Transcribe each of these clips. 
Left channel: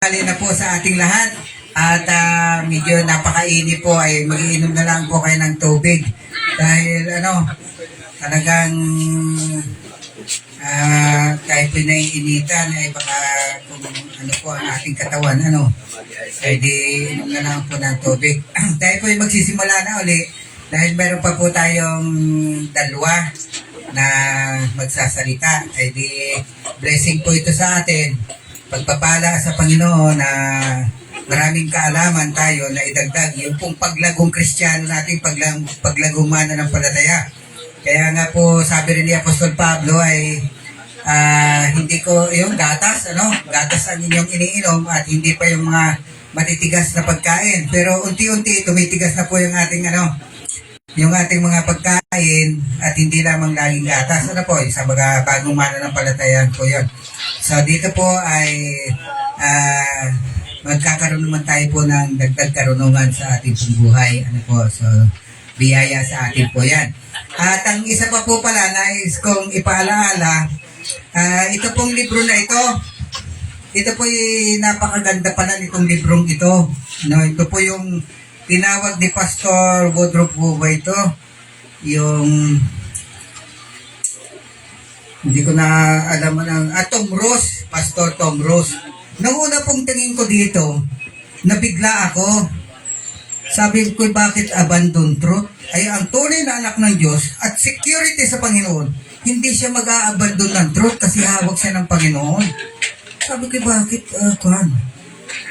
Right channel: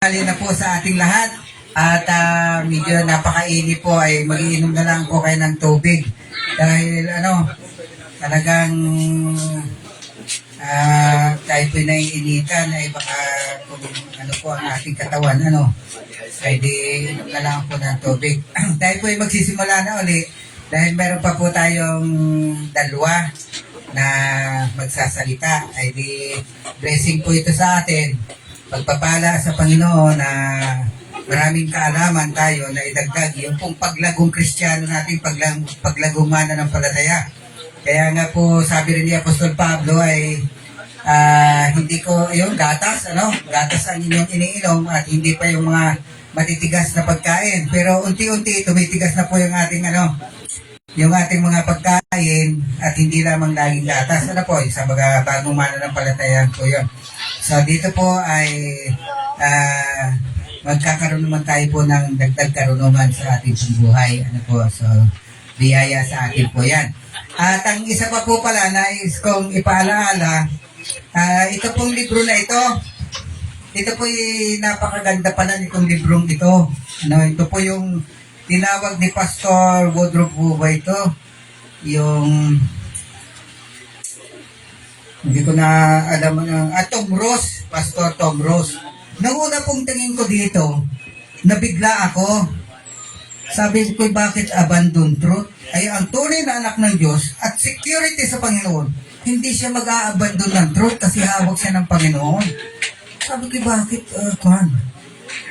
Hali na po sa ating lahat at medyo napakainit po ay mag-iinom na lang po kayo ng tubig dahil talagang kahit pinaiinitan ay baka kung ano po ang ating katawan ay di inom na lang po ng tubig. Tayo po ay magsisimula na uli dahil meron pa po tayong dalawa na magsasalita ay di blessing po ito sa atin. Pagpapala sa Panginoon na maraming kaalaman tayo na idagdag yung pong paglagong Kristiyano natin, paglagong mananampalataya. Kaya nga po sabi rin ni Apostol Pablo ay hindi ko yung gatas ang inyong iniinom at hindi pa yung mga matitigas na pagkain. Pero unti-unti tumitigas na po yung ating yung ating mga pagkain at hindi lamang laging gatas. Sa mga bagong mananampalataya po yun. So dito po ay magkakaroon naman tayo po ng dagdag karunungan sa ating buhay. So biyaya sa atin po yan. At ang isa pa po pala nais kong ipaalaala, ito pong libro na ito po yung napakaganda pala nitong librong ito. Ito po yung tinawag ni Pastor Woodruff Buba ito. Yung hindi ko na alam Tom Rose, Pastor Tom Rose. Nauna pong tingin ko dito, nabigla ako. Sabi ko, bakit abandon truth? Ay, ang tunay na anak ng Diyos at security sa Panginoon, hindi siya mag-a-abandon ng truth kasi hawak siya ng Panginoon. Sabi ko, bakit?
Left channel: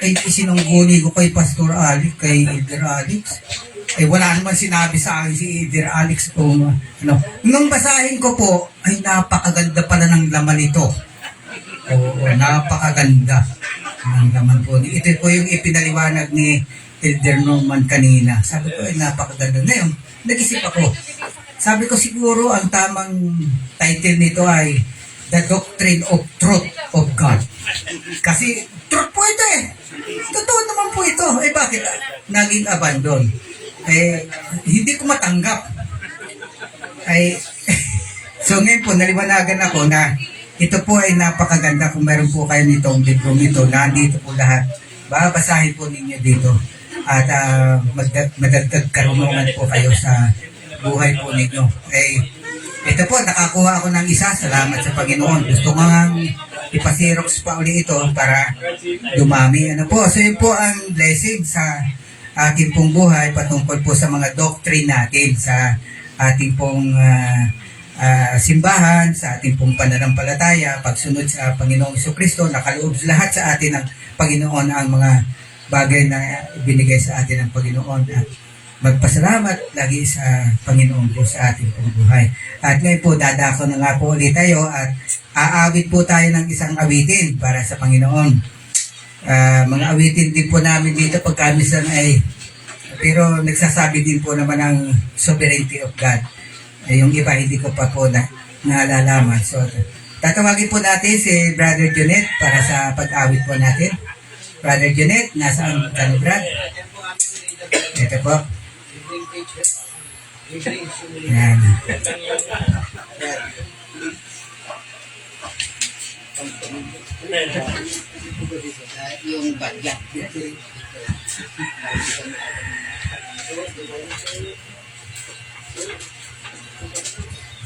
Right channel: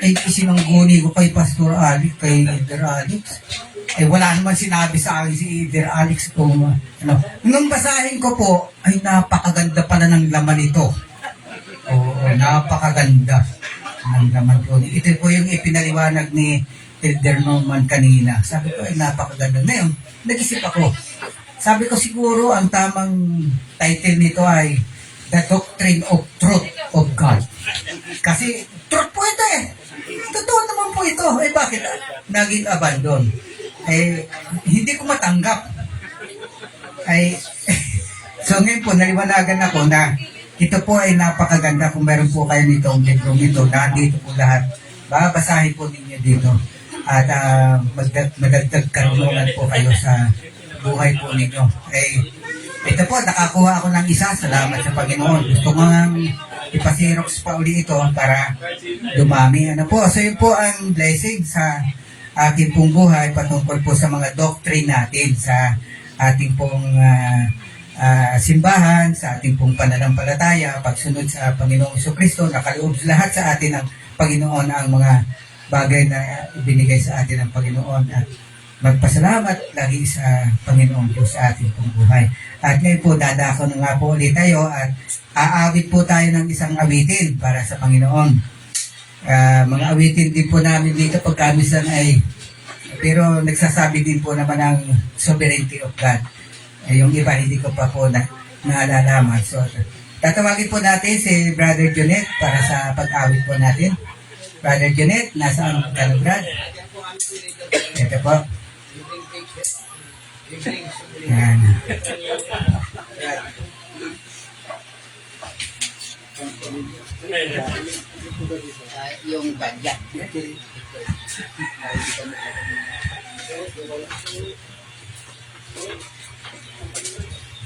Ay, sinungguni ko kay Pastor Alex, kay Elder Alex. Ay, wala naman sinabi sa akin si Elder Alex kung Nung basahin ko po, ay napakaganda pala ng laman ito. Oo, napakaganda ng laman po. Ito po yung ipinaliwanag ni Elder Norman kanina. Sabi ko, ay napakaganda. Ngayon, nag-isip ako. Sabi ko siguro ang tamang title nito ay The Doctrine of Truth of God. Kasi truth po ito Totoo naman po ito. Eh bakit naging abandon? Hindi ko matanggap. So ngayon po, naliwanagan ako na ito po ay napakaganda. Kung meron po kayo nitong libro nito, nandito po lahat. Babasahin po ninyo dito. At magdagdag karunungan po kayo sa buhay po ninyo. Ito po, nakakuha ako ng isa. Salamat sa Panginoon. Gusto ko nga ipasirox pa uli ito para dumami. So yun po ang blessing sa ating pong buhay patungkol po sa mga doctrine natin sa ating pong simbahan, sa ating pong pananampalataya, pagsunod sa Panginoong Jesucristo. Nakaloob lahat sa atin ng Panginoon ang mga bagay na ibinigay sa atin ng Panginoon at magpasalamat lagi sa Panginoon po sa ating pong buhay. At ngayon po, dadako na nga po ulit tayo at aawit po tayo ng isang awitin para sa Panginoon. Mga awitin din po namin dito pagkamisan pero nagsasabi din po naman ng sovereignty of God. Yung iba hindi ko pa po naalalaman. So, tatawagin po natin si Brother Junet para sa pag-awit po natin. Brother Junet, nasaan ka, Brad? Ito po. Yan. Yung bagyak.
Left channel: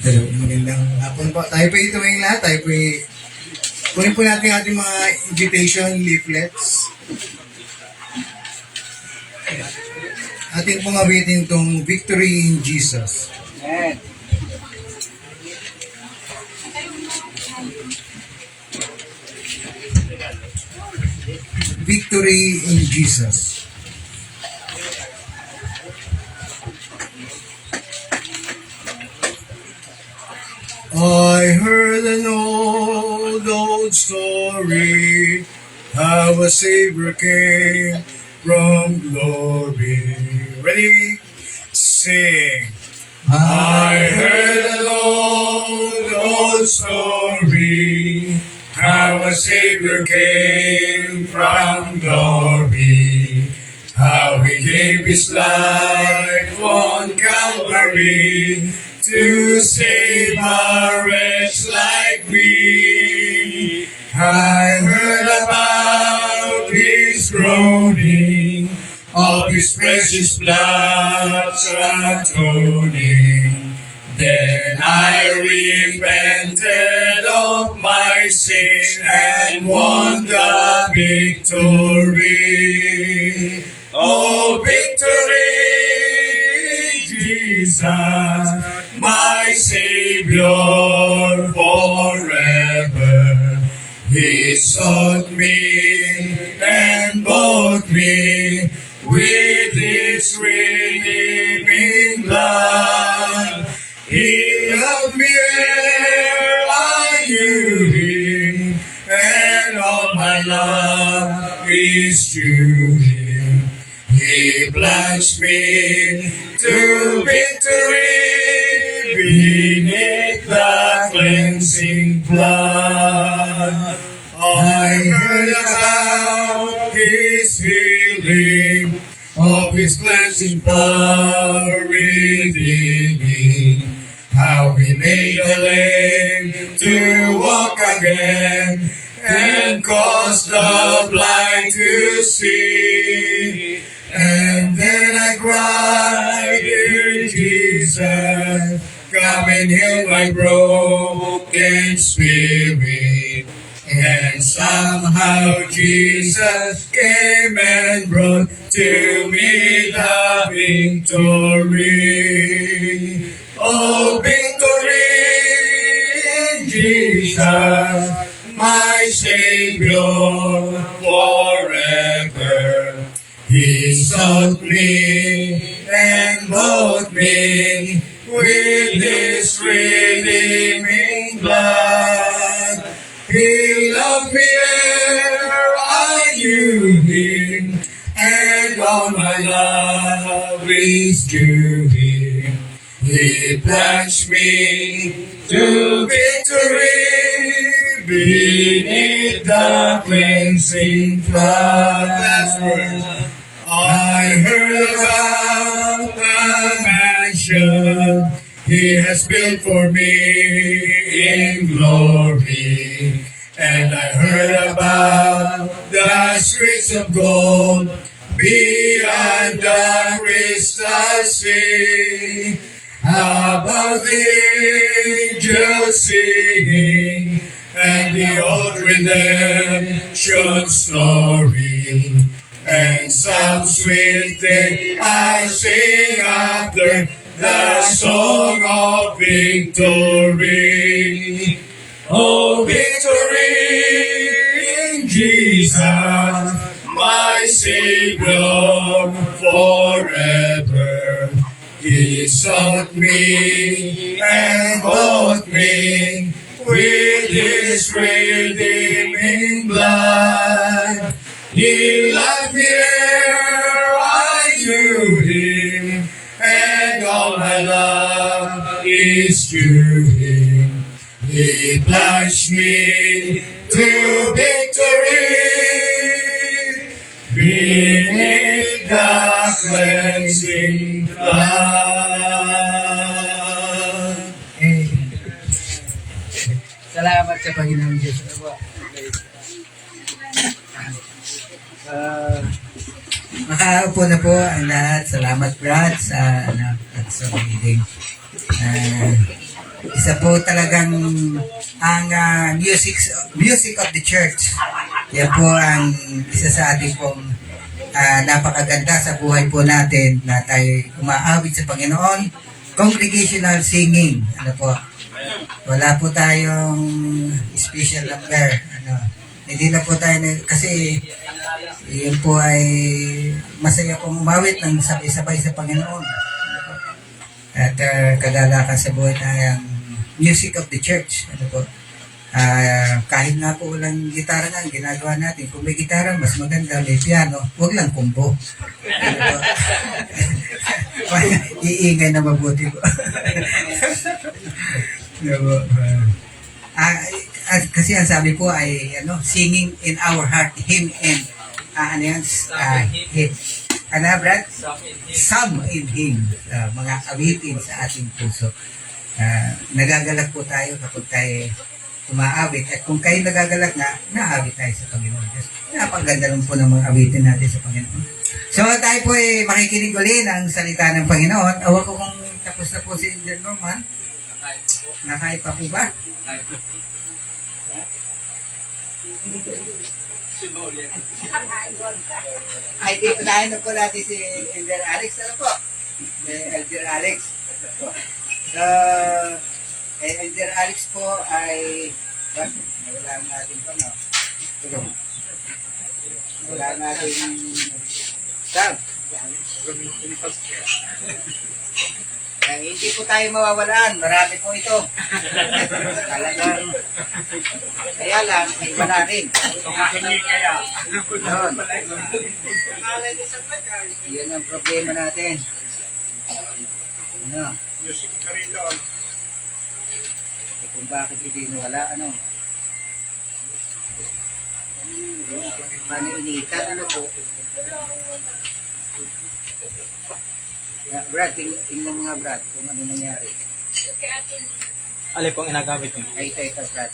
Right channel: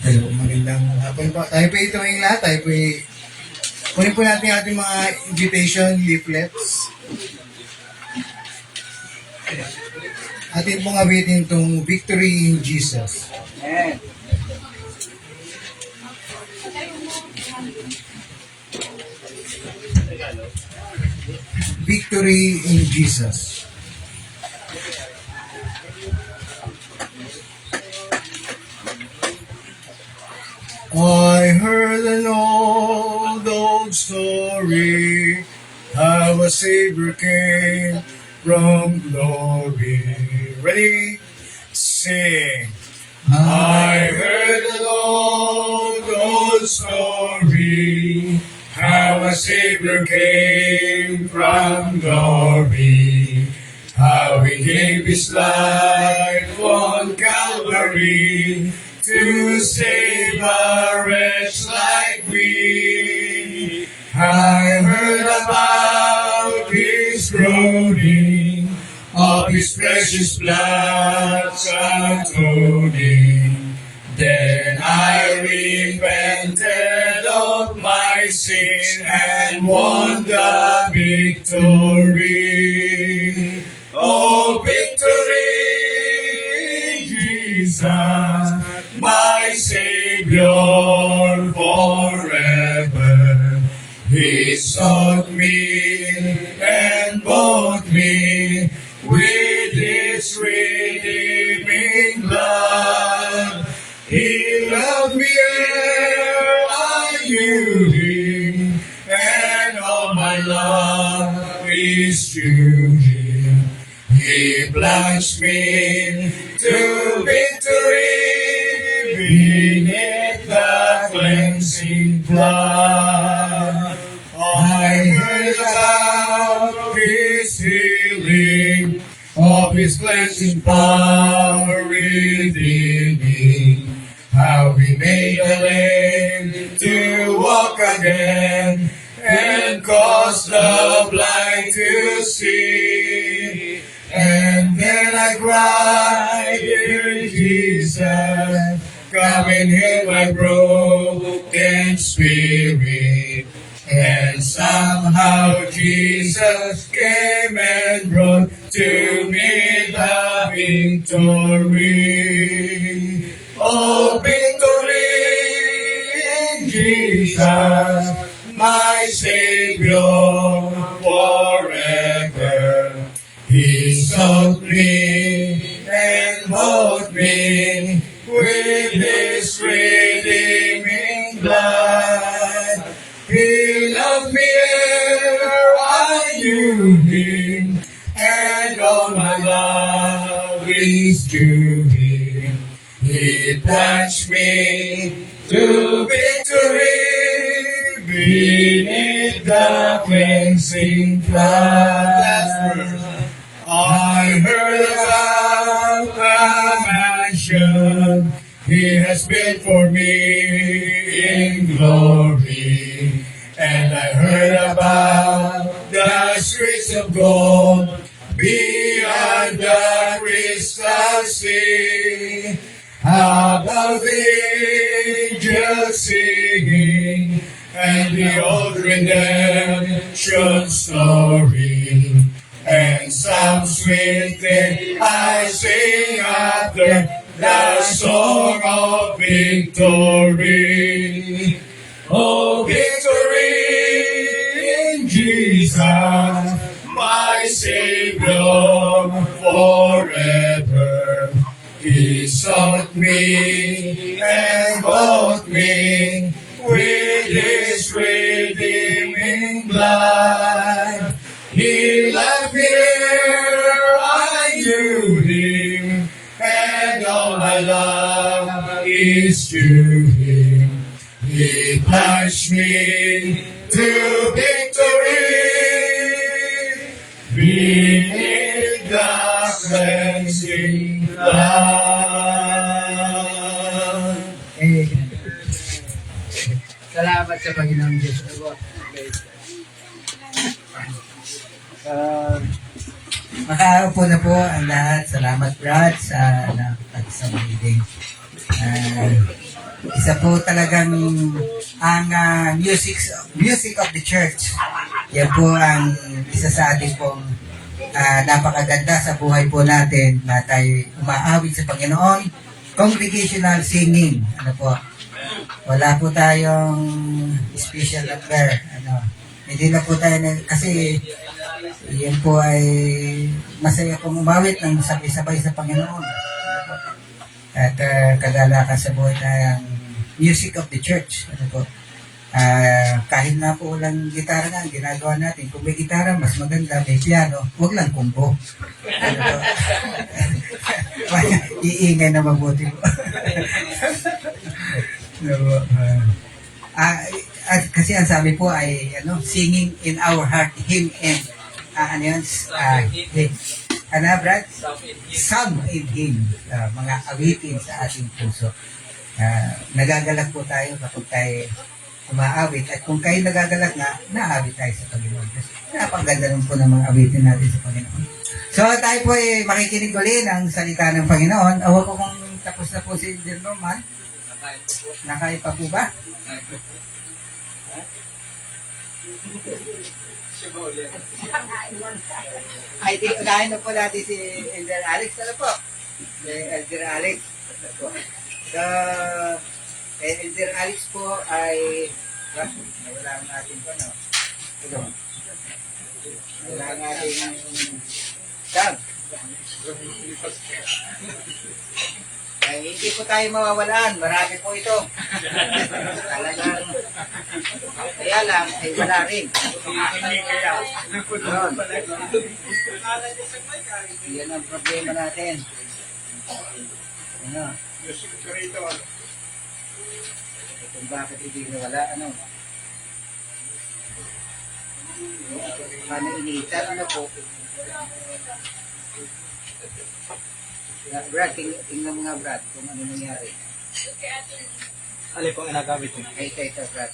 Hello, magandang hapon po. Tayo po ito ngayon lahat. Tayo po kunin po natin ating mga invitation leaflets. Ating pong awitin itong Victory in Jesus. Amen. Victory in Jesus. I heard an old story, how a Savior came from glory. Ready? Sing. I heard an old story, how a Savior came from glory, how he gave his life on Calvary to save a wretch like me. I heard about groaning of His precious blood's atoning. Then I repented of my sin and won the victory. Oh, victory, Jesus, my Savior forever. He sought me and bought me with His redeeming blood. He loved me ere I knew Him, and all my love is to Him. He plunged me to victory beneath the cleansing flood. I heard about His healing, of His cleansing power revealing, how He made the lame to walk again, and caused the blind to see. And then I cried, "Dear Jesus, come and heal my broken spirit." And somehow Jesus came and brought to me the victory. Oh, victory in Jesus, my Savior forever. He sought me and bought me with His redeeming blood. He loved me ere I knew Him, and all my love is to Him. He plunged me to victory beneath the cleansing flood. I heard about the mansion He has built for me in glory. And I heard about the streets of gold beyond the crystal sea. About the angels singing and the old redemption story. And some sweet thing I sing after the song of victory. Oh, victory in Jesus, my Savior forever. He sought me and bought me with His redeeming blood. He loved me ere I knew Him, and all my love is to Him. He plunged me to victory beneath the cleansing flood. Salamat sa Panginoon Diyos. Makaupo na po ang lahat. Salamat Brad sa anak at sa meeting. Isa po talagang ang music of the church. Yan po ang isa sa ating pong napakaganda sa buhay po natin na tayo umaawit sa Panginoon. Congregational singing. Ano po? Wala po tayong special number. Hindi na po tayo kasi yan po ay masaya pong umawit ng sabay-sabay sa Panginoon. At kadalakan sa buhay tayong music of the church. Ano po? Kahit na po walang gitara na, ginagawa natin. Kung may gitara, mas maganda, may piano, huwag lang kumbo. Ano po? Iingay na mabuti po. Kasi ang sabi po ay singing in our heart, hymn and Brad? Some in hymn, mga awitin sa ating puso. Nagagalak po tayo kapag tayo umaawit. At kung kayo nagagalak na, naawit tayo sa Panginoon Diyos. Napakaganda rin po ng mga awitin natin sa Panginoon. So tayo po ay makikinig ulit ng salita ng Panginoon. Awa ko kung tapos na po si Indian Roman. Nakain pa po ba? Ay, di, unahin na po natin si Elder Alex. Ano po? Elder Alex. So, Elder Alex po ay nawala ang ating no? Nawala ang ating Sam. Hindi po tayo mawawalan. Marami po ito. Talagang kaya lang ay wala rin. Yun. Yan ang problema natin. Ano? Kung bakit hindi nawala, ano? Paano initan, ano po? Brad, tingnan mo nga Brad, kung ano nangyari. Alin pong inagamit mo? Ay, ito Brad.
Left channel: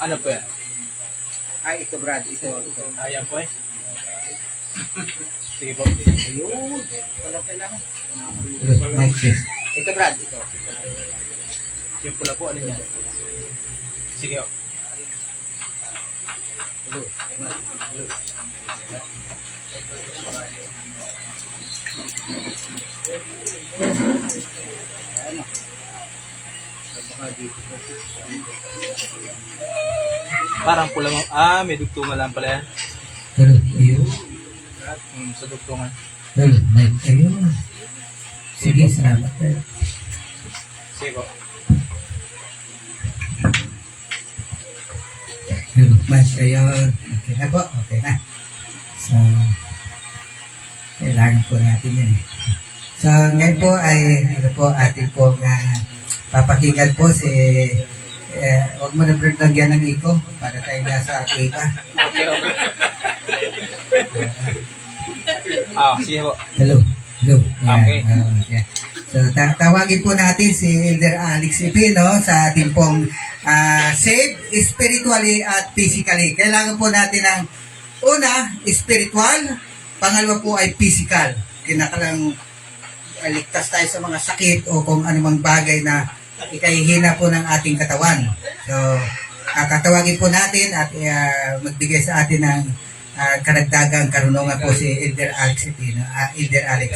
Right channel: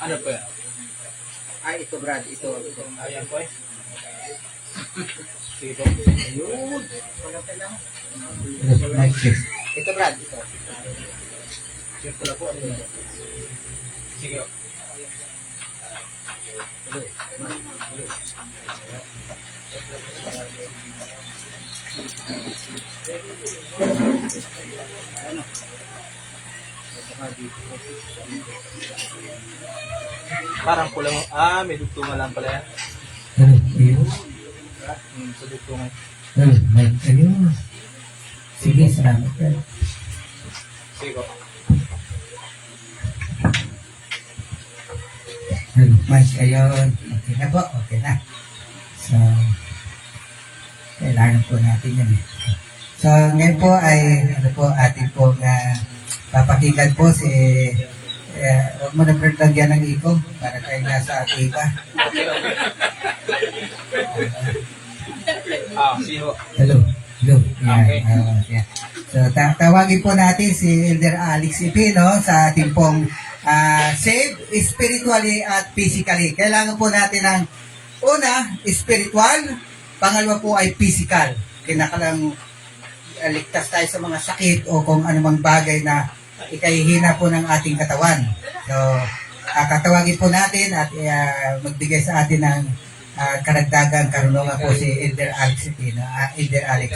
Ano po yan? Ay, ito Brad, ito. Ayan po eh. Sige po. Ayun. Wala kailangan. Ito Brad, ito. Yung pula po, ano yan? Sige o. Hello. Ano? Baka dito. Parang pula mo. May dugtungan lang pala yan. Ayun. Sa dugtungan. Ayun. Sige, salamat. Sige po. Mas, ayun. Okay na po. Okay na. So, kailangan po natin yan. So, ngayon po ay, ano po, ating po papakinggan po si, huwag mo na lagyan ng iko para tayo nasa iba. Sige po. Hello. Hello. Okay. Yeah. So, tawagin po natin si Elder Alex Ipino sa ating pong save spiritually at physically. Kailangan po natin ng una, spiritual, pangalawa po ay physical. Kinakalang ligtas tayo sa mga sakit o kung anumang bagay na ikahihina po ng ating katawan. So, tatawagin po natin at magbigay sa atin ng karagdagang karunungan po si Elder Alex Ipino. Elder Alex.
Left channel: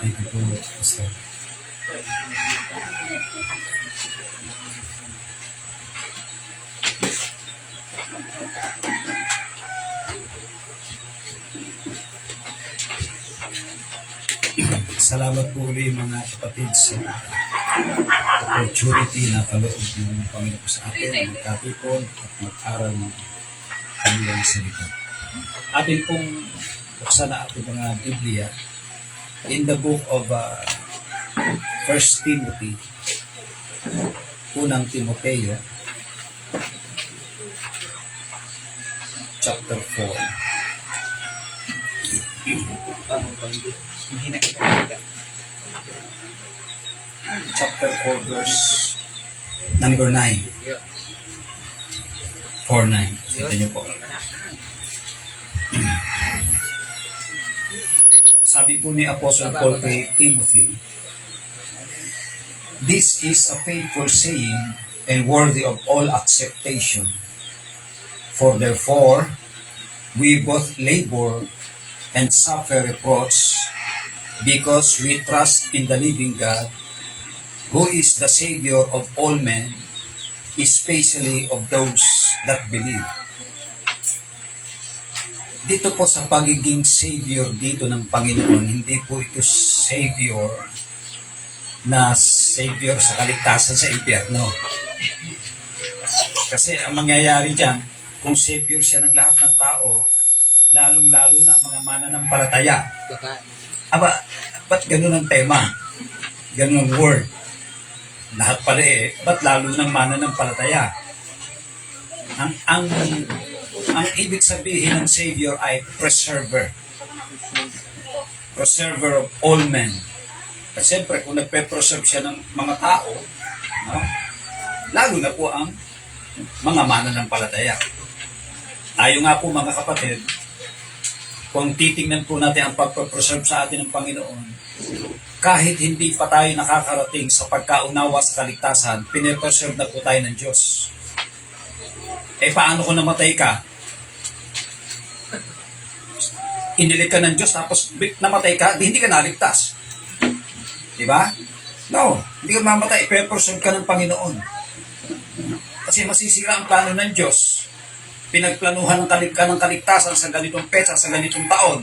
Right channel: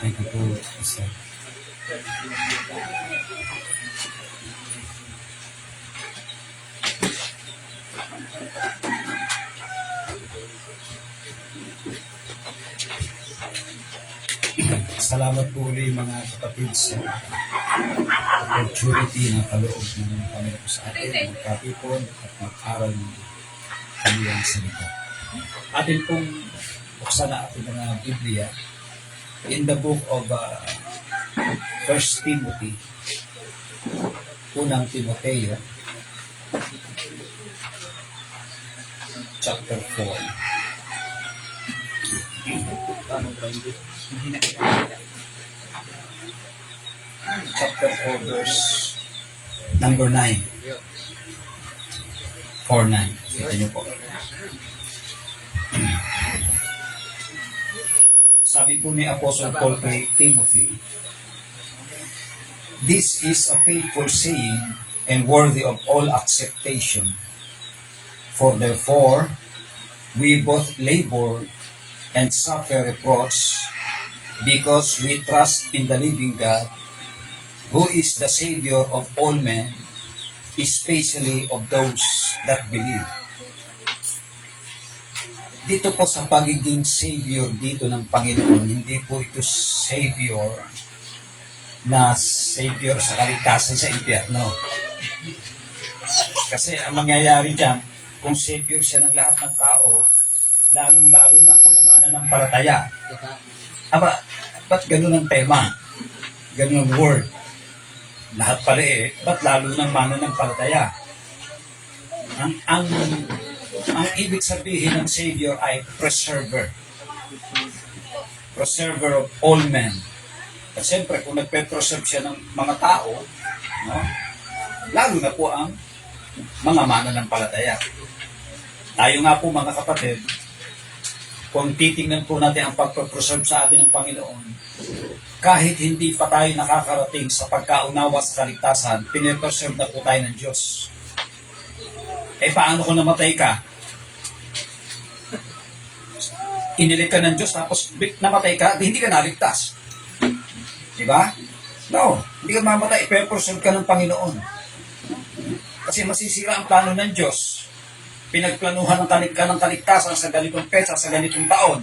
Thank you po, Pastor. Salamat po ulit mga kapatid sa opportunity na kaloob ng Panginoon sa atin, magkatipon at mag-aral ng kanyang salita. Atin pong buksan na ating mga Biblia in the book of 1 Timothy, unang Timoteo, chapter 4. Chapter 4, verse number 9. 4:9. Kita niyo po. Sabi po ni Apostle Paul kay Timothy, "This is a faithful saying and worthy of all acceptation. For therefore, we both labor and suffer reproach because we trust in the living God, who is the Savior of all men, especially of those that believe." Dito po sa pagiging Savior dito ng Panginoon, hindi po ito Savior na Savior sa kaligtasan sa impyerno. Kasi ang mangyayari dyan, kung Savior siya ng lahat ng tao, lalong-lalo na ang mga mananampalataya. Ba't ganun ang tema? Ganun ang word? Lahat pala ba't lalo ng mananampalataya? Ang ibig sabihin ng Savior ay preserver. Preserver of all men. At siyempre, kung nagpe-preserve siya ng mga tao, no, lalo na po ang mga mananampalataya. Tayo nga po mga kapatid, kung titingnan po natin ang pagpe-preserve sa atin ng Panginoon, kahit hindi pa tayo nakakarating sa pagkaunawa sa kaligtasan, pinipreserve na po tayo ng Diyos. Eh paano kung namatay ka? Inilig ka ng Diyos tapos namatay ka, di hindi ka naligtas. Diba? No, hindi ka mamatay, ipe-preserve ka ng Panginoon. Kasi masisira ang plano ng Diyos. Pinagplanuhan ka ng kaligtasan sa ganitong petsa, sa ganitong taon.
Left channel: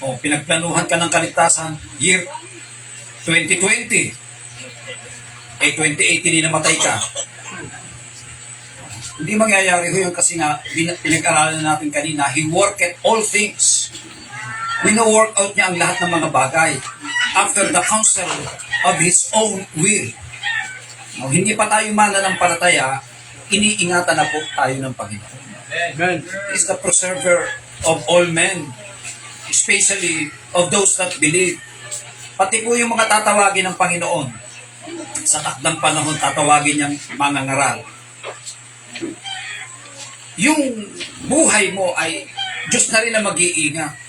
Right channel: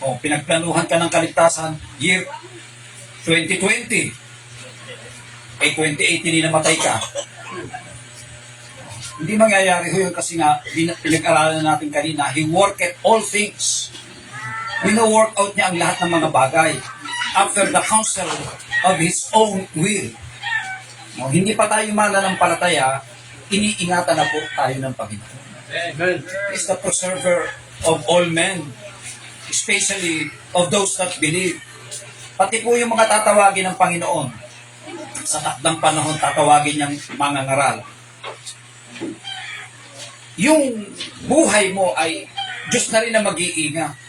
O pinagplanuhan ka ng kaligtasan year 2020. Eh 2018 din namatay ka. Hindi mangyayari ho yun kasi nga pinag-aralan natin kanina, He worketh all things. Wino-work out niya ang lahat ng mga bagay after the counsel of His own will. No, hindi pa tayo mananampalataya, iniingatan na po tayo ng Panginoon. Amen. He is the preserver of all men, especially of those that believe. Pati po yung mga tatawagin ng Panginoon, sa takdang panahon tatawagin niyang mga ngaral. Yung buhay mo ay Diyos na rin na mag-iingat.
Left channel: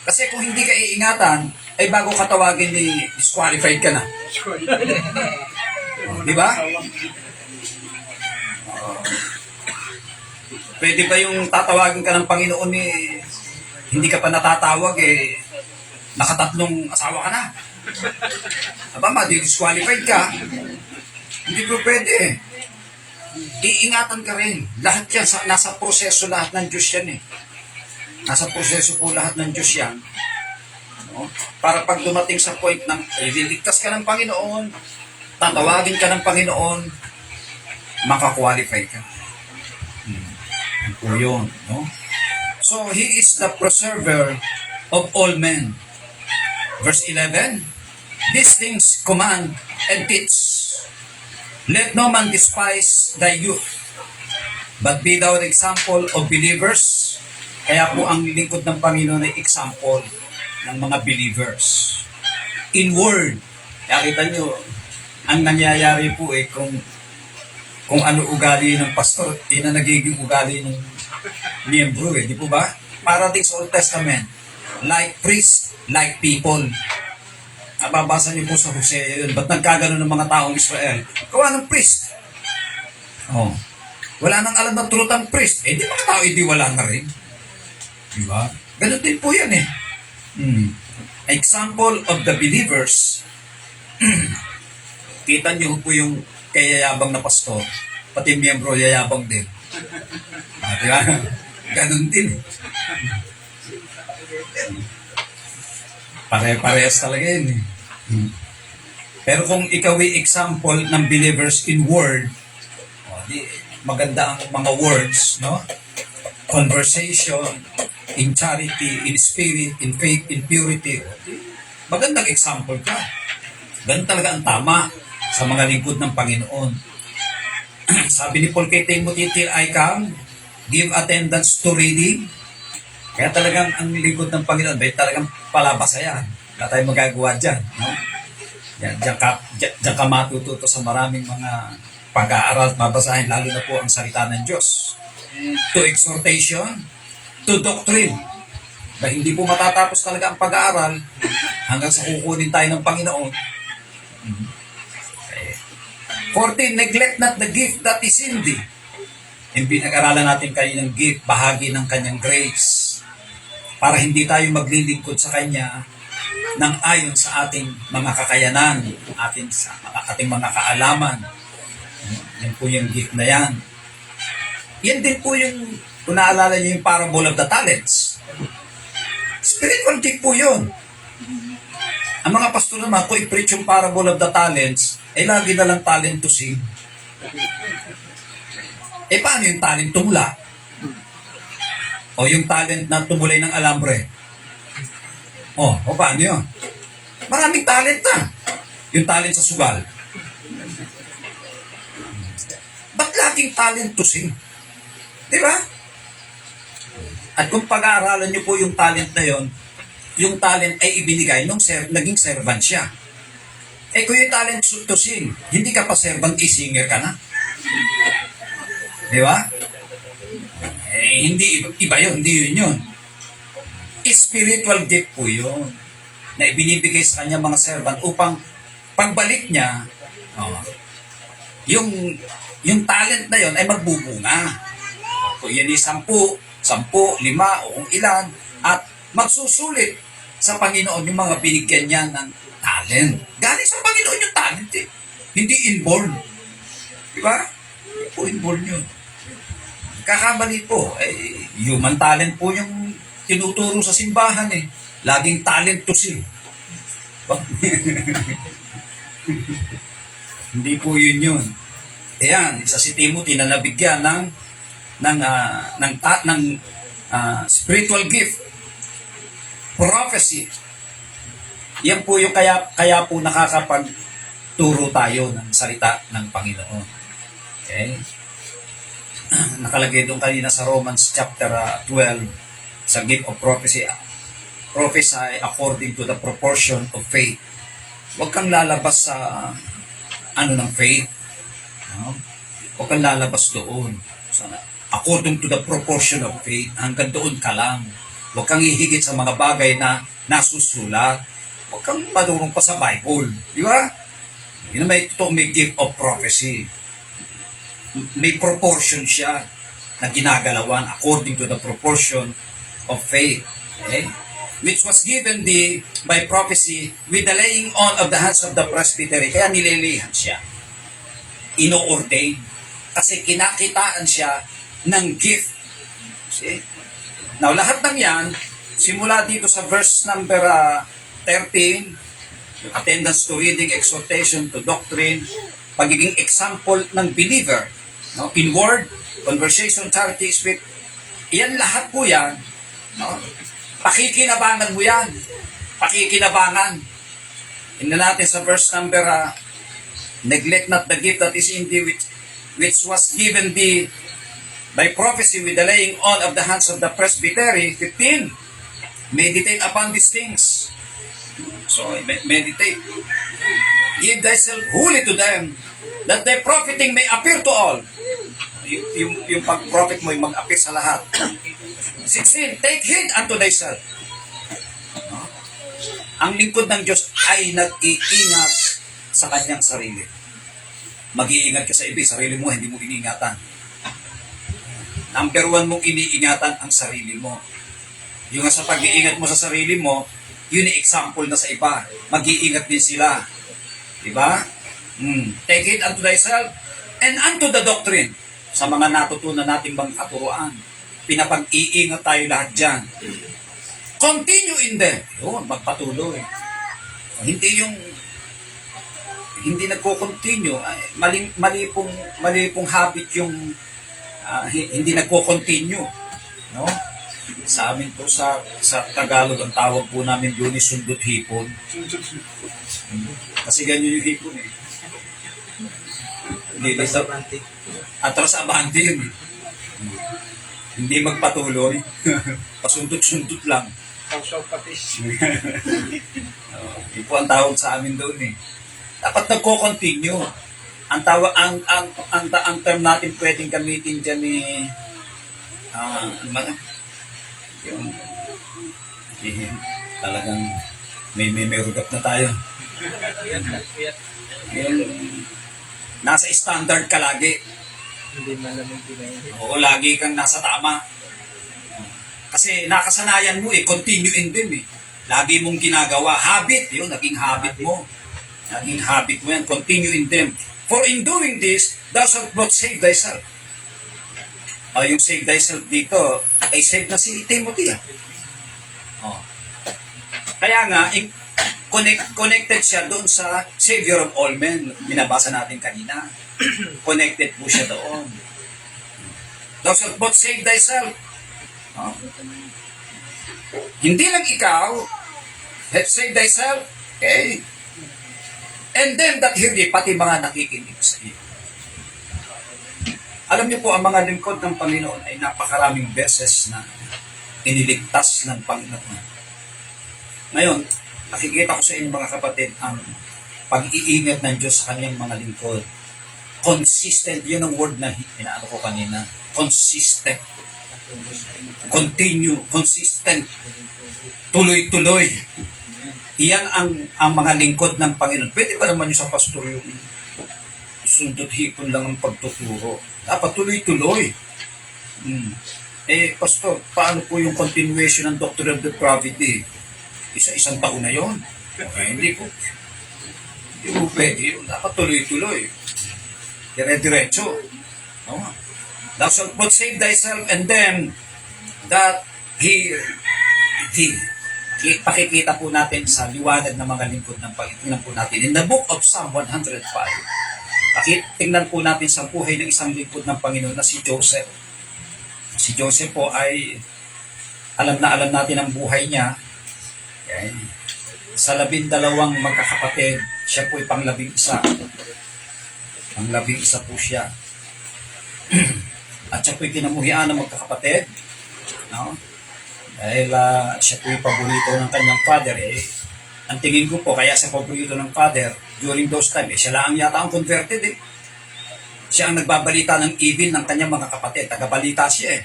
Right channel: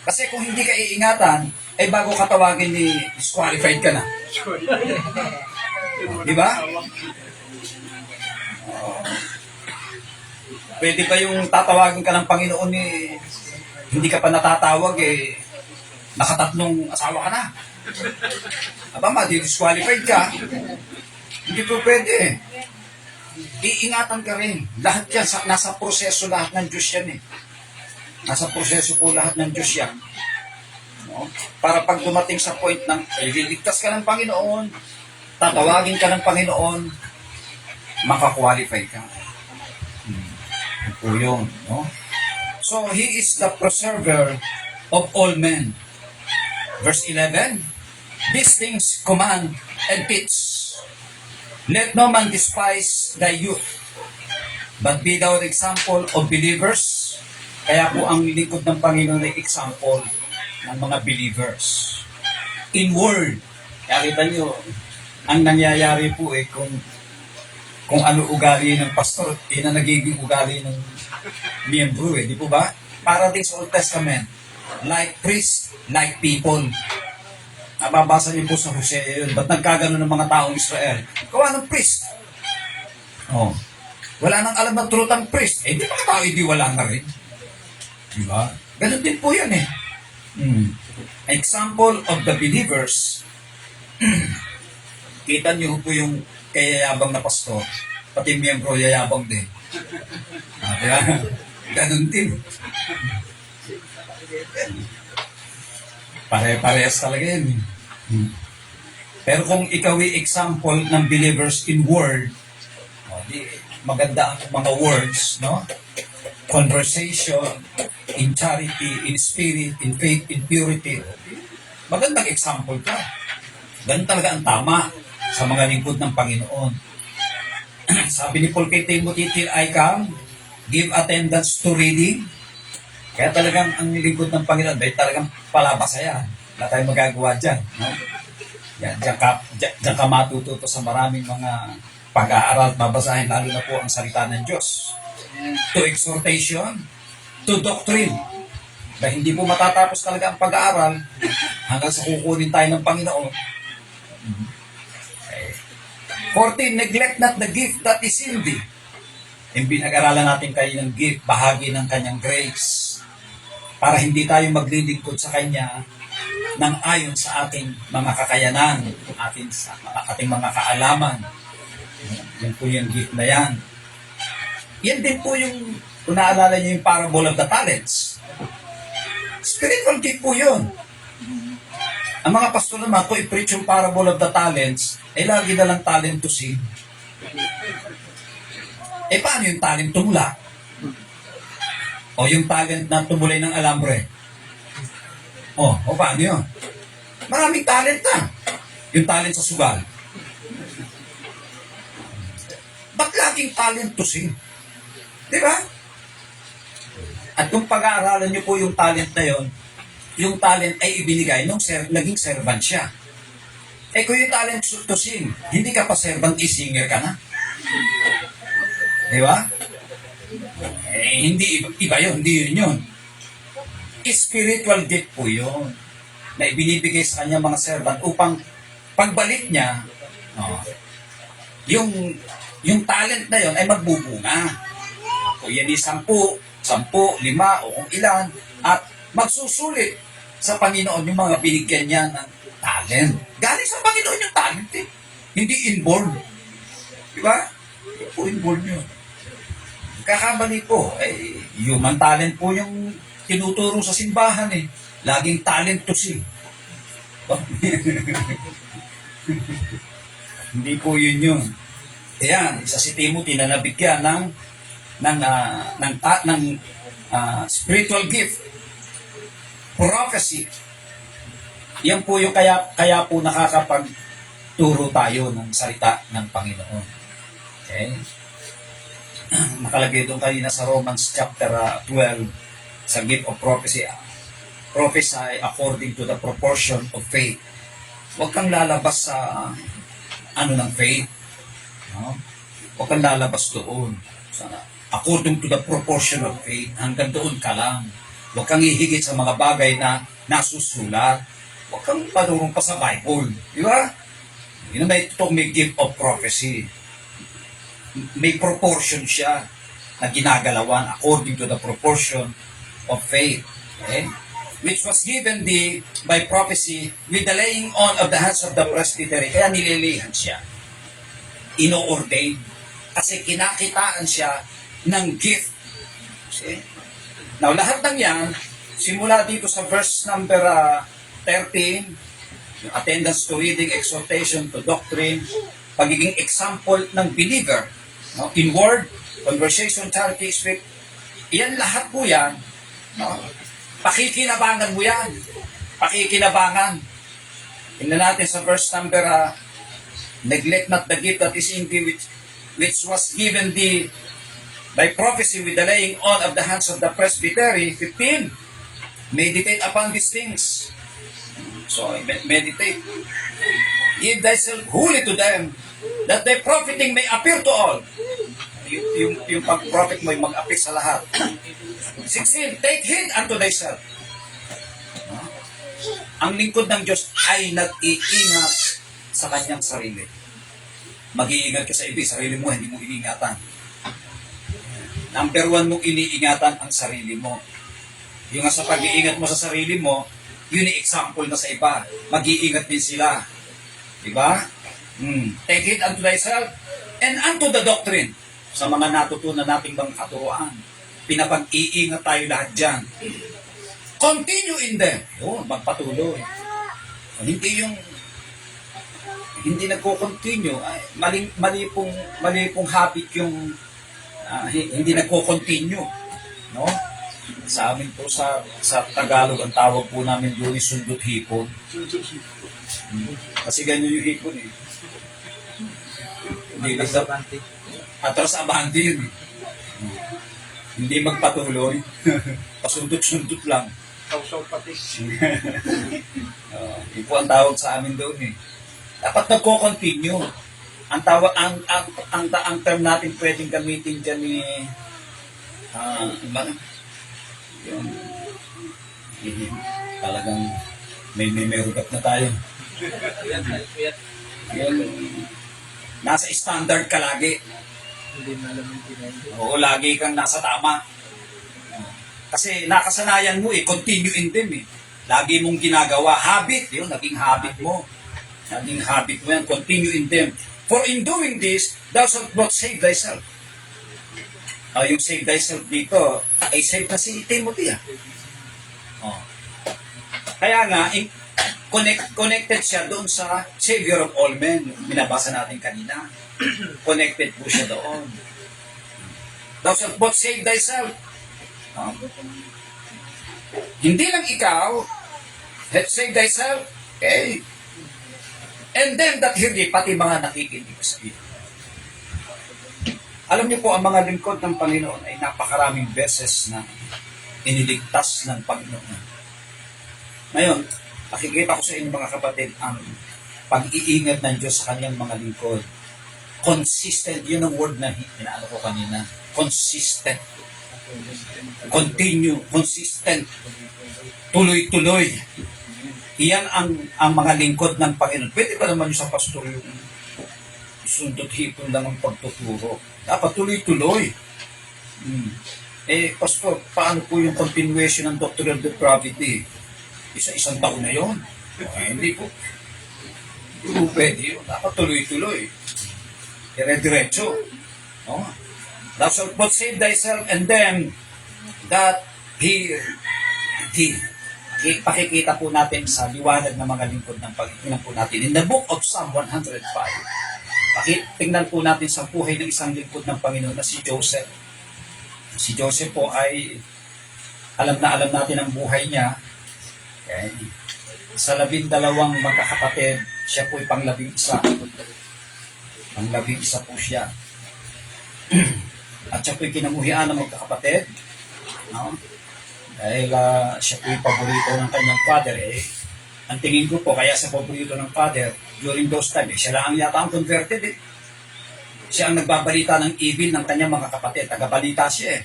Kasi kung hindi ka iingatan, ay bago ka tawagin ni disqualified ka na. Di ba? Pwede ba yung tatawagin ka ng Panginoon hindi ka pa natatawag nakatatlong asawa ka na? Aba, ma-disqualified ka. Hindi po pwede. Iingatan ka rin. Lahat yan, nasa proseso lahat ng Diyos yan Nasa proseso po lahat ng Diyos yan. No? Para pag dumating sa point ng ililigtas ka ng Panginoon, tatawagin ka ng Panginoon, makakwalify ka. Yun po yun. No? So, He is the preserver of all men. Verse 11, these things command and teach. Let no man despise thy youth, but be thou an example of believers. Kaya po ang lingkod ng Panginoon ay example ng mga believers. In word, nakita nyo, ang nangyayari po kung ano ugali ng pastor, na nagiging ugali ng miyembro di po ba? Para din sa Old Testament, like priest, like people. Mababasa niyo po sa Hosea yun. Ba't nagkagano ng mga taong Israel? Gawa ng priest. Oh. Wala nang alam ng truth ang priest. Di mga tao, hindi wala na rin. Di ba? Ganun din po yan Example of the believers. Kita niyo po yung kayayabang na pastor. Pati miyembro yayabang din. Diba? Ganun din. Pare-parehas talaga yun Pero kung ikaw ay example ng believers in word, maganda ang mga words, no? Conversation, in charity, in spirit, in faith, in purity. Magandang example ka. Ganun talaga ang tama sa mga lingkod ng Panginoon. Sabi ni Paul kay Timothy, till I come, give attendance to reading. Kaya talagang ang lingkod ng Panginoon, dahil talagang palabas yan. Wala tayong magagawa dyan. No? Yan, diyan ka matututo sa maraming mga pag-aaral at babasahin, lalo na po ang salita ng Diyos. To exhortation, to doctrine. Dahil hindi po matatapos talaga ang pag-aaral hanggang sa kukunin tayo ng Panginoon. 14, neglect not the gift that is in thee. Yung pinag-aralan natin kaninang gift, bahagi ng kanyang grace. Para hindi tayo maglilingkod sa Kanya ng ayon sa ating mga kakayanan, ating mga kaalaman. Yan po yung gift na yan. Yan din po yung, kung naalala niyo yung parable of the talents. Spiritual gift po yun. Ang mga pastor naman, kung i-preach yung parable of the talents, lagi na lang talent to sing. Paano yung talent tumula? O yung talent na tumulay ng alambre? O paano yun? Maraming talent na. Yung talent sa sugal. Ba't laging talent to sing? Di ba? At kung pag-aaralan nyo po yung talent na yon, yung talent ay ibinigay nung naging servant siya. Eh kung yung talent to sing, hindi ka pa servant, singer ka na. Di ba? Eh, hindi iba yun, hindi yun yun. Spiritual gift po yun na ibinibigay sa kanya mga servant upang pagbalik niya, oh, yung talent na yun ay magbubunga. Kung yan ay 10, 5, 5 o kung ilan, at magsusulit sa Panginoon yung mga binigyan niya ng talent. Galing sa Panginoon yung talent eh. Hindi inborn. Di ba? Hindi po inborn yun. Kakamali po. Eh, human talent po yung tinuturo sa simbahan eh. Laging talent to sing. Hindi po yun yun. Ayan, isa si Timothy na nabigyan ng spiritual gift, prophecy. Yan po yung kaya po nakakapagturo tayo ng salita ng Panginoon. Okay? Nakalagay doon kanina sa Romans chapter 12 sa gift of prophecy. Prophesy according to the proportion of faith. Huwag kang lalabas sa ng faith. No? Huwag kang lalabas doon. Sana, according to the proportion of faith, hanggang doon ka lang. Huwag kang hihigit sa mga bagay na nasusulat. Huwag kang madurong pa sa Bible. Di ba? Yun may gift of prophecy. May proportion siya na ginagalawan according to the proportion of faith. Okay? Which was given by prophecy with the laying on of the hands of the presbytery. Kaya nililihan siya. Ino-ordain. Kasi kinakitaan siya ng gift. See? Now, lahat ng yan, simula dito sa verse number 13, yung attendance to reading, exhortation to doctrine, pagiging example ng believer, no? In word, conversation, charity, speech, yan lahat po yan, no? Pakikinabangan mo yan. Pakikinabangan. Tingnan natin sa verse number, neglect not the gift that is in thee, which was given thee by prophecy with the laying on of the hands of the presbytery. 15. Meditate upon these things. So, meditate. Give thyself wholly to them, that thy profiting may appear to all. Yung pag-profit mo ay mag-appear sa lahat. 16. Take heed unto thyself. No? Ang lingkod ng Diyos ay nag-iingat sa kanyang sarili. Mag-iingat ka sa iba, sarili mo, hindi mo iniingatan. Number 1 mong iniingatan ang sarili mo. Yung sa pag-iingat mo sa sarili mo, yun yung example na sa iba. Mag-iingat din sila. Diba? Take heed unto thyself and unto the doctrine. Sa mga natutunan nating bang katuroan. Pinapag-iingat tayo lahat dyan. Continue in them. Yun, magpatuloy. Hindi nagko-continue. Mali pong habit yung hindi nagko-continue. No? Sa amin po sa Tagalog, ang tawag po namin doon is sundot hipon. Kasi ganyan yung hipon eh. Hindi basta atras abante yun eh. Hindi magpatuloy. Pasundot-sundot lang. Sausaw patis. Yun po ang tawag sa amin doon eh. Dapat nagko-continue. Ang term natin pwedeng gamitin dyan eh, yung talagang may rugap na tayo. Yung nasa standard ka lagi. Hindi malamang pinahin. Oo, lagi kang nasa tama. Kasi nakasanayan mo eh, continue in them eh. Lagi mong ginagawa. Habit, yun, naging habit mo. Naging habit mo yan, continue in them. For in doing this, thou shalt not save thyself. Yung save thyself dito, ay save na si Timothy. Oh. Kaya nga, connected siya doon sa Savior of all men. Binabasa natin kanina. Connected po siya doon. Thou shalt not save thyself. Oh. Hindi lang ikaw, save thyself, okay? And them that hear thee, pati mga nakikinig sa iyo. Alam niyo po, ang mga lingkod ng Panginoon ay napakaraming beses na iniligtas ng Panginoon. Ngayon, nakikita ko sa inyo mga kapatid ang pag-iingat ng Diyos sa kanyang mga lingkod. Consistent, yun ang word na inaano ko kanina. Consistent. Continue, consistent. Tuloy-tuloy. Iyan ang mga lingkod ng Panginoon. Pwede ba naman yung sa pastor yung sundot hipon lang ang pagtuturo? Dapat tuloy-tuloy. Pastor, paano po yung continuation ng Doctrine of Depravity? Isa-isang taon na yon. Hindi po. Hindi po pwede yun. Dapat tuloy-tuloy. Dire-diretso. No? Thou shalt not save thyself and them that pakikita po natin sa liwanag ng mga lingkod ng Panginoon po natin. In the book of Psalm 105, tingnan po natin sa buhay ng isang lingkod ng Panginoon na si Joseph. Si Joseph po ay alam natin ang buhay niya. Okay. Sa 12 magkakapatid, siya po ay pang-11. Pang-11 po siya. At siya po ay kinamuhian ng magkakapatid. No? Dahil siya po ay paborito ng kanyang father. Ang tingin ko po, kaya siya paborito ng father, during those time, siya lang yata ang converted. Siya ang nagbabalita ng evil ng kanyang mga kapatid. Tagabalita siya .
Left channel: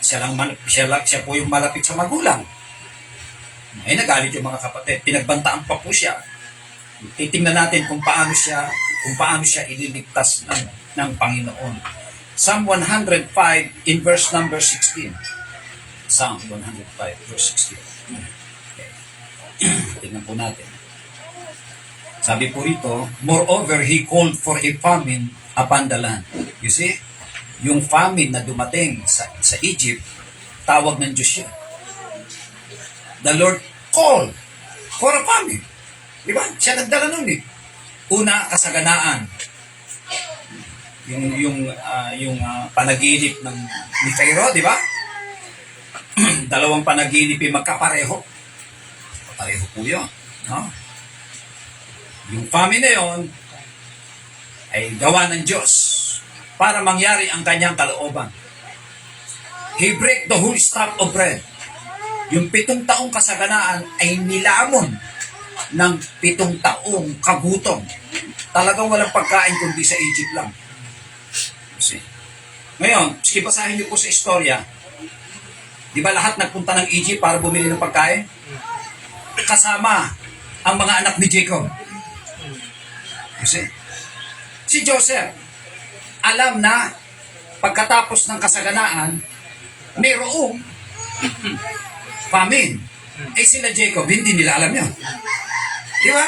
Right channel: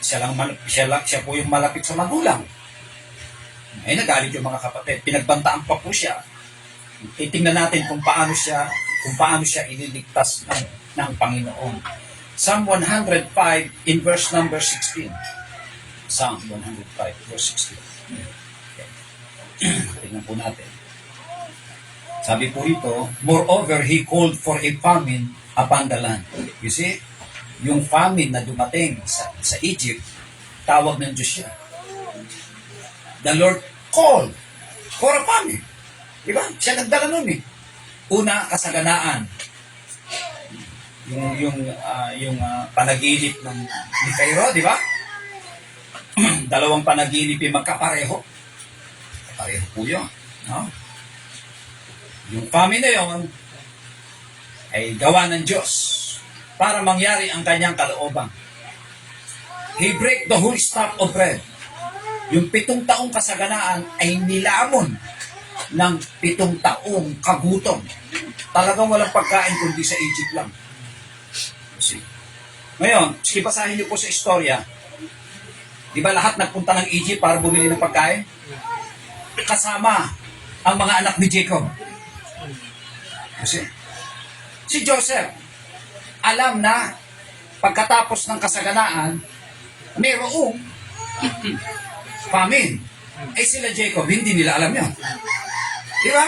Siya po yung malapit sa magulang. Ay nagalit yung mga kapatid. Pinagbantaan pa po siya. Titingnan natin kung paano siya ililigtas ng Panginoon. Psalm 105 in verse number 16. Psalm 105 verse 16. Okay. Tingnan po natin. Sabi po rito, moreover, he called for a famine upon the land. You see, yung famine na dumating sa Egypt, tawag ng Diyos siya. The Lord called for a famine. Diba? Siya nagdala nun . Una, kasaganaan. Yung panaginip ni Pharaoh, di ba? Dalawang panaginip yung magkapareho. Pareho po yun. No? Yung famine na yun ay gawa ng Diyos para mangyari ang kanyang kalooban. He break the whole staff of bread. Yung 7 taong kasaganaan ay nilamon ng 7 taong kagutom. Talagang walang pagkain kundi sa Egypt lang. See? Ngayon, sige basahin niyo po sa istorya. Di ba lahat nagpunta ng Egypt para bumili ng pagkain? Kasama ang mga anak ni Jacob. See? Si Joseph, alam na pagkatapos ng kasaganaan, mayroong famine. Sila Jacob, hindi nila alam yan. Di ba?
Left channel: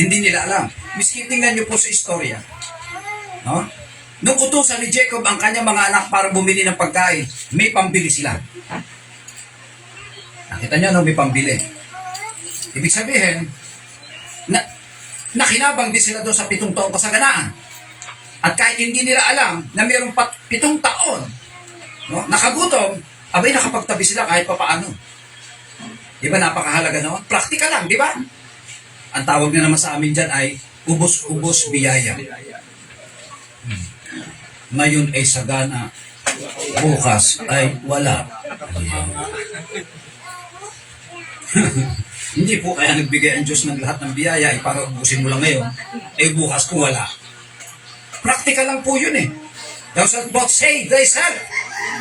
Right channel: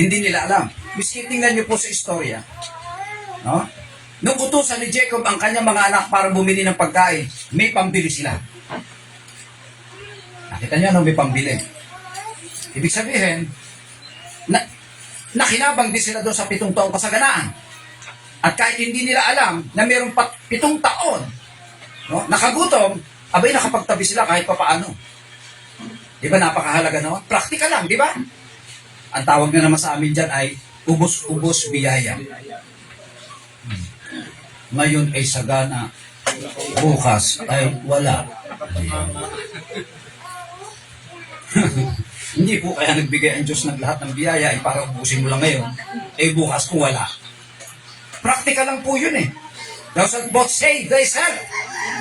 Hindi nila alam. Miski tingnan niyo po sa istorya. No? Nung utusan ni Jacob ang kanyang mga anak para bumili ng pagkain, may pambili sila. Nakita niyo, may pambili. Ibig sabihin, nakinabang din sila doon sa 7 taong kasaganaan. At kahit hindi nila alam na mayroong 7 taon, no, nakagutom, abay nakapagtabi sila kahit papaano. Di ba napakahalaga noon? Praktikal lang, di ba? Ang tawag na naman sa amin dyan ay ubos-ubos biyaya. Ngayon ay sagana, bukas ay wala. Hindi po kaya nagbigay ang Diyos ng lahat ng biyaya ay para ubusin mo lang ngayon, bukas kung wala. Praktikal lang po yun . Thou shalt both save thyself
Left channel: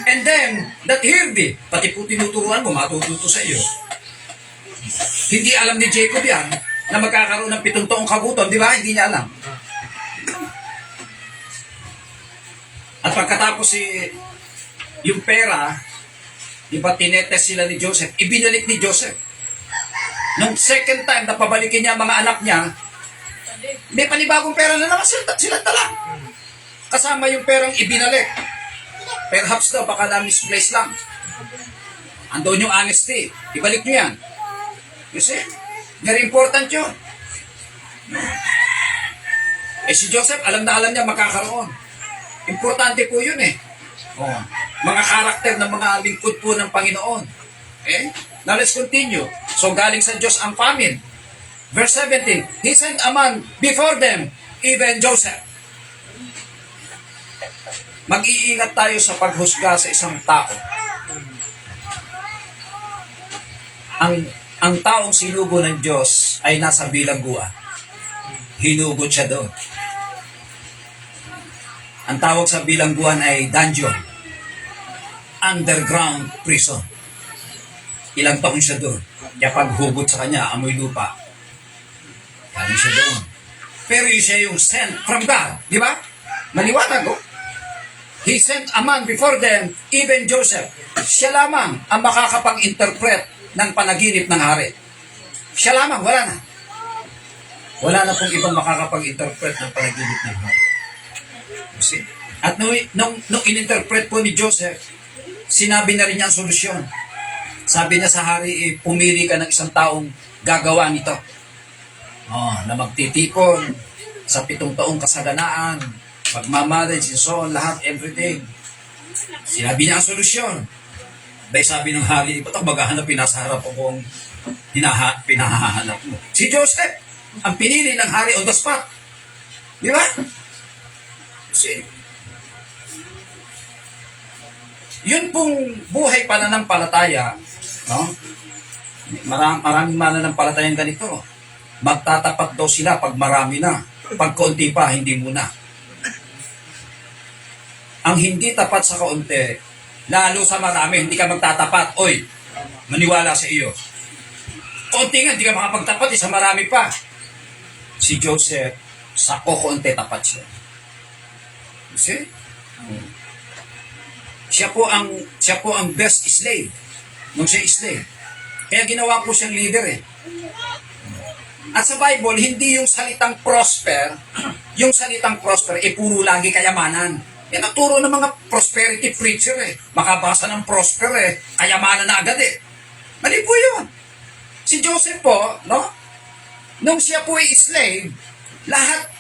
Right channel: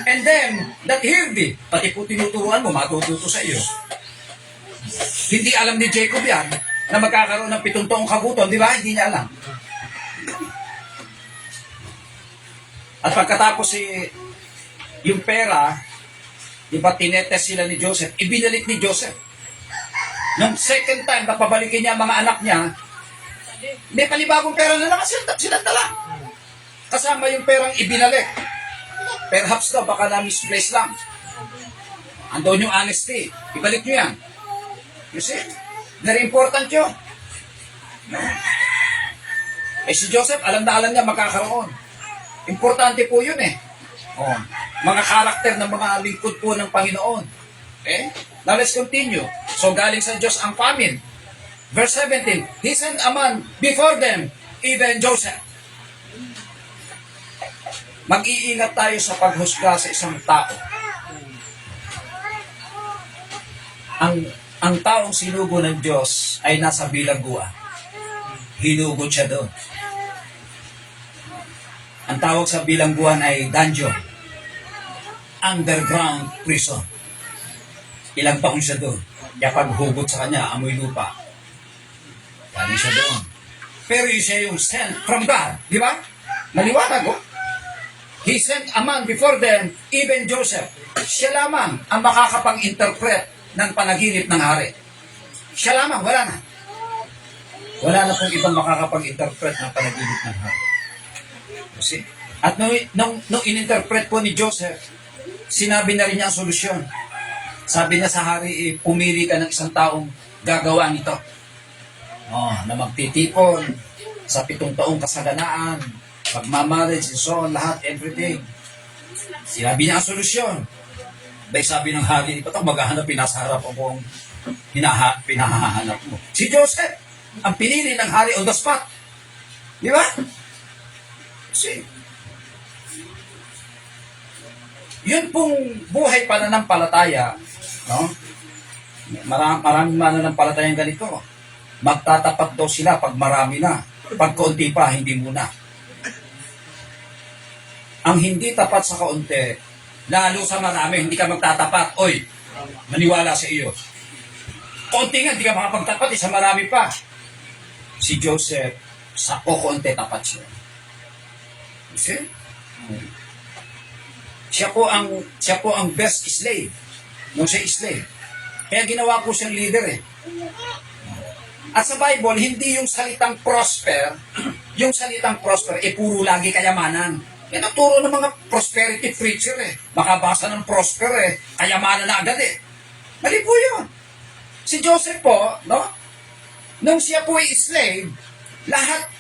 and them that hear thee. Pati po tinuturuan mo, matututo sa iyo. Hindi alam ni Jacob yan na magkakaroon ng 7 taong kagutom, di ba? Hindi niya alam. At pagkatapos yung pera, di ba tinetes sila ni Joseph, ibinalik ni Joseph. Nung second time na pabalikin niya ang mga anak niya, may panibagong pera na naman sila dala. Kasama yung perang ibinalik. Perhaps daw, baka na-misplace lang. Andun yung honesty. Ibalik nyo yan. You see? Very important yun. Si Joseph, alam na alam niya makakaroon. Importante po yun . Mga karakter ng mga lingkod po ng Panginoon. Okay? Now let's continue. So galing sa Diyos ang famine. Verse 17, He sent a man before them, even Joseph. Mag-iingat tayo sa paghusga sa isang tao. ang taong sinugo ng Diyos ay nasa bilangguan. Hinugot siya doon. Ang tawag sa bilangguan ay dungeon. Underground prison. Ilang taon siya doon. Kaya paghugot sa kanya, amoy lupa. Galing siya doon. Pero yun siya yung sent from God. Di ba? Maliwanag, oh. He sent a man before them, even Joseph. Siya lamang ang makakapag-interpret ng panaginip ng hari. Siya lamang, wala na. Wala na pong ibang makakapag-interpret ng panaginip ng hari. See? At nung in-interpret po ni Joseph, sinabi na rin niya ang solusyon. Sabi na sa hari, pumili ka ng isang taong gagawa nito. Na magtitipon sa 7 taong kasaganaan, pagmamarriage, and so on, lahat, everything. Sinabi niya ang solusyon. Dahil sabi ng hari, ba't ako maghahanap, nasa harap akong pinahahanap mo. Si Joseph, ang pinili ng hari on the spot. Di ba? Yun pong buhay pananampalataya, no? Maraming mananampalatayang ganito. Magtatapat daw sila pag marami na. Pag kaunti pa, hindi muna. Ang hindi tapat sa kaunti, lalo sa marami, hindi ka magtatapat. Oy, maniwala sa iyo. Kaunti nga, hindi ka makapagtapat, sa marami pa. Si Joseph, sa kaunti tapat siya. See? Siya po ang best slave nung siya slave. Kaya ginawa po siyang leader eh. At sa Bible, hindi yung salitang prosper, yung salitang prosper, puro lagi kayamanan. Yan ang turo ng mga prosperity preacher eh. Makabasa ng prosper eh, kayamanan na agad eh. Mali po yun. Si Joseph po, no? Nung siya po ay slave, lahat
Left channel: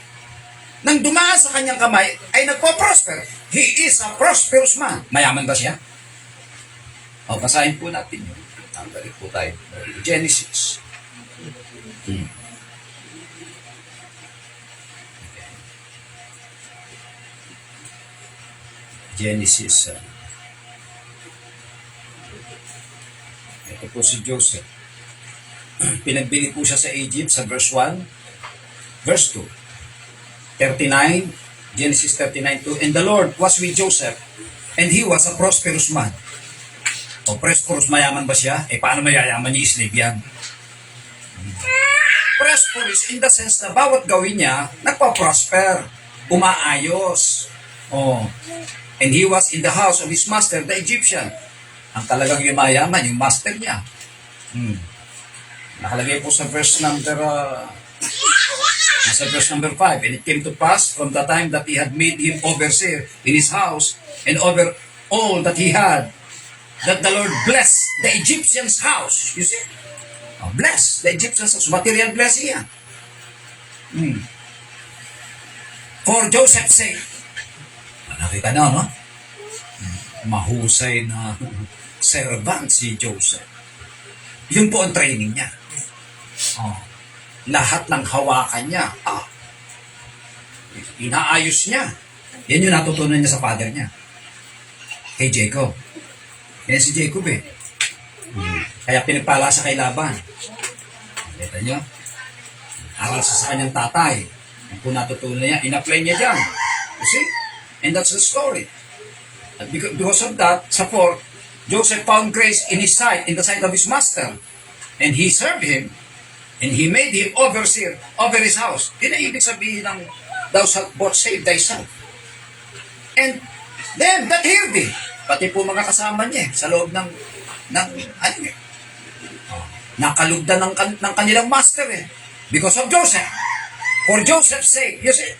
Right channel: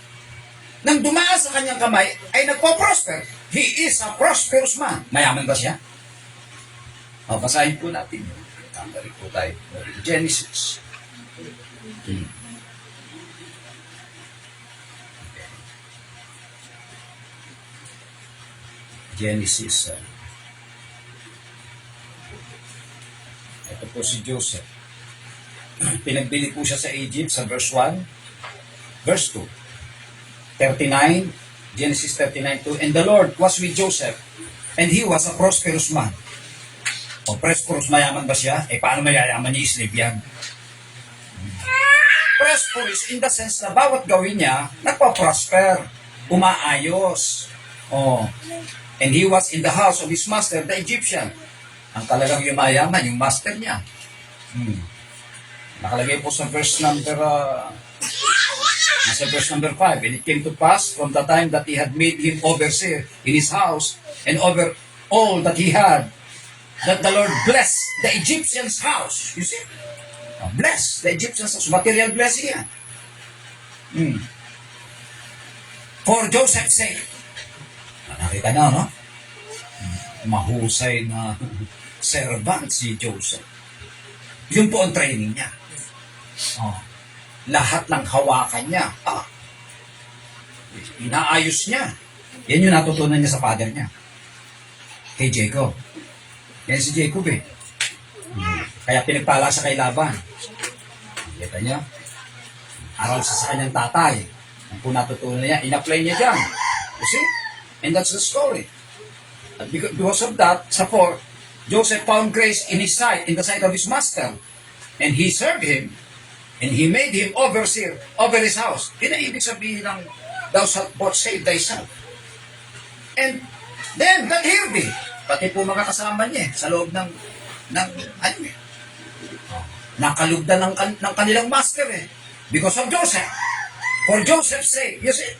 nang dumaan sa kanyang kamay ay nagpo-prosper. He is a prosperous man. Mayaman ba siya? Basahin po natin. Tandali po tayo. Genesis. Genesis. Ito po si Joseph. Pinagbili po siya sa Egypt sa verse 1. Verse 2. 39, Genesis 39:2, and the Lord was with Joseph, and he was a prosperous man. Prosperous, mayaman ba siya? Paano mayayaman ni slave yan? Prosperous in the sense na bawat gawin niya, nagpa-prosper, umaayos. And he was in the house of his master, the Egyptian. Ang talagang yung mayaman, yung master niya. Nakalagay po sa verse number 5, and it came to pass from the time that he had made him overseer in his house and over all that he had, that the Lord blessed the Egyptian's house. You see? Bless the Egyptian's house. Material blessing yan. For Joseph's sake. Nakita na, no? Mahusay na servant si Joseph. Yun po ang training niya. Lahat ng hawakan niya, inaayos niya. Yan yung natutunan niya sa father niya. Kay Jacob. Yan si Jacob eh. Kaya pinagpala sa kay Laban. Kita niya? Aral sa kanyang tatay. Ang po natutunan niya, in-apply niya dyan. You see? And that's the story. At because of that, sa 4, Joseph found grace in his sight, in the sight of his master. And he served him. And he made him overseer over his house. Yun ang ibig sabihin ng thou shalt both save thyself. And then, that healed thee. Pati po mga kasama niya sa loob ng nakalugdan ng kanilang master eh. Because of Joseph. For Joseph's sake. You see?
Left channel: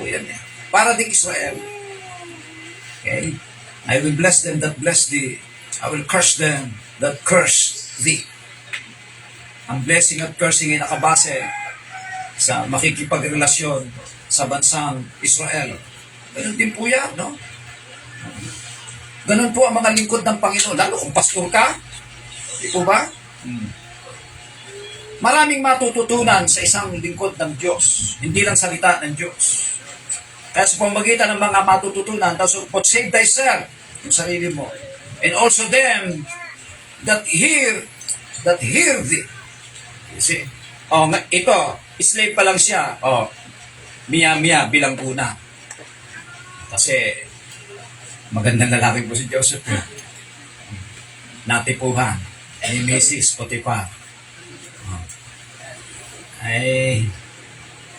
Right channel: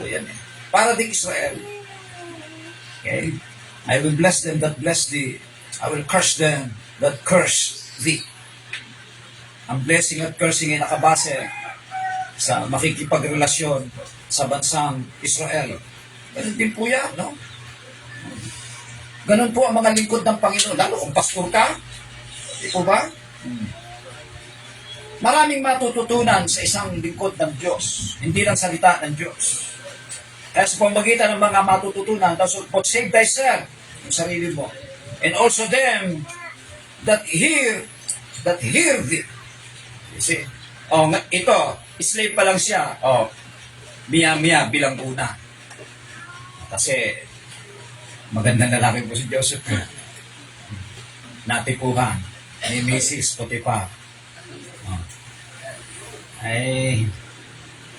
O yan eh. Para din Israel. Okay? I will bless them that bless thee. I will curse them that curse thee. Ang blessing at cursing ay nakabase sa makikipagrelasyon sa bansang Israel. Ganun din po yan, no? Ganun po ang mga lingkod ng Panginoon. Lalo kung pastor ka, di po ba? Maraming matututunan sa isang lingkod ng Diyos. Hindi lang salita ng Diyos. Kaya sa pamamagitan ng mga matututunan, but save thyself, yung sarili mo. And also them that hear thee. You see? Oh, ito, slave pa lang siya. Oh, miya bilang una. Kasi, magandang lalaki po si Joseph. Natipuhan ni Mrs. Potiphar. Oh. Ay,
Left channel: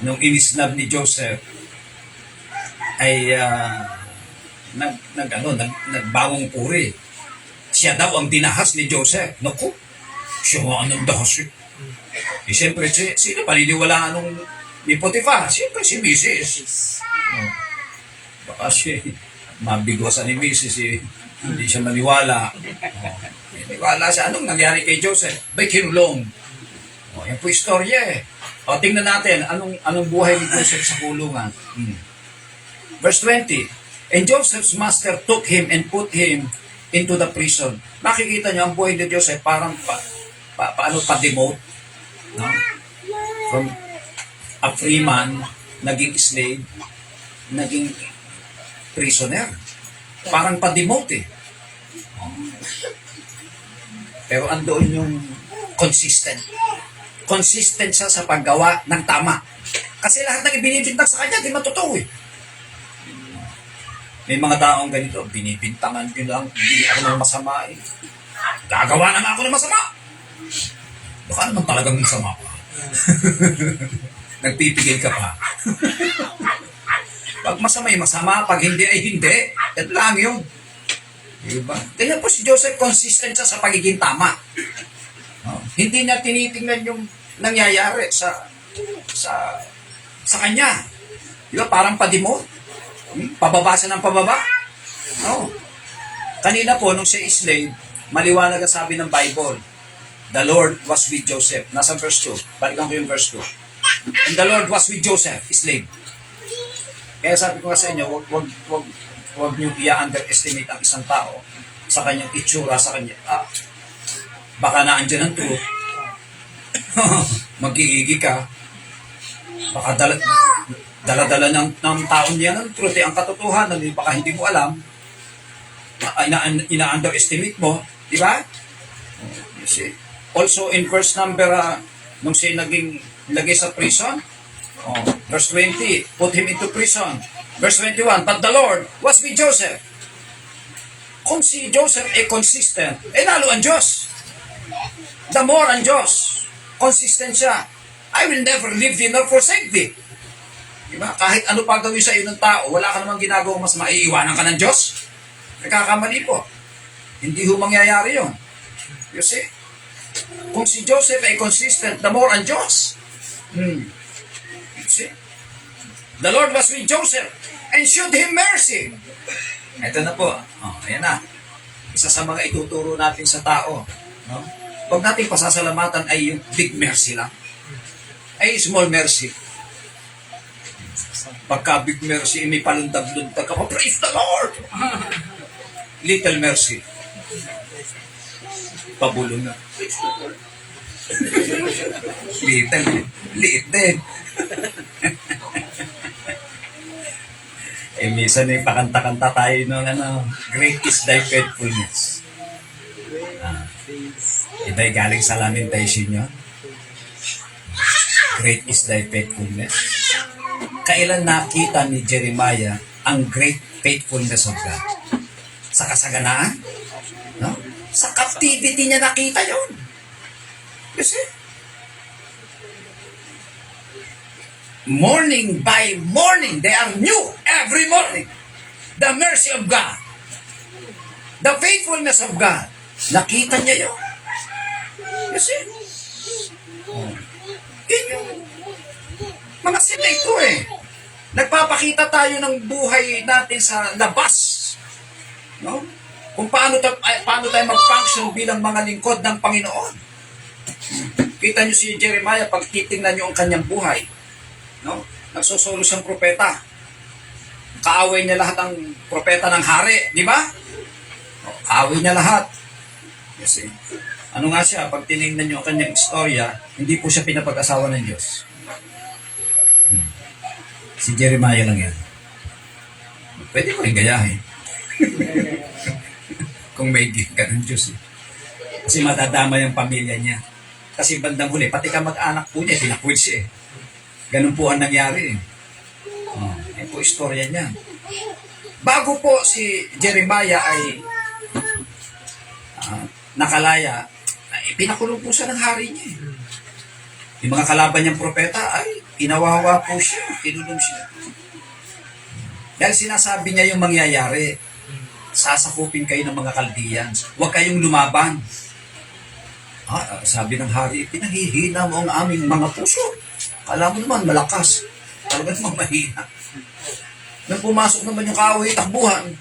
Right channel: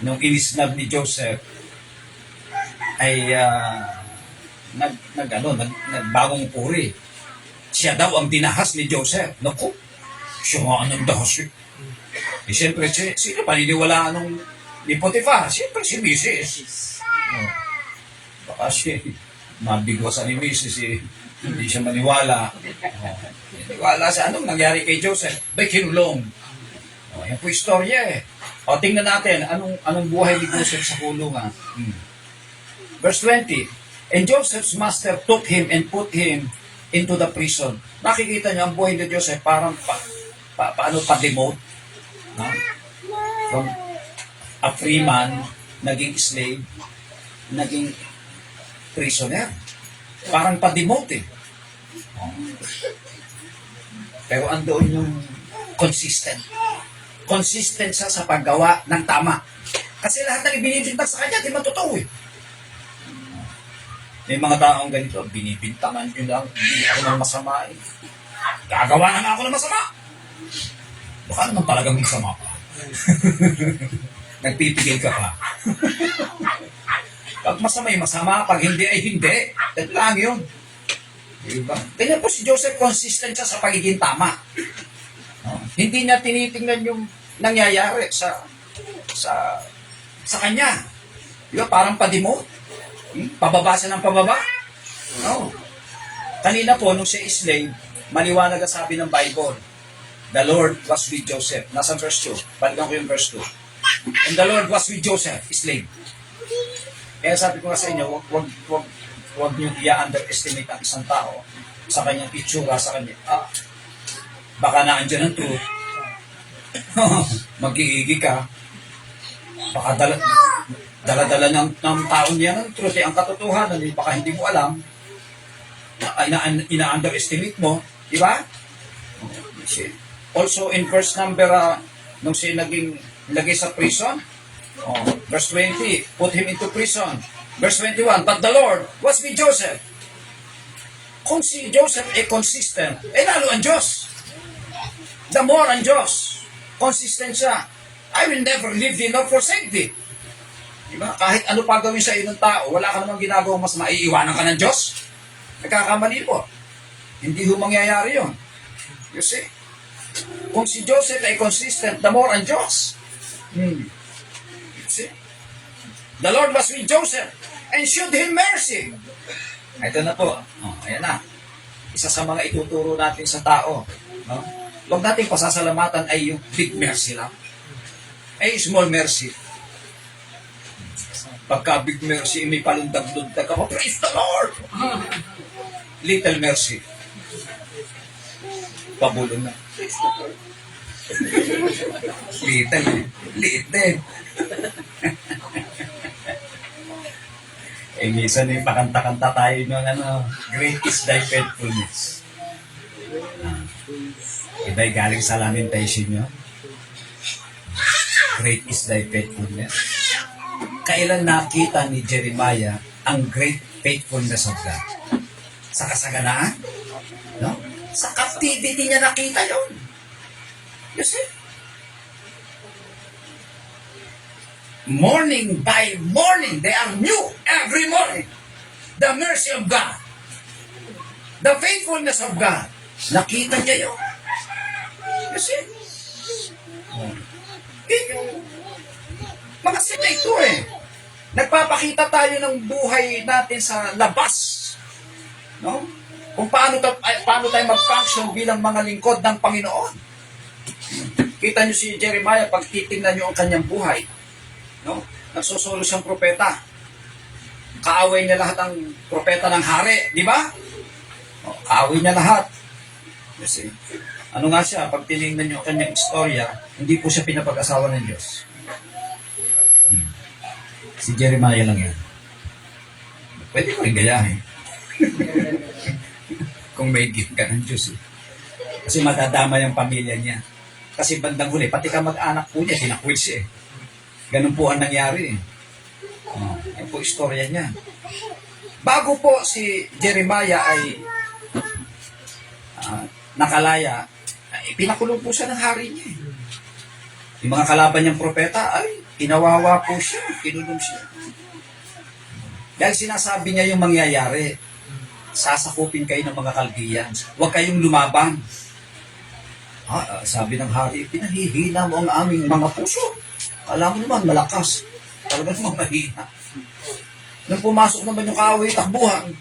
nung inisnab ni Joseph, ay nagbawang puri. Siya daw ang dinahas ni Joseph. Naku, siya nga ang dahas. Eh, siyempre, sino paniniwalaan nung ni Potiphar? Siyempre, si Mrs. Oh. Baka siya, mabigwasan ni Mrs. Hindi siya maniwala. Oh. Maniwala siya. Anong nangyari kay Joseph? Bay, kinulong. Oh, yan po istorya eh. O, tingnan natin, anong buhay ni Joseph sa kulungan. Verse 20, And Joseph's master took him and put him into the prison. Nakikita niyo ang buhay ni Joseph parang pa-demote. No? From a free man, naging slave, naging prisoner. Parang pa-demote eh. Pero andoon yung consistent. Consistent siya sa paggawa ng tama. Kasi lahat ng ibinibintang sa kanya, di matotoo eh. May mga taong ganito, binibintangan ko lang, hindi ako ng masama eh. Gagawa na nga ako ng masama. Baka naman talagang masama ka. Nagpipigil ka pa. Pag masama ay masama, pag hindi ay hindi. Ito lang yun. Diba? Ganyan po si Joseph, consistent siya sa pagiging tama. No? Hindi niya tinitingnan yung nangyayari sa kanya. Diba? Parang padimo. Pababa siya ng pababa. No. Kanina po, nung siya slave, maliwanag ang sabi ng Bible, the Lord was with Joseph. Nasa verse 2. Balikan ko yung verse 2. And the Lord was with Joseph, slave. Kaya sabi ko nga sa inyo, wag niyo i-underestimate ang isang tao sa kanyang itsura, sa kanya. Baka naandyan ang truth. Magigigi ka. Baka dala-dala ng taon niya ng truth, ang katotohanan, baka hindi mo alam. Ina-underestimate mo. Di ba? Also, in verse number, nung siya naging sa prison, verse 20, put him into prison. Verse 21, but the Lord was with Joseph. Kung si Joseph ay consistent, lalo ang Diyos. The more ang Diyos. Consistent siya. I will never leave thee nor forsake thee. Diba? Kahit ano pa gawin sa iyo ng tao, wala ka namang ginagawang mas maiiwanan ka ng Diyos. Nagkakamali po. Hindi ho mangyayari yun. You see? Kung si Joseph ay consistent, the more ang Diyos. You see? The Lord was with Joseph and showed him mercy. Ito na po. Ayan na. Isa sa mga ituturo natin sa tao. Huwag natin pasasalamatan ay yung big mercy lang. Ay small mercy. Pagka big mercy, may palundag-lundag ka pa, praise the Lord! Little mercy. Pabulong na. Praise the Lord. Liit din. Minsan ay pakanta-kanta tayo ng great is thy faithfulness. Iba'y galing sa lamentation nyo. Great is thy faithfulness. Kailan nakita ni Jeremiah ang great faithfulness of God? Sa kasaganaan? No? Sa captivity niya nakita yon. You see? Morning by morning, they are new every morning. The mercy of God. The faithfulness of God. Nakita niya yun. You see? Yun yung mga sila ito eh. Nagpapakita tayo ng buhay natin sa labas. No? Kung paano tayo mag-function bilang mga lingkod ng Panginoon. Kita niyo si Jeremiah, pag titingnan niyo ang kanyang buhay. No? Nagsusuro siyang propeta. Kaaway niya lahat ang propeta ng hari, di ba? Kaaway niya lahat. Kasi, ano nga siya, pag tinignan niyo ang kanyang istorya, hindi po siya pinapag-asawa ng Diyos. Si Jeremiah lang yan. Pwede ko rin gayahin. Kung may gift ka ng Diyos. Kasi madadama yung pamilya niya. Kasi bandang huli, pati kamag-anak po niya, tinakwil siya eh. Ganun po ang nangyari eh. Yan po istorya niya. Bago po si Jeremiah ay nakalaya, ay pinakulong po siya ng hari niya eh. Yung mga kalaban niyang propeta ay inawawa po siya, kinulong siya. Dahil sinasabi niya yung mangyayari, sasakupin kayo ng mga Chaldeans, huwag kayong lumaban. Sabi ng hari, pinahihina mo ang aming mga puso. Kala mo naman malakas, talaga naman mahina. Nung pumasok naman yung kaaway, takbuhan.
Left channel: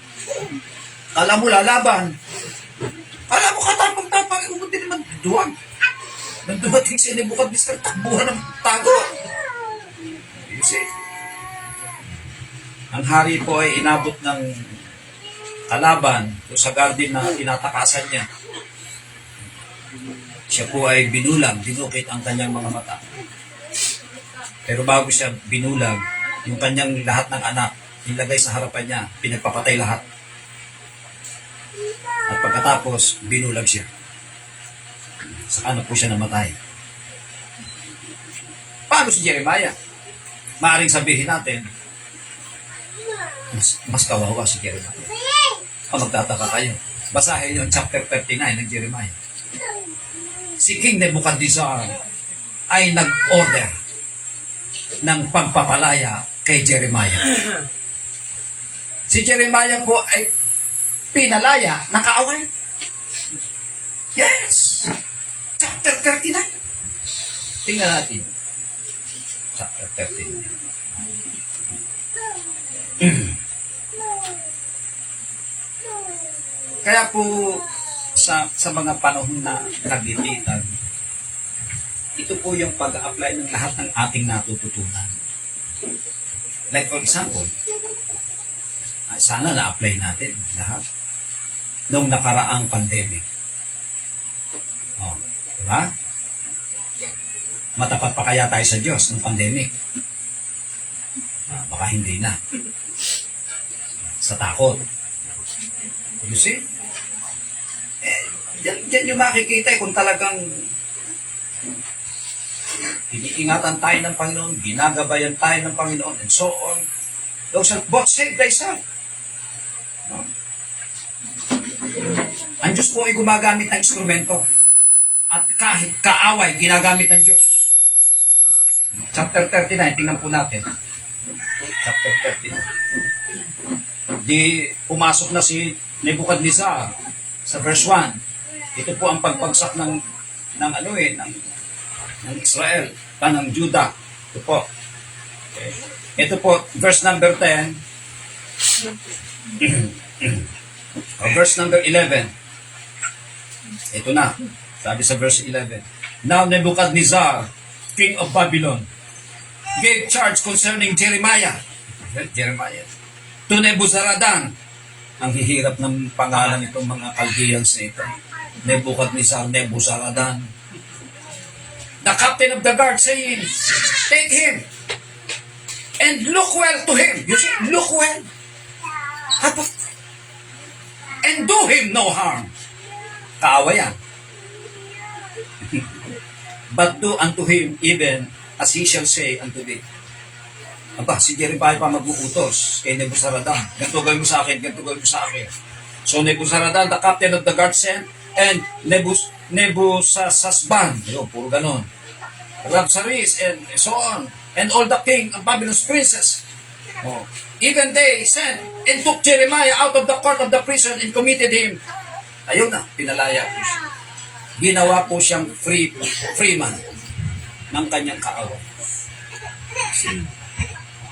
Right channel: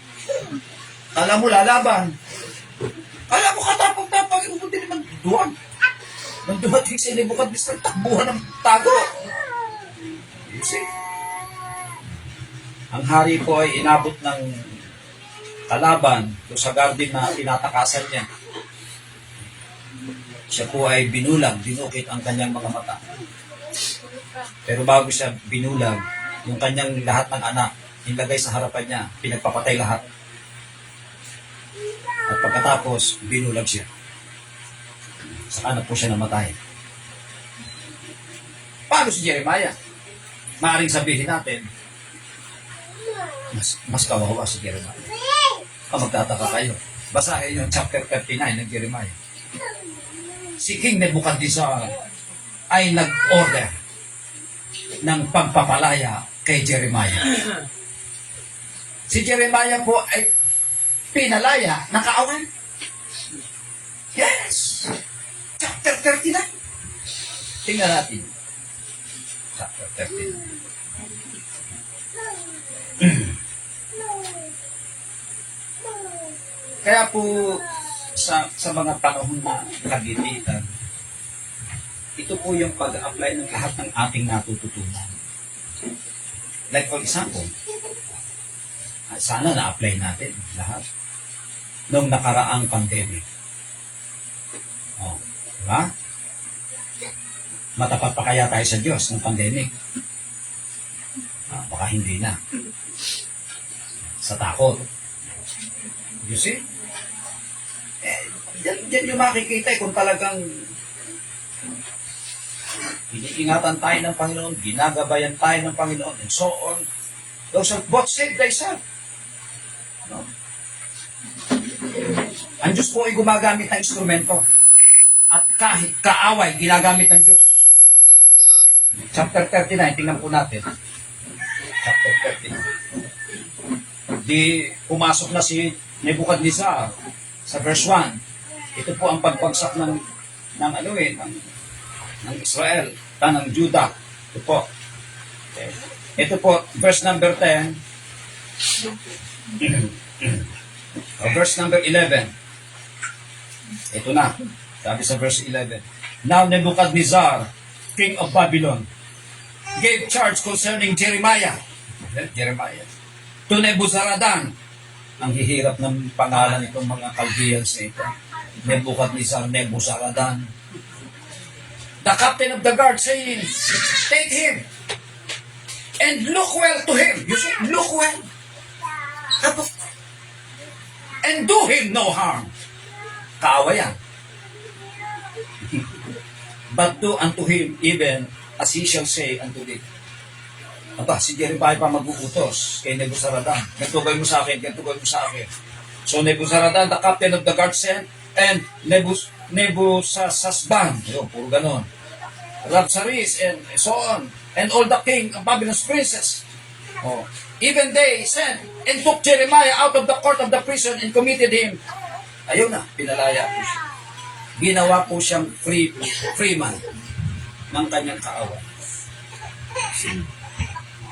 Kala mo lalaban. Kala mo katapang-tapang, umundi naman duwan. Nang dumating sa Nebuchadnezzar, takbuhan ng tago. You see? Ang hari po ay inabot ng kalaban doon sa garden na tinatakasan niya. Siya po ay binulag, dinukit ang kanyang mga mata. Pero bago siya binulag, yung kanyang lahat ng anak, nilagay sa harapan niya, pinagpapatay lahat. At pagkatapos, binulag siya. Saka na po siya namatay. Paano si Jeremiah? Maaring sabihin natin, mas kawawa si Jeremiah. Magtataka kayo. Basahin niyo ang chapter 39 ng Jeremiah. Si King Nebuchadnezzar ay nag-order ng pagpapalaya kay Jeremiah. Si Jeremiah po ay pinalaya, nakaaway. Yes! Chapter 39. Tingnan natin. Chapter 39. Kaya po sa mga panahon na naglilitan, ito po yung pag-apply ng lahat ng ating natututunan. Like for example, sana na-apply natin lahat nung nakaraang pandemic. Diba? Matapat pa kaya tayo sa Diyos ng pandemic? Baka hindi na. Sa takot. You see? Diyan yung makikita kung talagang iniingatan tayo ng Panginoon, ginagabayan tayo ng Panginoon, and so on. Thou shalt both save thyself. No? Ang Diyos po ay gumagamit ng instrumento. At kahit kaaway, ginagamit ng Diyos. Chapter 39, tingnan po natin. Chapter 39. Di pumasok na si Nebuchadnezzar sa verse 1. Ito po ang pagbagsak ng Israel, ng Judah. Ito po. Okay. Ito po, verse number 10. Verse number 11. Ito na. Sabi sa verse 11. Now Nebuchadnezzar, king of Babylon, gave charge concerning Jeremiah. Jeremiah. To Nebuzaradan. Ang hihirap ng pangalan itong mga Chaldeans na ito. Nebuchadnezzar, Nebuzaradan. The captain of the guard saying, take him and look well to him. You see, look well. And do him no harm. Kaawa yan. But do unto him even as he shall say unto thee. Aba, si Jeremiah pa mag-uutos kay Nebuzaradan. Ganito gawin mo sa akin, ganito gawin mo sa akin. So Nebuzaradan, the captain of the guard sent, and Nebuzaradan, yun, puro ganon. Rabsaris, and so on. And all the king of Babylon's princes. Even they sent and took Jeremiah out of the court of the prison and committed him. Ayun na, pinalaya po siya. Ginawa po siyang freeman ng kanyang kaaway.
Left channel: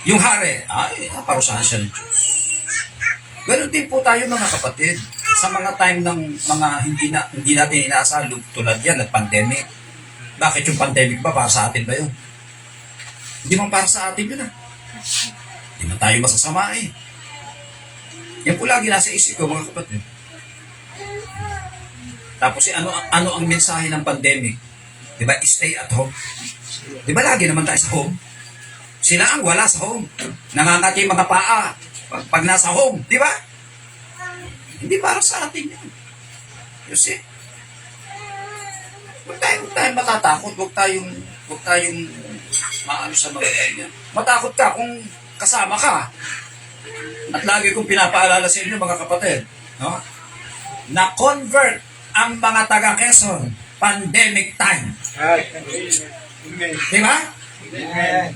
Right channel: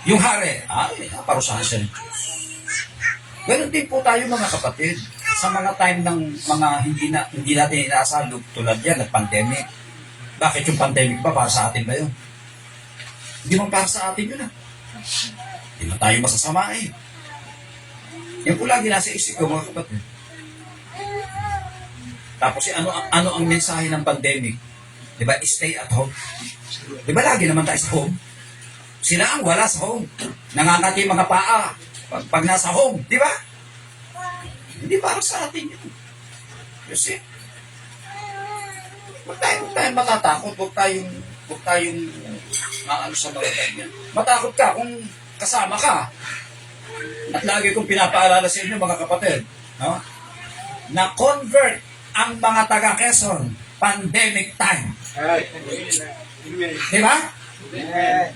Yung hari, parusahan siya ng Diyos. Ganon din po tayo mga kapatid. Sa mga time ng mga hindi natin inaasahan tulad yan, pandemic. Bakit yung pandemic ba? Para sa atin ba yun? Hindi man para sa atin yun Hindi man tayo masasama Yan po lagi nasa isip ko mga kapatid. Tapos ano ang mensahe ng pandemic? Diba? Stay at home. Diba lagi naman tayo sa home? Sila ang wala sa home. Nangangati mga paa pag nasa home. Diba? Hindi para sa atin yan. You see? Huwag tayong matatakot, huwag tayong maano sa mga ganyan. Matakot ka kung kasama ka. At lagi kong pinapaalala sa inyo mga kapatid, no? Na convert ang mga taga Quezon, pandemic time. Ay. Amen. Di ba? Amen.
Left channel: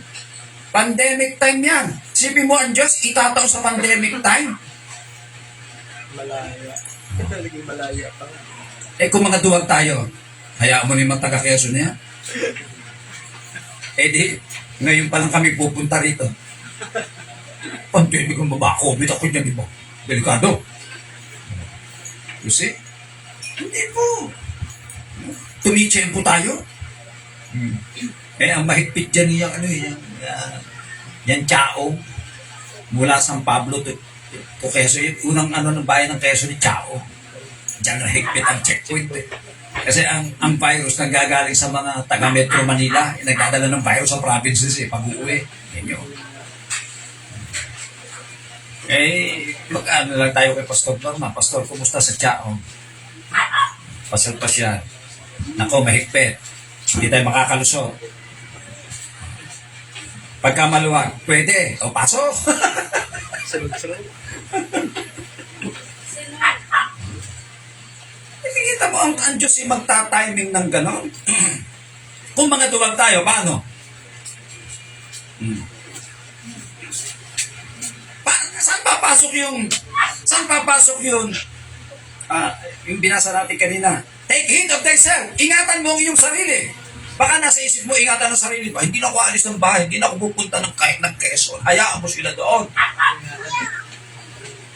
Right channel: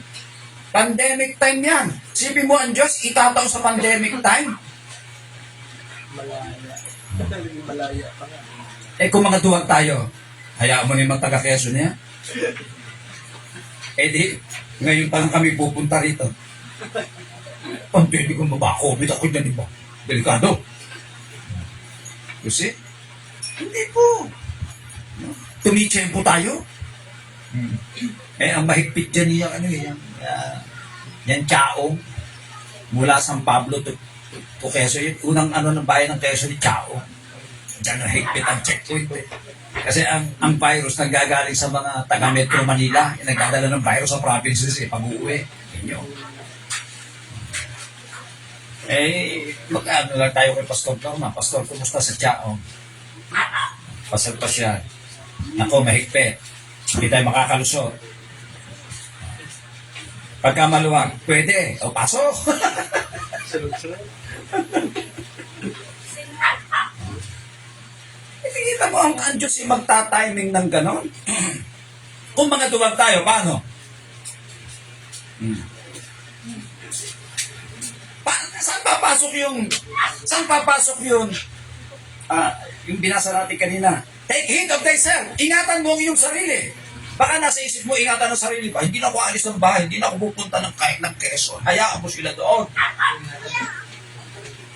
Pandemic time yan. Sipin mo ang Diyos, itataw sa pandemic time. Malaya. Naging malaya pa nga. Eh kung mga duwag tayo, hayaan mo na yung mga taga Quezon niya. Eh di, ngayon pa lang kami pupunta rito. Hindi ko mabako, bitaw ko yan, di ba? Delikado. You see? Hindi po. Tumitsempo tayo. Eh, ang mahigpit dyan yung ano yan Chao. Mula San Pablo to Quezon. Yung unang ano ng bayan ng Quezon ni Chao. Diyan ang higpit ang checkpoint. Kasi ang virus nagagaling sa mga taga Metro Manila. Nagdadala ng virus sa provinces pag-uwi. Yan yun. Eh, mag-ano lang tayo kay Pastor Norma. Pastor, kumusta sa Chao? Pasal pa siya. Nako, mahigpit. Hindi tayo makakalusot. Pagka maluwag, pwede. O, pasok. Sunod-sunod. Nakikita mo ang Diyos ay magta-timing ng ganon. Kung mga duwag tayo, paano? Saan papasok yung yung binasa natin kanina? Take heed of thyself. Ingatan mo ang iyong sarili. Baka nasa isip mo, ingatan ang sarili ba? Hindi na ako alis ng bahay, hindi na ako pupunta ng Quezon. Hayaan mo sila doon.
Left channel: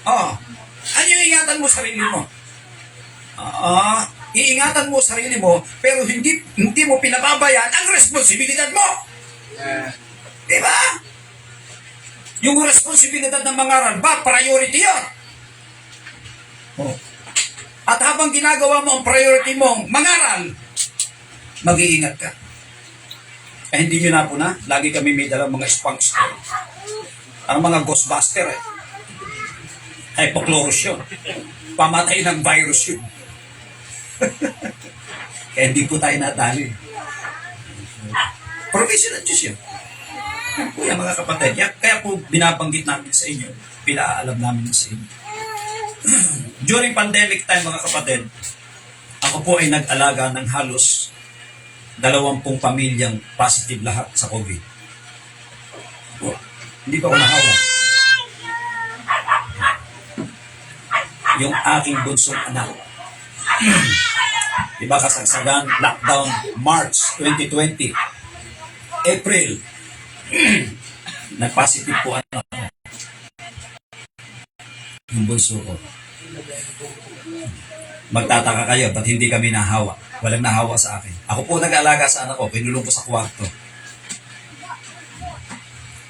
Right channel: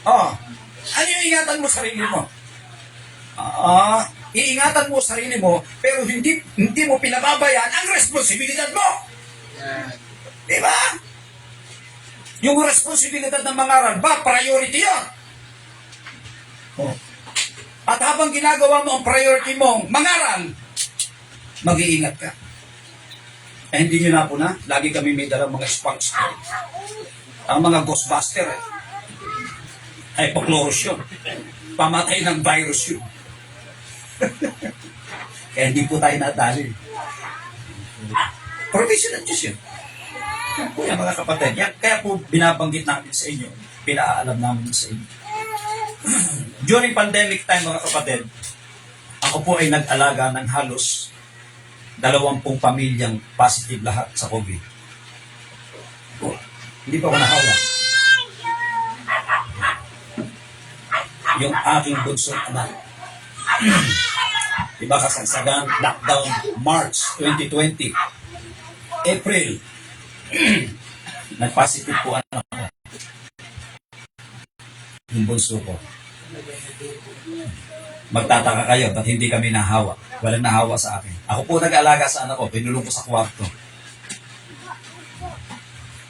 Ano yung ingatan mo sarili mo? Iingatan mo sarili mo, pero hindi mo pinababayaan ang responsibilidad mo. Diba? Yung responsibilidad ng mangaral ba, priority yan. At habang ginagawa mo ang priority mong mangaral, mag-iingat ka. Eh, hindi nyo na po na, lagi kami may dalang mga spanks. Ang mga ghostbuster, hypochlorous yun. Pamatay ng virus yun. Kaya hindi po tayo nadali. Provision ng Diyos yun. Kaya mga kapatid, kaya po binabanggit namin sa inyo, pinaalam namin sa inyo. During pandemic time mga kapatid, ako po ay nag-alaga ng halos 20 pamilyang positive lahat sa COVID. Hindi pa ako nahawa. Yung aking bunsong anak. Diba kasagsagan, lockdown, March 2020. April, nag-positive po ano, yung bunso ko. Magtataka kayo, ba't hindi kami nahawa? Walang nahawa sa akin. Ako po nag-alaga sa anak ko, pinulong ko sa kwarto.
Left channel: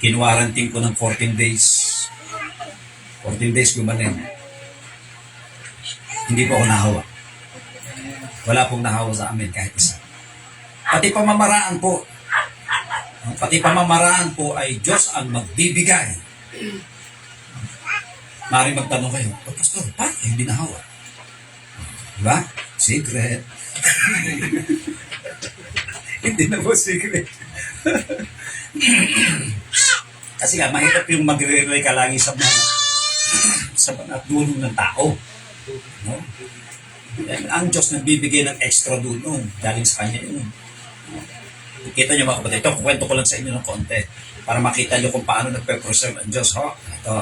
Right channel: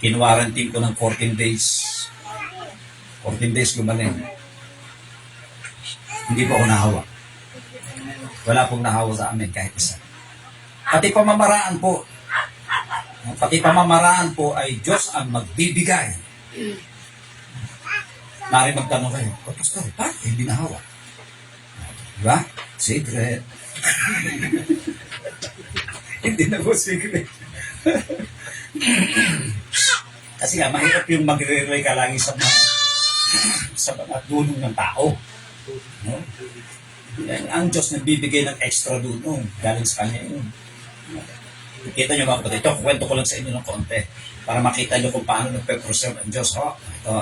Kinuwarantin ko ng 14 days. 14 days gumaling. Hindi po ako nahawa. Wala pong nahawa sa amin kahit isa. Pati pamamaraan po ay Diyos ang magbibigay. Maaaring magtanong kayo, Pastor, paano hindi nahawa? Diba? Secret. Hindi na po secret. Kasi nga, mahirap yung mag-rely ka lagi sa mga dulong ng tao. No? Ang Diyos nagbibigay ng extra dulong. Galing sa Kanya yun. Kita nyo mga kapatid, ito, kwento ko lang sa inyo ng konti para makita nyo kung paano nagpe-preserve ang Diyos. Ito.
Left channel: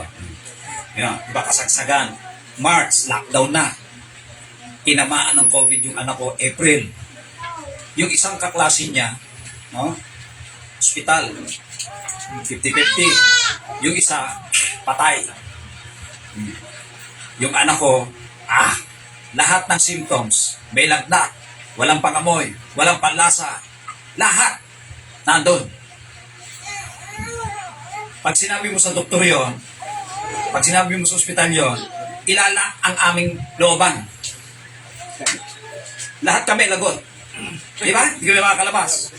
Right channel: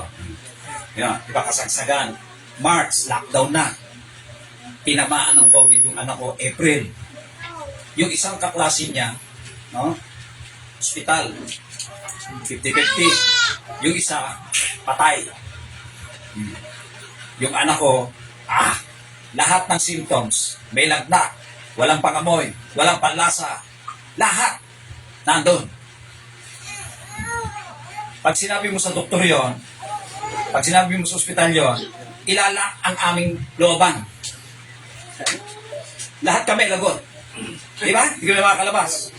Diba kasagsagan, March, lockdown na. Tinamaan ng COVID yung anak ko, April. Yung isang kaklase niya, no? Hospital, 50-50. Yung isa, patay. Yung anak ko, lahat ng symptoms, may lagnat, walang pangamoy, walang panlasa, lahat, nandun. Pag sinabi mo sa doktor yon, pag sinabi mo sa ospital yon, ilala ang aming looban. Lahat kami lagot. Di ba? Hindi kami makakalabas.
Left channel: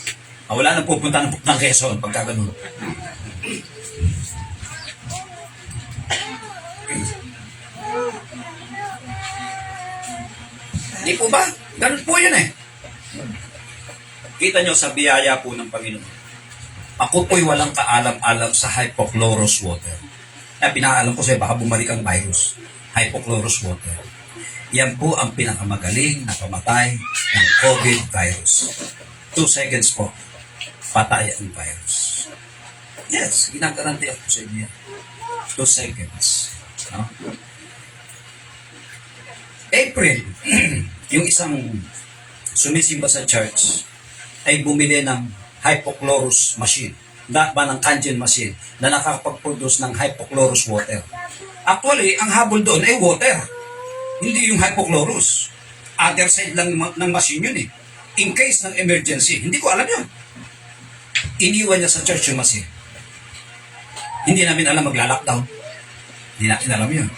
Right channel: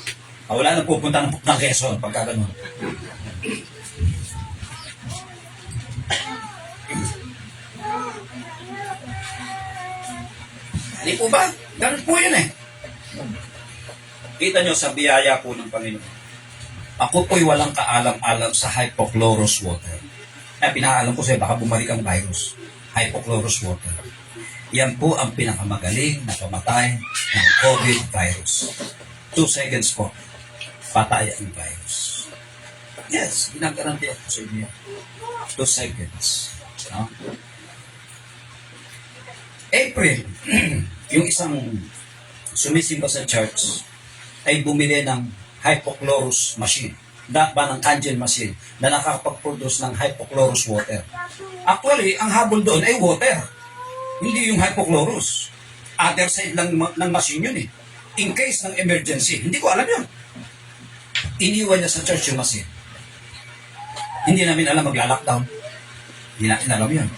Wala nang pupunta ng Quezon pagka ganun. Di po ba? Ganun po yun eh. Kita nyo sa biyaya po ng Panginoon. Ako po'y walang kaalam-alam sa hypochlorous water. Na pinakaalam ko sa'yo, baka bumalik ang virus. Hypochlorous water. Yan po ang pinakamagaling na pamatay ng COVID virus. 2 seconds po, patay ang virus. Yes, ginagaranti ako sa inyo. 2 seconds. No? April, yung isang sumisimba sa church ay bumili ng hypochlorous machine, ng Kangen machine na nakakapag-produce ng hypochlorous water. Actually, ang habol doon ay water, hindi yung hypochlorous. Other side lang ng machine yun eh. In case ng emergency, hindi ko alam yun. Iniwan niya sa church yung machine. Hindi namin alam magla-lockdown. Hindi natin alam yun.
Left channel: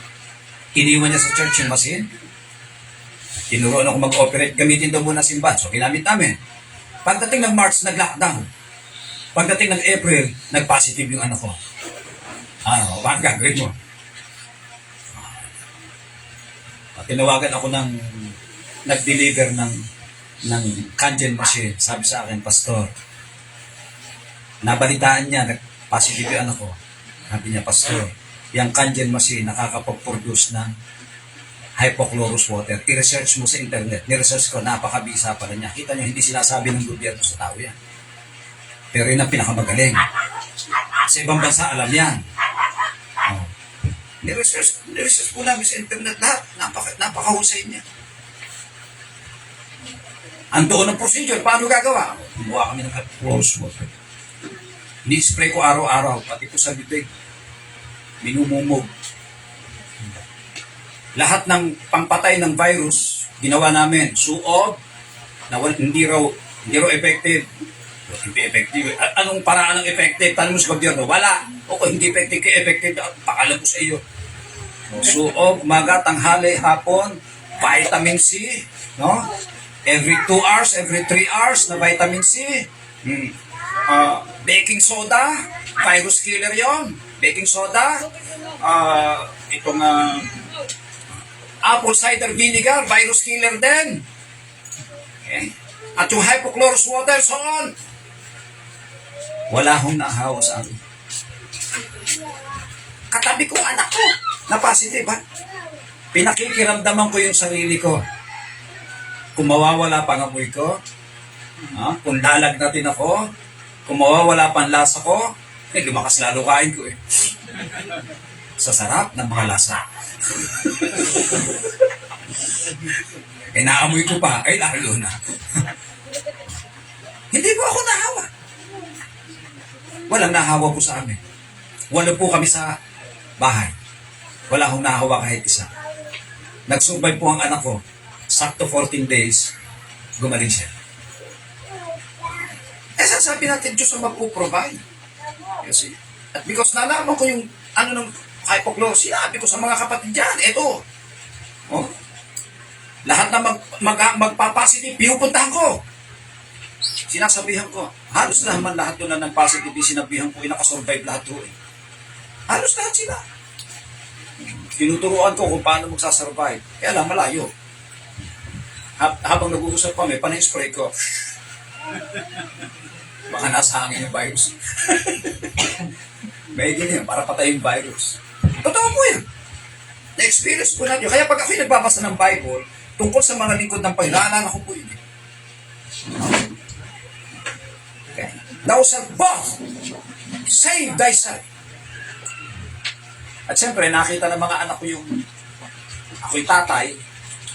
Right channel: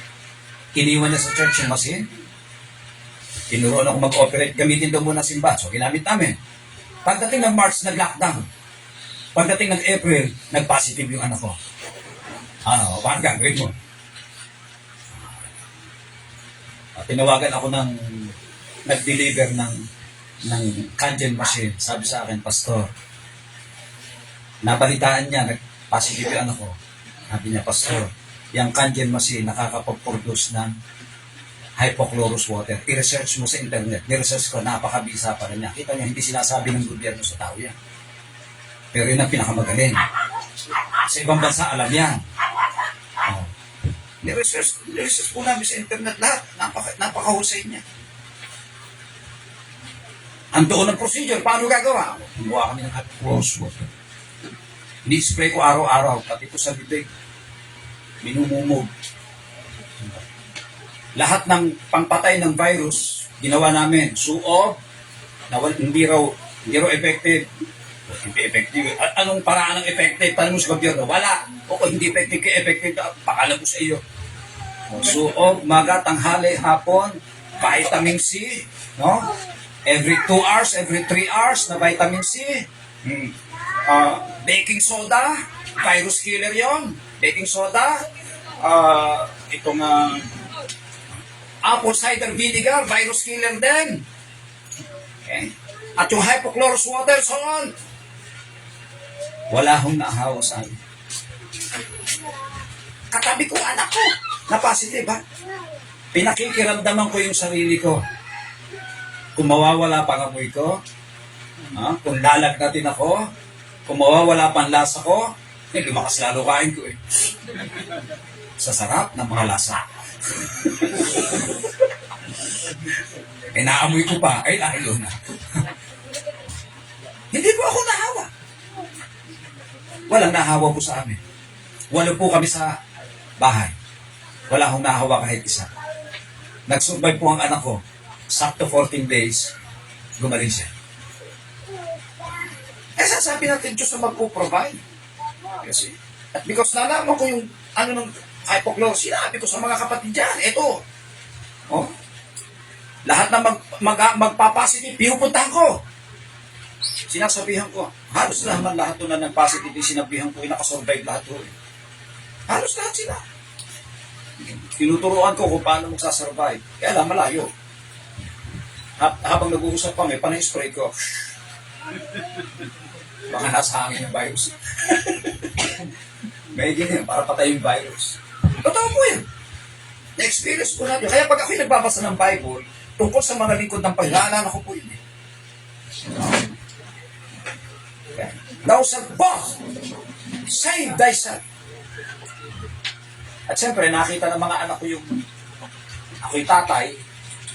Iniwan niya sa church yung machine. Tinuruan ako mag-operate, gamitin daw muna simbahan. So, ginamit namin. Pagdating ng March, nag-lockdown. Pagdating ng April, nag-positive yung anak ko. Paano gagawin mo? Tinawagan ako ng nag-deliver ng Kangen machine. Sabi sa akin, Pastor, nabalitaan niya, nag-positive yung anak ko. Sabi niya, Pastor, yung Kangen machine nakakapag-produce ng hypochlorous water. I-research mo sa internet. Ni-research ko, napakabisa pa rin niya. Kita niyo, hindi sinasabi ng gobyerno sa tao yan. Pero yun ang pinakamagaling. Sa ibang bansa, alam yan. Oh. Ni-research po namin sa internet lahat. Napakahusay niya. Ang doon ng procedure, paano gagawa? Gumawa kami ng hypochlorous water. Ni-spray ko araw-araw, pati po sa bibig. Minumumog. Lahat ng pampatay ng virus, ginawa namin. Suob, na hindi raw effective. Hindi effective. Anong paraan ng effective? Tanong sa gobyerno, wala. O hindi effective, effective. Pakalam ko sa iyo. Suob, maga, tanghali, hapon, vitamin C, no? Every 2 hours, every 3 hours na vitamin C. Baking soda, virus killer yon. Baking soda, itong apple cider vinegar, virus killer din. Okay? At yung hypochlorous water, so on. Wala akong naahawa sa akin. Katabi ko anak ko, na positive ha. Pinakikiramdaman ko yung sarili ko. Kung mawawala pa ang amoy ko, kung lalagnatin ako, kung mawawala pa ang lasa ko, lumakas lalo kain ko eh. Sa sarap ng mga lasa. Naamoy ko pa, ay lalo na. Hindi po ako nahawa. Walang nahawa po sa amin. Wala po kami sa bahay. Wala akong nahawa kahit isa. Nag-survive po ang anak ko. Sakto 14 days, gumaling siya. Sasabi natin, Diyos ang mag-provide. Kasi, at because nalaman ko yung ng hypochlorous, sinabi ko sa mga kapatid dyan, eto. Lahat na magpa-positive, pinupuntahan ko. Sinasabihan ko, halos naman lahat doon na nag-positive, sinabihan ko, nakasurvive lahat doon. Halos lahat sila. Tinuturuan ko kung paano magsasurvive. Kaya lang, malayo. Habang nag-uusap kami, panay-spray ko. Baka nasa hangin yung virus. May ganyan, para patay yung virus. Totoo po yan. Na-experience ko na yun. Kaya pag ako'y nagbabasa ng Bible, tungkol sa mga lingkod ng Panginoon, naalala ko po yun. Okay. Thou shalt both save thyself. At siyempre, nakita ng mga anak ko yung ako'y tatay,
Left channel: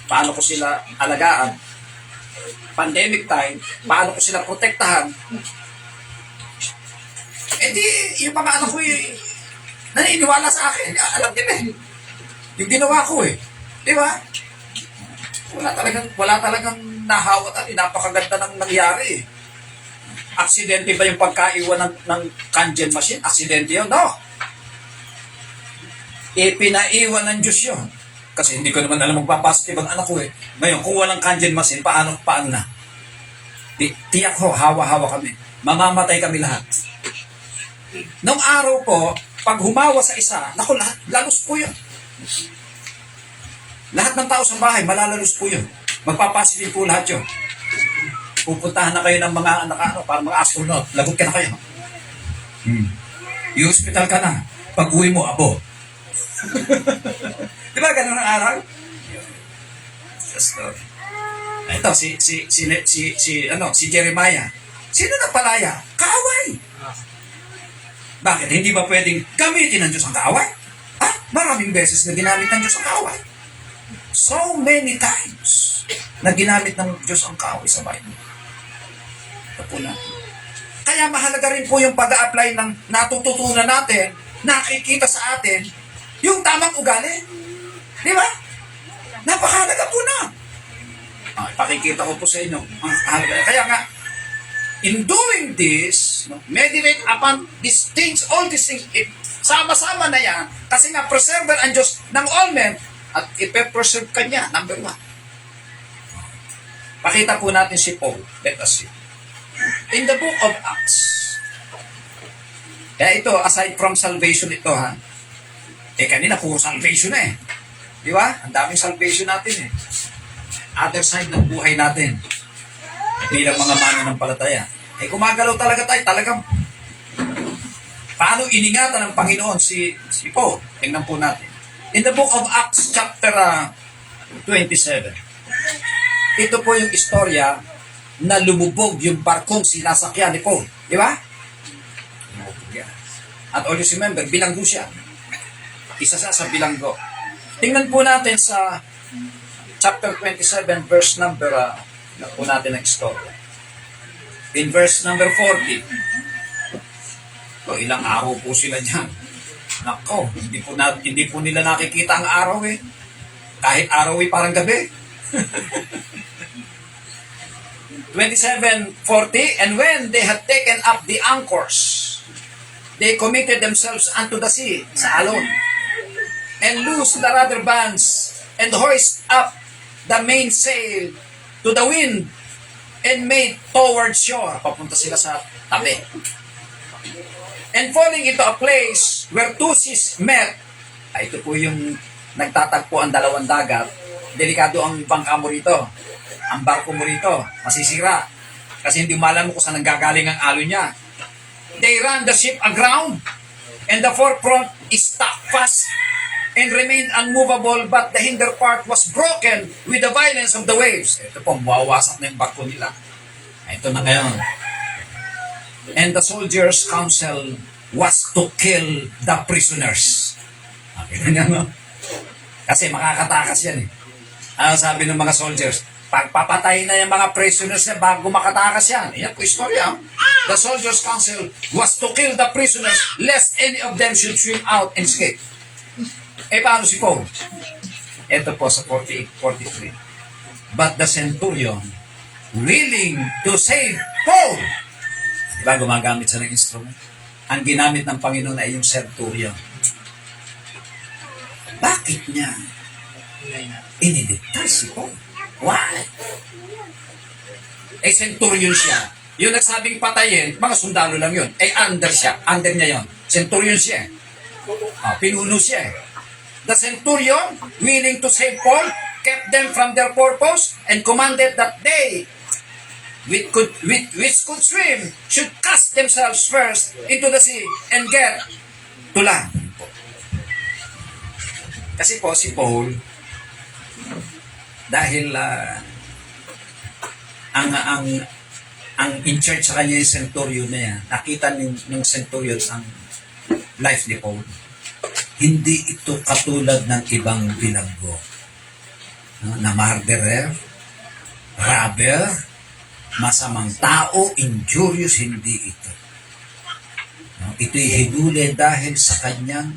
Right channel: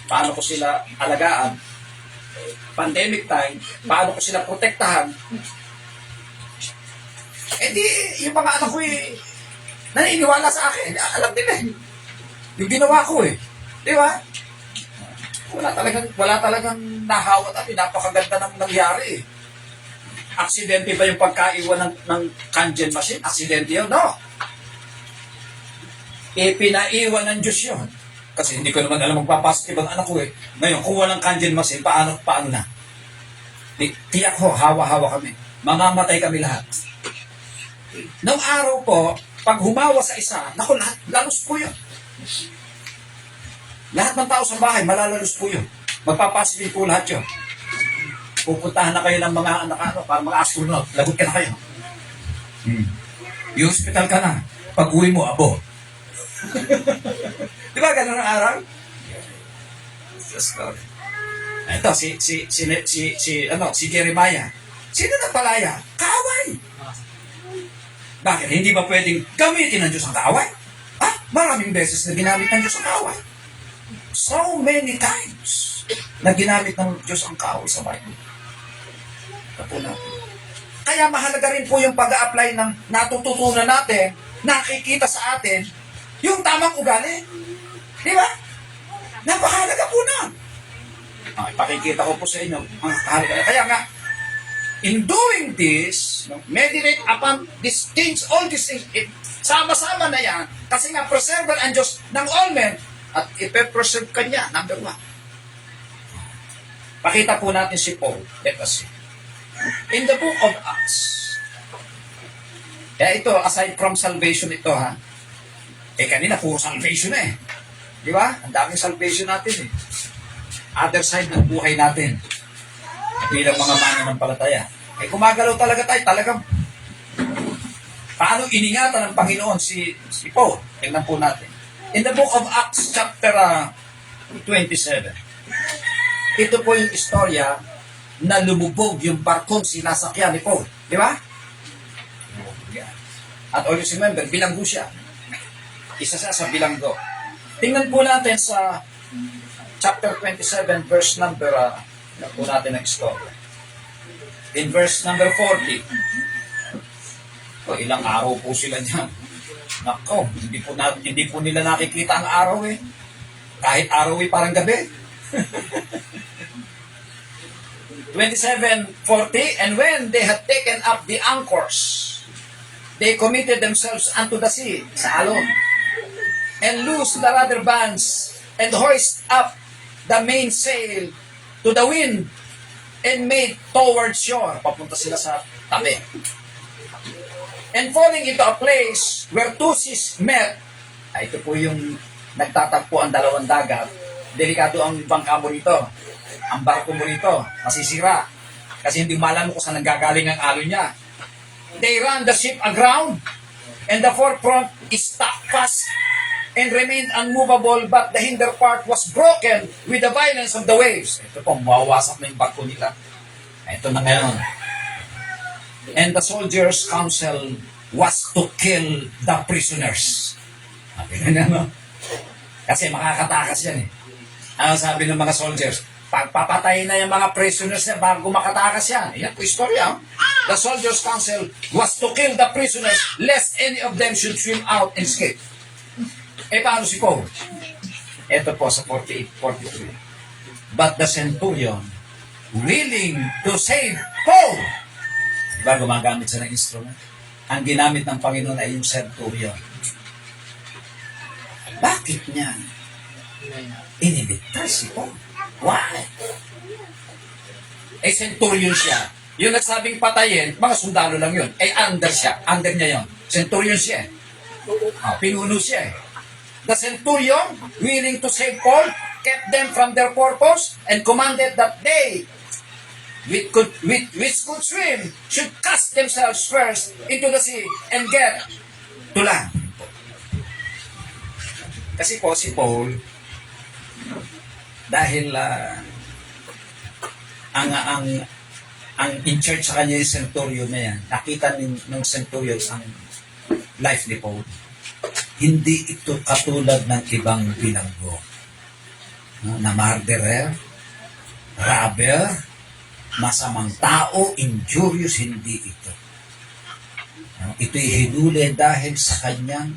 paano ko sila alagaan, pandemic time, paano ko sila protektahan. Di, yung mga anak ko naniniwala sa akin. Alam nila yung ginawa ko Di ba? Wala talagang nahawa at napakaganda ng nangyari Aksidente ba yung pagkaiwan ng Kangen machine? Aksidente yun? No. Pinaiwan ng Diyos yun. Kasi hindi ko naman alam magpapositive ang anak ko Ngayon, kung walang Kangen machine, paano na? Tiyak ho, hawa-hawa kami. Mamamatay kami lahat. Nung araw po, pag humawa sa isa, naku, lalos po yun. Lahat ng tao sa bahay, malalalos po yun. Magpapositive po lahat yun. Pupuntahan na kayo ng mga para mga astronaut. Lagot ka na kayo. Yung hospital ka na. Pag uwi mo, abo. Di ba ganun ang araw? Just Lord. Ito, si Jeremiah. Sino nagpalaya? Kaaway. Bakit? Hindi ba pwedeng gamitin ng Diyos ang kaaway? Maraming beses na ginamit ng Diyos ang kaaway. So many times na ginamit ng Diyos ang kaaway sa Bible. Ito po natin. Kaya mahalaga rin po yung pag-a-apply ng natututunan natin, nakikita sa atin, yung tamang ugali. Di ba? Napakahalaga po na. Ipakikita ko po sa inyo. Ang halaga. Kaya nga, in doing this, meditate upon these things, all these things, sama-sama na yan, kasi nga preserver ang Diyos ng all men, at ipe-preserve ka niya, number 1. Pakita po natin si Paul. Let us see. In the book of Acts, ito, aside from salvation ito, kanina puro salvation Di ba? Ang daming salvation natin Other side ng buhay natin. Bilang mga mananampalataya. Gumagalaw talaga tayo. Talagang paano iningatan ng Panginoon si Paul? Tingnan po natin. In the book of Acts chapter 27, ito po yung istorya na lumubog yung barkong sinasakyan ni Paul. Di ba? At always remember, bilanggo siya. Isa sa bilanggo. Tingnan po natin sa chapter 27, verse number, po natin ang story. In verse number 40, ilang araw po sila dyan. Nako, hindi po nila nakikita ang araw Kahit araw parang gabi. 27:40, and when they had taken up the anchors, they committed themselves unto the sea, sa alon, and loosed the rudder bands, and hoist up the mainsail to the wind, and made toward shore. Papunta sila sa tabi. And falling into a place where two seas met, ito po yung nagtatagpo ang dalawang dagat, delikado ang bangka mo rito. Ang barko mo rito, masisira. Kasi hindi malam mo kung saan nanggagaling ang alon niya. They ran the ship aground, and the forefront is stuck fast and remained unmovable, but the hinder part was broken with the violence of the waves. Ito po, mawawasak na yung barko nila. Ito na ngayon. And the soldiers' counsel was to kill the prisoners. Okay na naman. Kasi makakatakas yan sabi ng mga soldiers, pagpapatay na yung mga prisoners na bago makatakas yan. Yan po istorya. The soldiers' counsel was to kill the prisoners lest any of them should swim out and escape. Paano si Paul? Ito po sa 48-43. But the centurion, willing to save Paul. Diba gumagamit siya ng instrument? Ang ginamit ng Panginoon ay yung centurion. Bakit niya iniligtas si Paul? Why? Centurion siya. Yung nagsabing patayin, mga sundalo lang yun. Under siya. Under niya yun. Centurion siya. Pinuno siya. The centurion, willing to save Paul, kept them from their purpose and commanded that they, which could swim, should cast themselves first into the sea and get to land. Kasi po si Paul, dahil ang in charge sa kanya yung centurion na yan, nakita ng centurion ang life ni Paul. Hindi ito katulad ng ibang bilanggo. Na murderer, robber, masamang tao, injurious, hindi ito. Ito'y hinuli dahil sa kanyang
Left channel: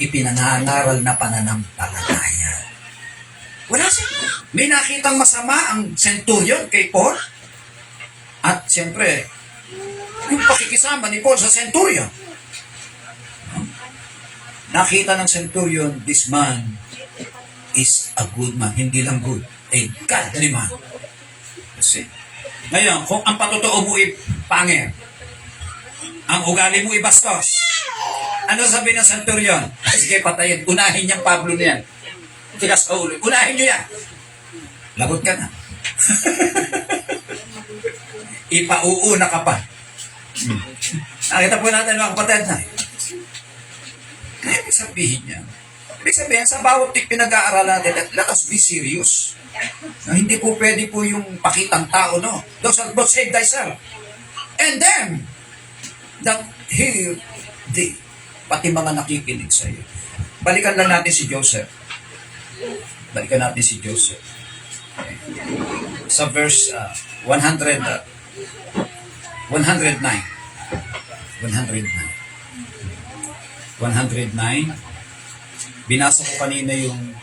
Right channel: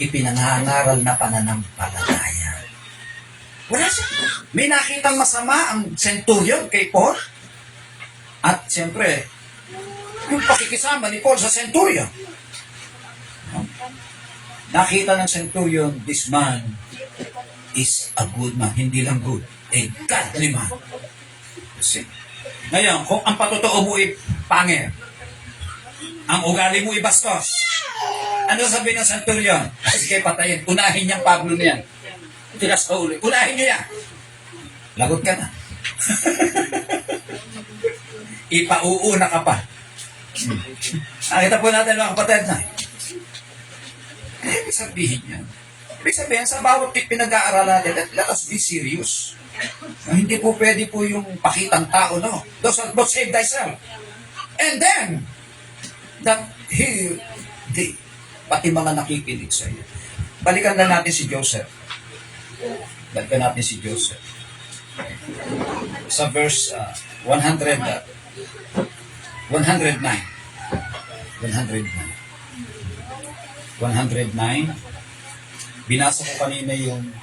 ipinangangaral na pananampalataya. Wala siya. May nakitang masama ang centurion kay Paul. At siyempre, yung pakikisama ni Paul sa centurion. Nakita ng centurion, this man is a good man. Hindi lang good, a godly man. Kasi, ngayon, kung ang patotoo mo pangit, ang ugali mo bastos, ano sabihin ng centurion? Sige, patayin. Unahin niyang Pablo niyan. Tigas sa ulo. Unahin niya. Lagot ka na. ipauuna ka pa. Nakita po natin mga kapatid na. Ano ibig sabihin niya? Ibig sabihin, sa bawat pinag-aaralan natin, let us be serious. Hindi po pwede po yung pakitang tao, no? Those are not save thyself. And then, that here, pati mga nakikinig sa iyo. Balikan lang natin si Joseph. Balikan natin si Joseph. Okay. Sa verse 109. 109. 109. Binasa ko kanina yung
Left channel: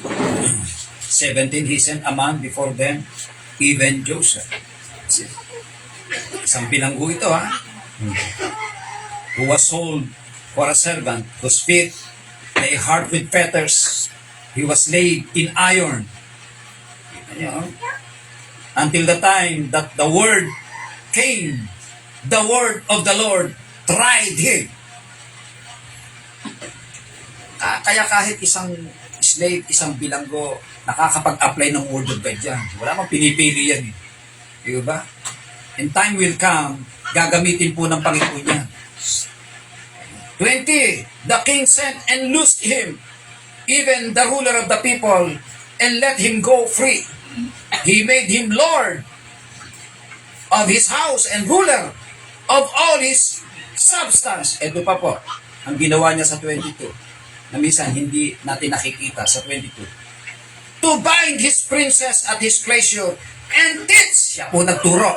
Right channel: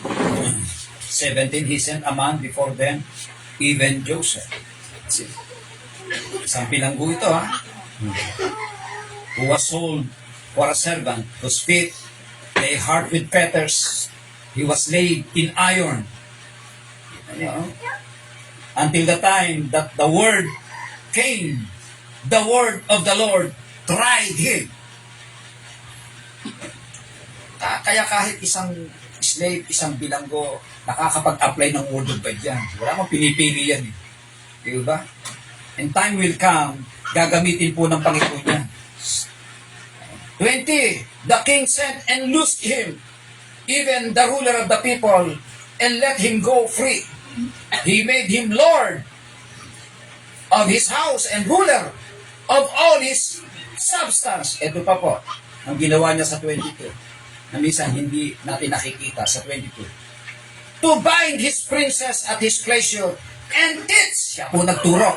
17. He sent a man before them, even Joseph. Isang bilanggo ito, ha? Who was sold for a servant, whose feet lay hard with fetters. He was laid in iron. Kita niyo, oh? Until the time that the word came, the word of the Lord tried him. Kaya kahit isang slave, isang bilanggo, nakakapag-apply ng word of God yan. Wala mang pinipili yan. Di ba? And time will come, gagamitin po ng Panginoon niya. 20. The king sent and loosed him, even the ruler of the people, and let him go free. He made him lord of his house and ruler of all his substance. Ito pa po, ang ginawa niya sa 22, na minsan hindi natin nakikita sa 22. To bind his princess at his pleasure, and teach, siya po nagturo,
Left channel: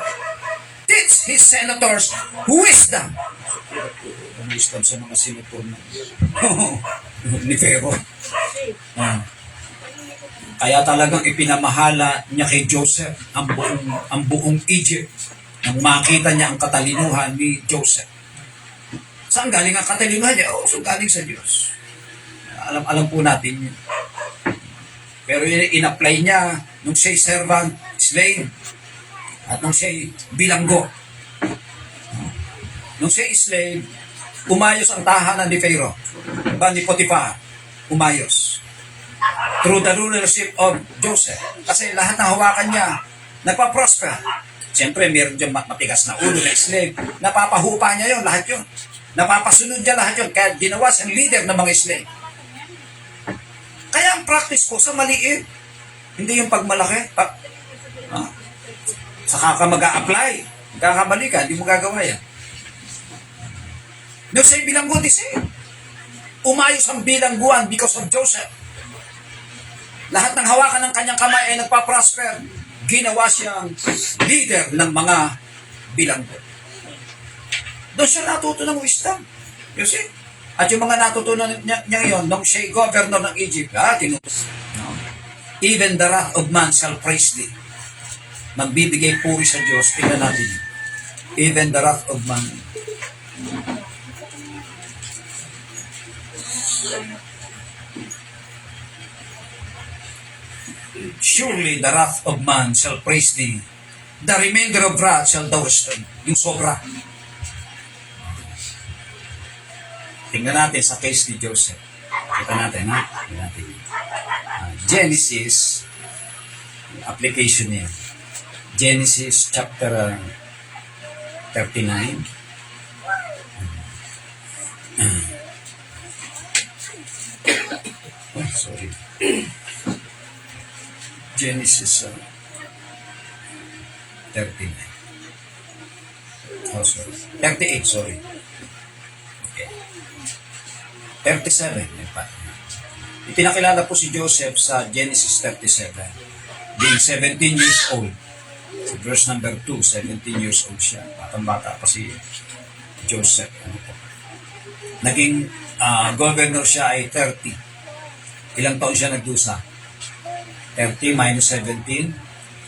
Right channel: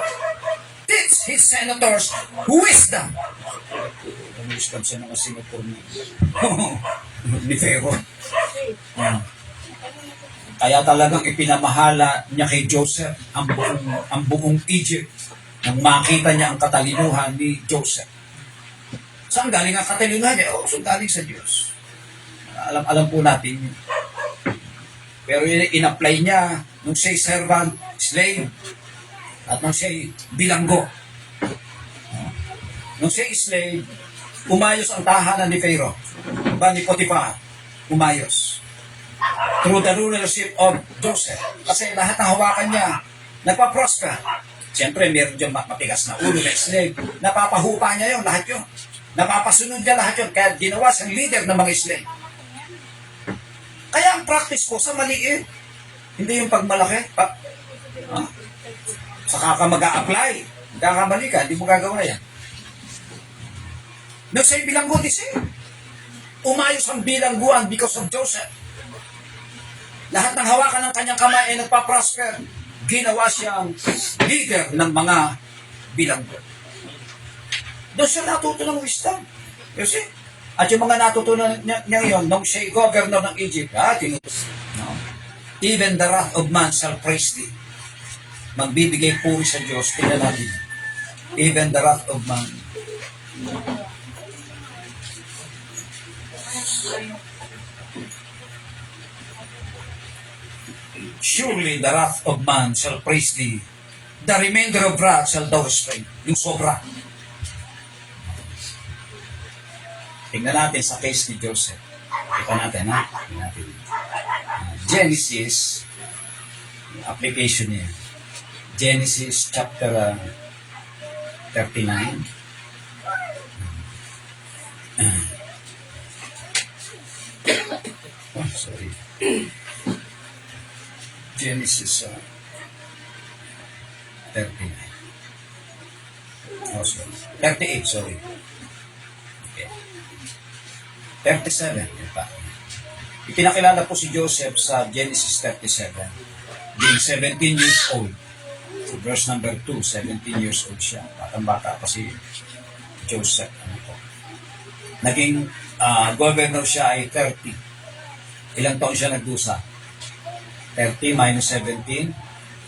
teach his senators wisdom. Ang wisdom sa mga senator na ni Pharaoh. Kaya talagang ipinamahala niya kay Joseph ang buong Egypt nang makita niya ang katalinuhan ni Joseph. Saan galing ang katalinuhan niya? Oh, saan galing sa Diyos. Alam po natin yun. Pero in-apply niya nung siya'y servant, slave, at nung siya'y bilanggo. Nung siya'y slave, umayos ang tahanan ni Pharaoh, ni Potiphar, umayos. Through the rulership of Joseph. Kasi lahat ng hawakan niya, nagpa-prosper. Siyempre, meron dyan matigas na ulo na slave. Napapahupa niya yun, lahat yun. Napapasunod niya lahat yun. Kaya ginawa siyang leader ng mga slave. Kaya ang practice ko sa maliit, hindi yung pagmalaki. Saka ka mag-a-apply. Kakamali ka, hindi mo gagawa yan. Nung siya'y bilanggo, umayos ang bilangguan because of Joseph. Lahat ng hawakan ng kanyang kamay ay nagpa-prosper. Ginawa siyang leader ng mga bilanggo. Doon siya natuto ng wisdom. You see? At yung mga natutunan niya ngayon, nung siya'y governor ng Egypt, no? Even the wrath of man shall praise thee. Magbibigay puri sa Diyos, tingnan natin. Even the wrath of man. Surely the wrath of man shall praise thee. The remainder of wrath shall thou restrain. Yung sobra. Tingnan natin sa case ni Joseph. Kita natin, ha? Tingnan natin. Genesis, application niya. Genesis chapter 39. Oh, sorry. Genesis 39. Oh, sorry. 38, sorry. Okay. 37. Ipinakilala po si Joseph sa Genesis 37. Being 17 years old. Sa verse number 2, 17 years old siya. Batang-bata pa si Joseph. Naging governor siya ay 30. Ilang taon siya nagdusa? 30 minus 17,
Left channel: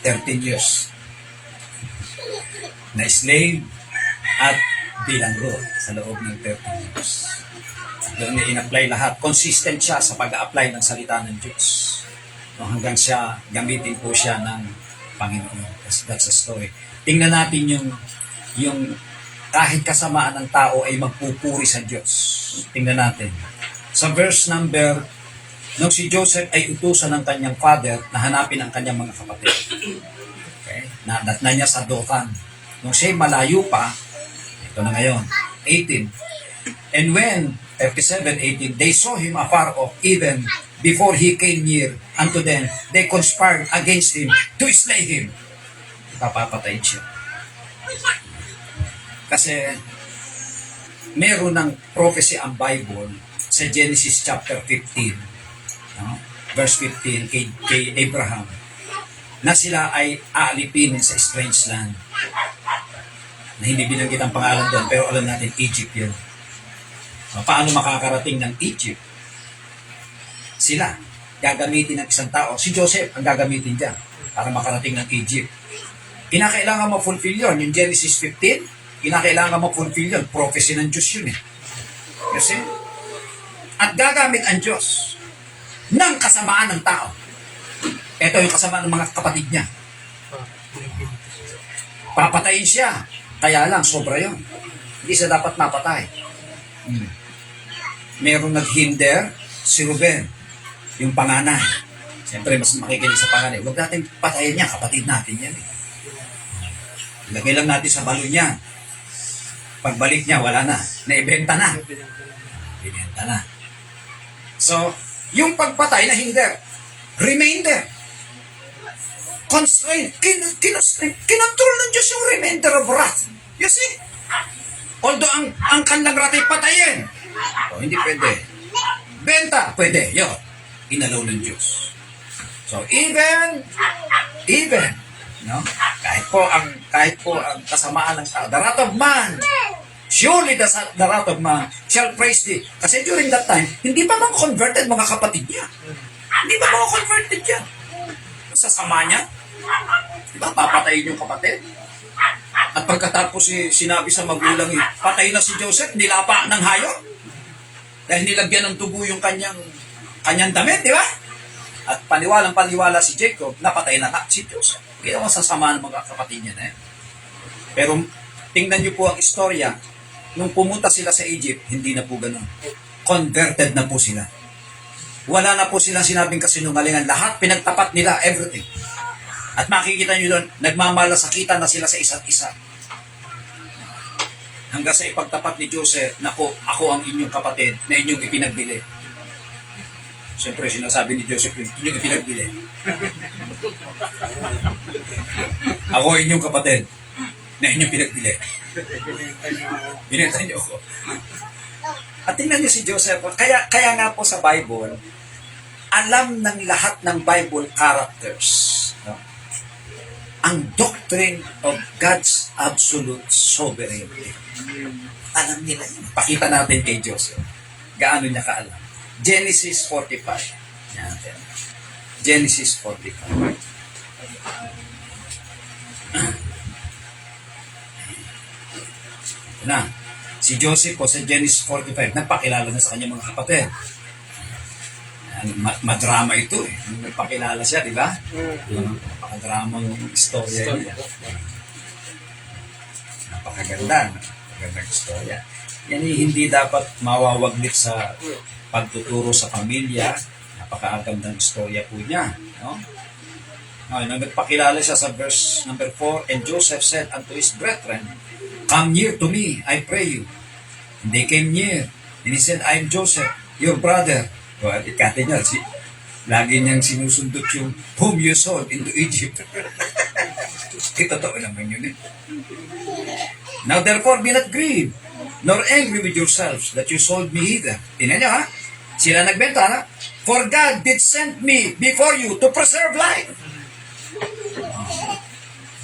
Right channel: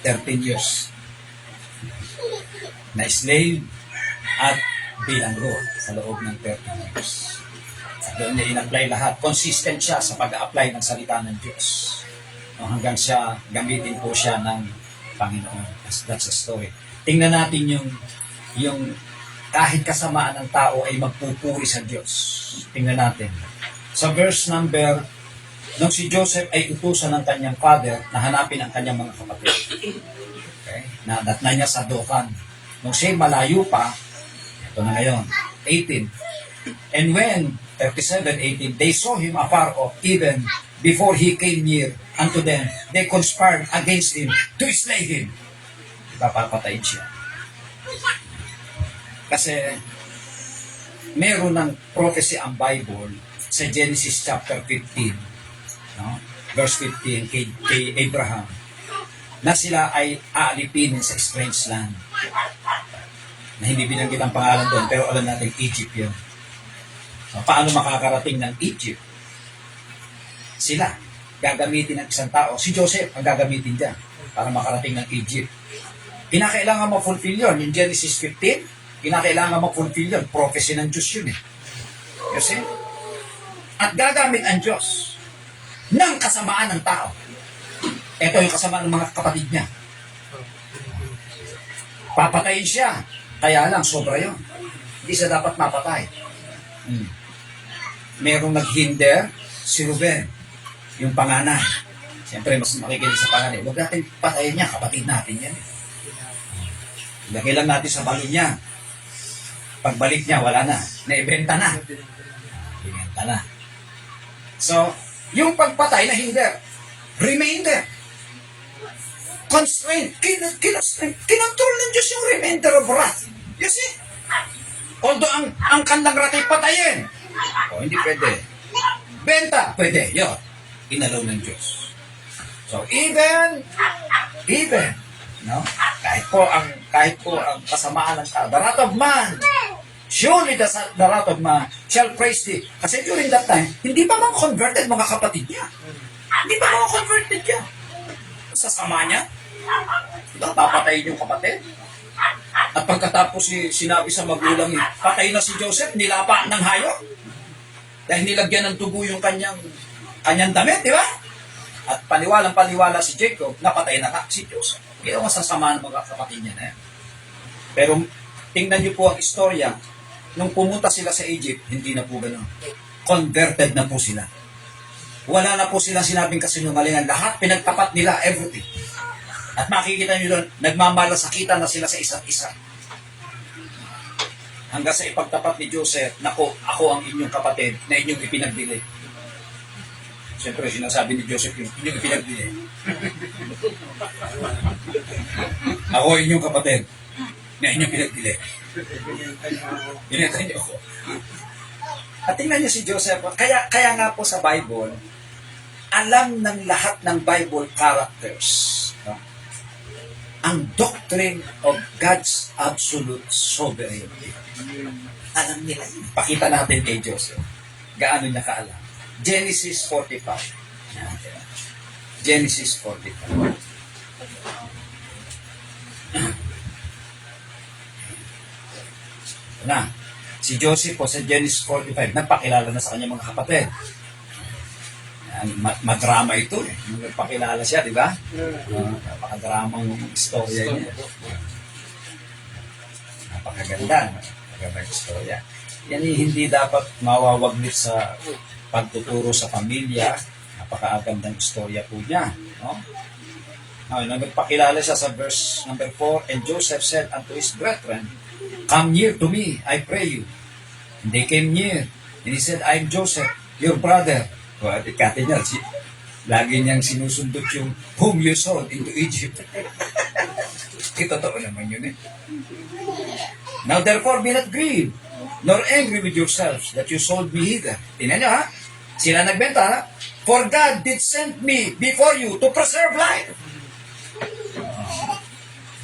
13 years. Na slave at bilanggo sa loob ng 13 years. Doon niya in-apply lahat. Consistent siya sa pag-a-apply ng salita ng Diyos. No, hanggang siya, gamitin po siya ng Panginoon. That's a story. Tingnan natin yung kahit kasamaan ng tao ay magpupuri sa Diyos. Tingnan natin. Sa verse number, nung si Joseph ay utusan ng kanyang father na hanapin ang kanyang mga kapatid. Okay? Nadatna niya sa Dothan. Nung siya'y malayo pa, ito na ngayon, 18. And when, 37:18, they saw him afar off, even before he came near unto them, they conspired against him to slay him. Papapatayin siya. Kasi, meron ng prophecy ang Bible sa Genesis chapter 15, no? Verse 15, kay Abraham, na sila ay aalipinin sa strange land. Na hindi binanggit ang pangalan doon, pero alam natin, Egypt yun. Paano makakarating ng Egypt? Sila, gagamitin ng isang tao. Si Joseph ang gagamitin dyan para makarating ng Egypt. Kinakailangan ma-fulfill yun. Yung Genesis 15, kinakailangan ma-fulfill yun. Prophecy ng Diyos yun eh. Kasi, at gagamit ang Diyos ng kasamaan ng tao. Ito yung kasamaan ng mga kapatid niya. Papatayin siya. Kaya lang, sobra yun. Hindi siya dapat mapatay. Merong naghinder, si Ruben, yung panganay. Siyempre, mas makikinig sa panganay. Huwag natin patayin niya, kapatid natin yan eh. Lagay lang natin sa balon niya. Pagbalik niya, wala na. Naibenta na. Binenta na. So, yung pagpatay na hinder, remainder. Constraint. Kinontrol ng Diyos yung remainder of wrath. You see? Although ang kanilang wrath ay patayin. O, hindi pwede. Benta, pwede. Yo, inalaw ng Diyos. So, even, no? Kahit po ang kasamaan ng tao, the wrath of man, surely the wrath of man shall praise thee. Kasi during that time, hindi pa mga converted mga kapatid niya. Hindi pa mga converted niya. Sa sama niya, diba, papatayin yung kapatid. At pagkatapos sinabi sa magulang, patay na si Joseph, nilapa ng hayop. Dahil nilagyan ng dugo yung kanyang damit, di ba? At paniwalang-paniwala si Jacob, napatay na si Joseph. Ginawa sa sama ng mga kapatid niya. Pero tingnan niyo po ang istorya. Nung pumunta sila sa Egypt, hindi na po ganun. Converted na po sila. Wala na po silang sinabing kasinungalingan. Lahat pinagtapat nila, everything. At makikita niyo doon, nagmamalasakitan na sila sa isa't isa. Hanggang sa ipagtapat ni Joseph, nako, ako ang inyong kapatid na inyong ipinagbili. Siyempre, sinasabi ni Joseph yun, inyong ipinagbili. Ako ang inyong kapatid na inyong pinagbili. Binenta niyo ako. At tingnan niyo si Joseph, kaya nga po sa Bible, alam ng lahat ng Bible characters, no? Ang doctrine of God's absolute sovereignty. Alam nila yun. Pakita natin kay Joseph. Gaano niya kaalam. Genesis 45. Yan. Genesis 45. Na, si Joseph po sa Genesis 45, nagpakilala na sa kanyang mga kapatid. Madrama ito eh. Nung nagpakilala siya, di ba? Napakadramang istorya niya. Napakaganda. Napakagandang istorya. Yan hindi dapat mawawaglit sa pagtuturo sa pamilya. Napakagandang istorya po niya. No? Nung nagpakilala siya sa verse number 4, and Joseph said unto his brethren, come near to me, I pray you. And they came near. And he said, I am Joseph, your brother. Well, ikati niya, lagi niyang sinusundot yung whom you sold into Egypt. Totoo naman yun eh. Now therefore be not grieved, nor angry with yourselves that you sold me hither. Tingnan niyo ha, sila nagbenta ha. For God did send me before you to preserve life.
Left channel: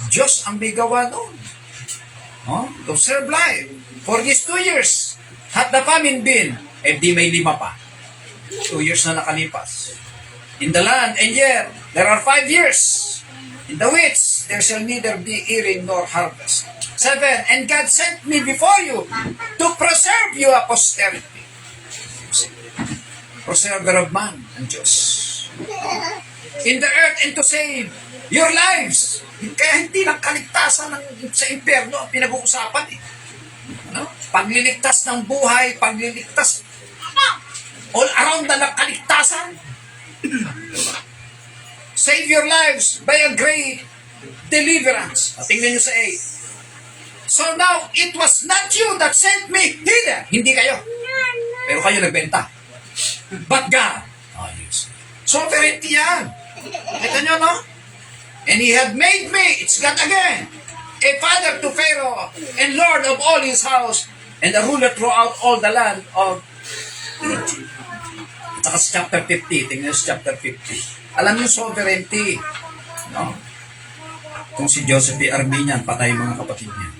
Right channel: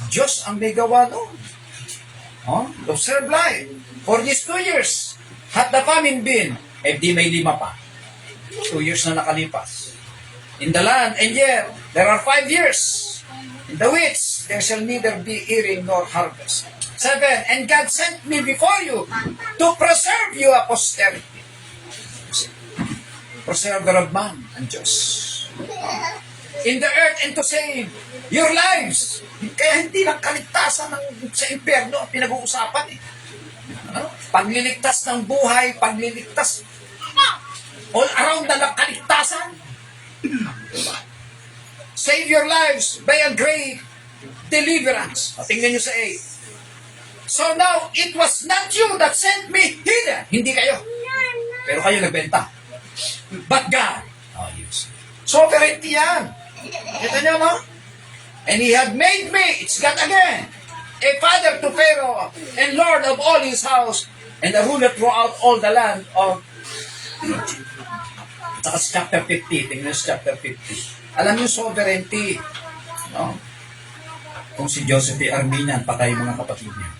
Diyos ang may gawa noon. To preserve life. For these 2 years, hath the famine been, di may 5 pa. 2 years na nakalipas. In the land, and yet, there are 5 years. In the which, there shall neither be earing nor harvest. 7, and God sent me before you to preserve you a posterity. Preserver of man, ang Diyos. In the earth, and to save your lives. Kaya hindi lang kaligtasan sa impyerno ang pinag-uusapan eh. Ano? Pagliligtas ng buhay, pagliligtas all around na kaligtasan. Save your lives by a great deliverance. At tingnan nyo sa 8. So now, it was not you that sent me hither. Hindi kayo. Pero kayo nagbenta. But God. Oh, yes. Sovereignty yan. Kita nyo, no? And He had made me, it's God again, a father to Pharaoh, and Lord of all his house, and a ruler throughout all the land of Egypt. At saka sa chapter 50, tingnan nyo sa chapter 50. Alam niyo sovereignty. No? Kung si Joseph P. Arminian, patay mga kapatid niya.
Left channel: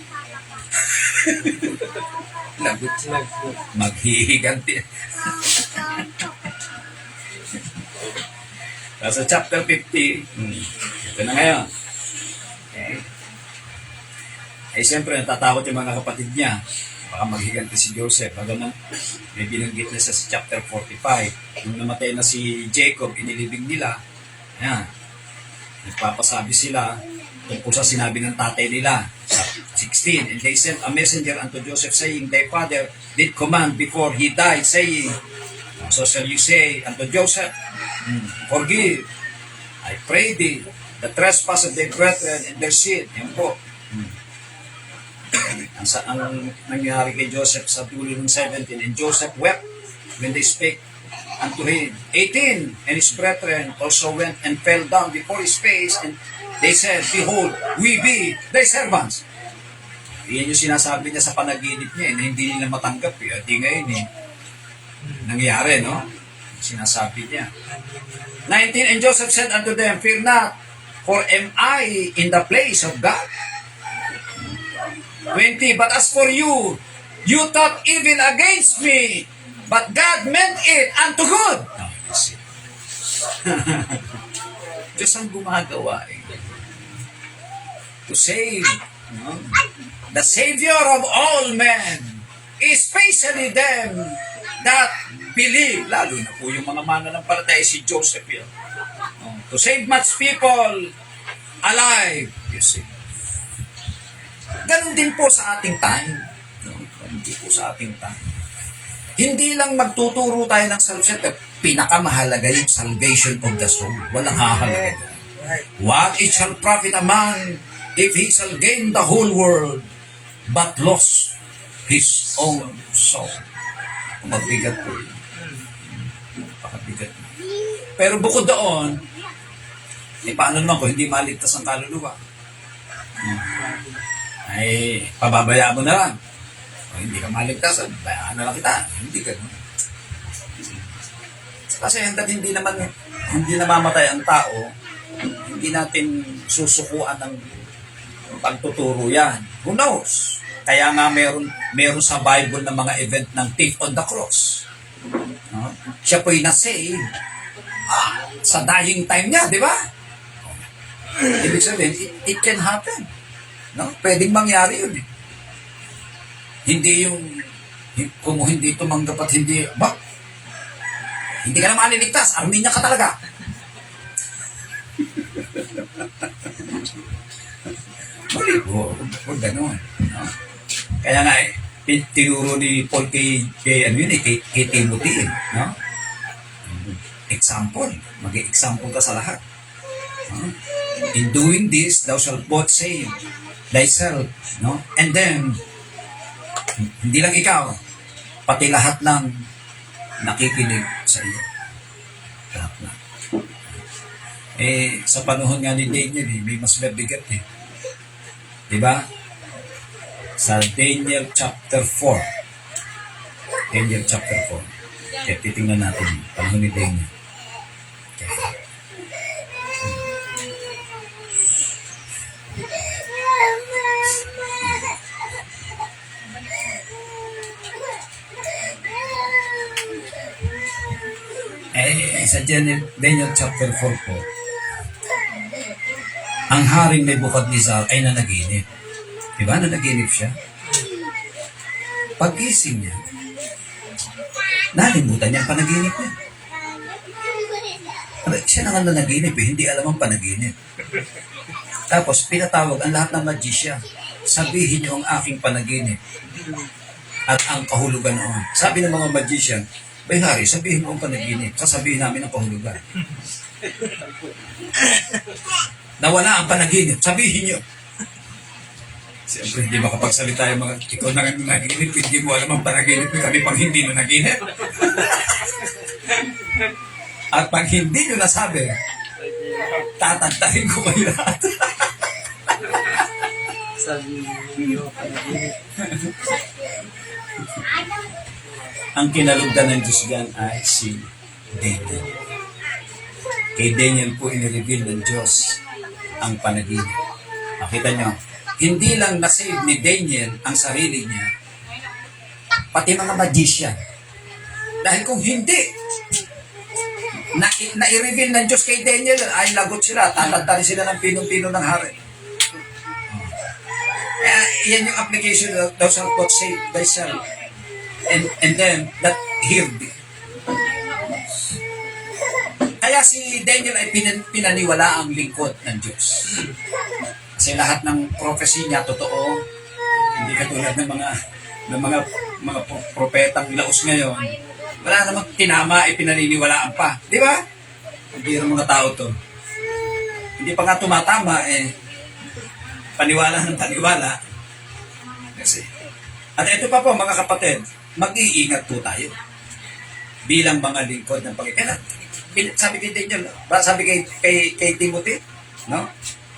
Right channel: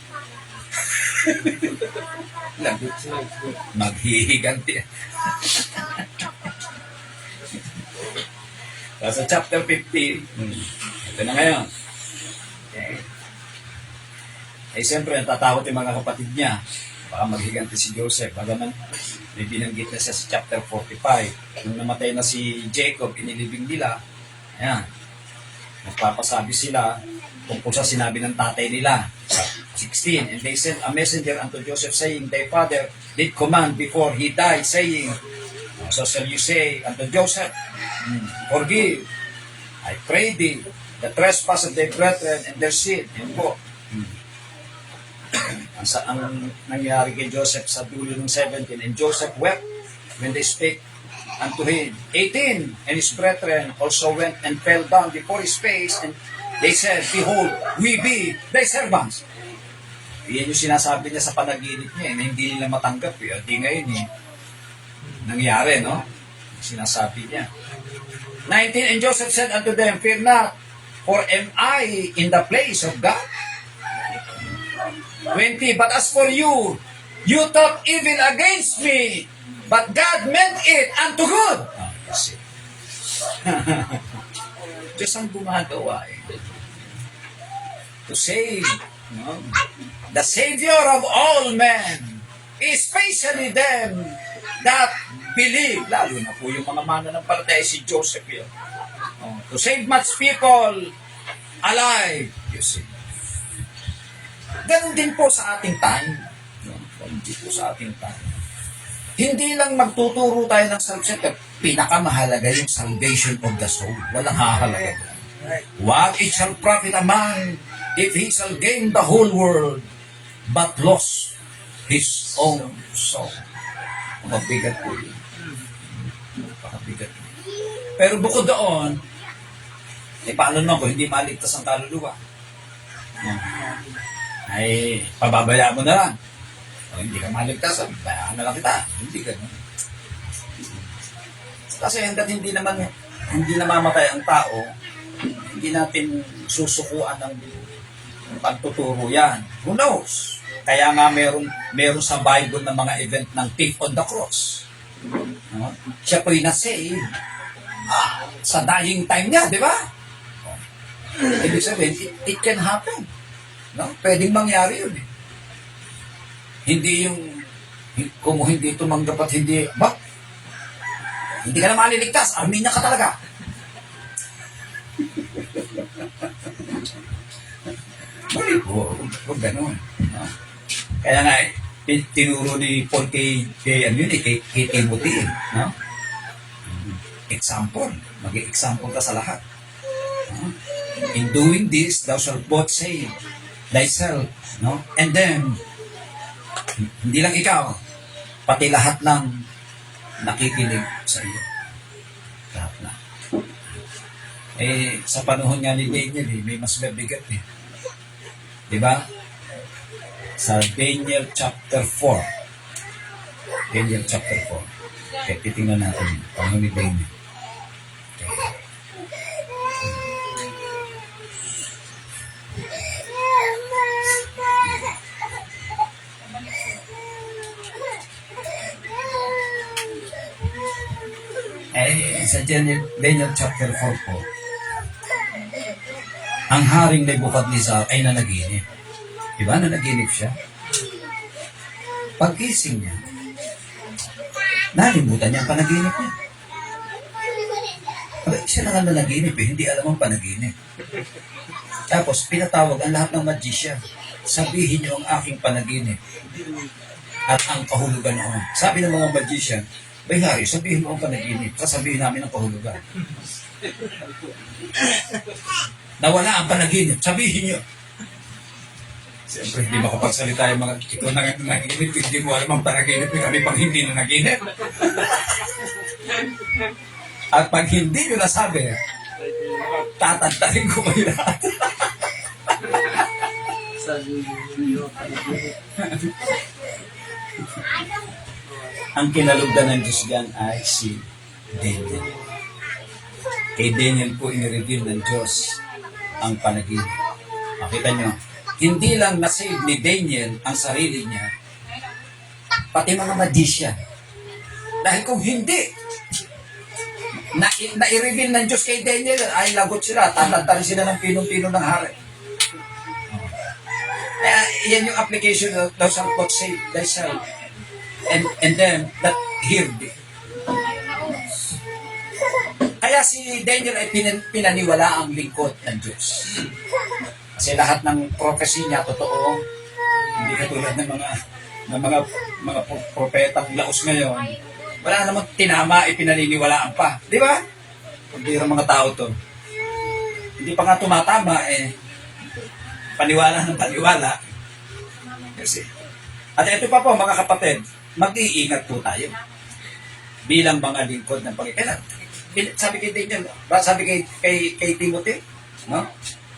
Lagot sila. Maghihiganti. Sa chapter 50, ito na ngayon. Okay. Eh, siyempre, natatakot yung mga kapatid niya. Baka maghiganti si Joseph. Baga na, may binanggit na siya sa chapter 45. Nung namatay na si Jacob, inilibing nila. Ayan. Nagpapasabi sila tungkol sa sinabi ng tatay nila. Sa 16, and they sent a messenger unto Joseph, saying, Thy father did command before he died, saying, So shall you say unto Joseph, Forgive, I pray thee, the trespass of thy brethren and their sin. Yan po. Ang nangyari kay Joseph sa dulo ng 17, and Joseph wept when they spake unto him. 18, and his brethren also went and fell down before his face, and they said, Behold, we be thy servants. Iyan yung sinasabi niya sa panaginip niya, na hindi nila matanggap. Di ngayon nangyari, no? Sinasabi niya. 19, and Joseph said unto them, Fear not, for am I in the place of God? 20, but as for you, you thought evil against me, but God meant it unto good. Oh, you see. Diyos ang gumagawa to save, no? The Savior of all men, especially them that believe, lalo na po yung mga mananampalataya si Joseph yun. To save much people alive, you see. Ganun din po sa ating time. Ganun din po sa ating time. Hindi lang magtuturo tayo ng salvation, pero pinakamahalaga yung salvation of the soul. Walang hahalaga. What it shall profit a man if he shall gain the whole world but lost his own soul. Mabigat po yun. Pakabigat. Pero bukod doon, paano naman ko hindi maligtas ang kaluluwa? Ay, pababayaan mo na lang. O, hindi ka maligtas, bayaan na lang kita. Hindi ganun. Kasi hanggat hindi namamatay ang tao, hindi natin susukuan ng pagtuturo yan. Who knows? Kaya nga meron sa Bible na mga event ng thief on the cross. No? Siya po'y na-save sa dying time niya, di ba? Ibig sabihin, it can happen. No? Pwedeng mangyari yun. Hindi yung, kung hindi tumanggap at hindi ka na maliligtas, Arminia ka talaga. Huwag ganun. No? Kaya nga, tinuro ni Paul kay Timothy. No? Example. Mag-example ka sa lahat. No? In doing this, thou shalt both save thyself. No? And then, hindi lang ikaw, pati lahat ng nakikinig sa iyo. Lahat na. Sa panahon nga ni Daniel, may mas mabigat eh. Diba? Sa Daniel chapter 4. Daniel chapter 4. Kaya titingnan natin, panahon ni Daniel. Okay. Sa Daniel chapter 4 po, ang haring Nebuchadnezzar ay nanaginip. Diba? Nanaginip siya. Pag-ising niya, nalimutan niya ang panaginip niya. Siya na nga nanaginip eh, hindi alam ang panaginip. Tapos, pinatawag ang lahat ng magician. Sabihin niyo ang aking panaginip at ang kahulugan noon. Sabi ng mga magician, Bay Hari, sabihin mo ang panaginip. Sasabihin namin ang kahulugan. Nawala ang panaginip. Sabihin nyo. Siyempre, hindi makapagsalita yung mga ikaw na nga naginip, hindi mo alam ang panaginip ng kami pang hindi na naginip. At pag hindi nyo nasabi, tatantahin ko kayo lahat. Ang kinalugdan ng Diyos dyan ay si Daniel. Kay Daniel po inireveal ng Diyos ang panaginip. Makita nyo, hindi lang nasave ni Daniel ang sarili niya, pati mga magician. Dahil kung hindi, na-reveal ng Diyos kay Daniel, ay lagot sila, tatantarin sila ng pinong-pino ng hari. Kaya yan yung application of thou shalt not save thyself and them that hear thee. Kaya si Daniel ay pinaniwala ang lingkod ng Diyos. Kasi lahat ng prophecy niya totoo, hindi katulad ng mga propetang laos ngayon. Wala namang tinama, ipinaniniwalaan pa. Di ba? Hindi rin mga tao to. Hindi pa nga tumatama, paniwala ng paniwala. Kasi, at ito pa po mga kapatid, mag-iingat po tayo. Bilang mga lingkod ng Panginoon. Sabi kay Daniel, sabi kay Timothy, no?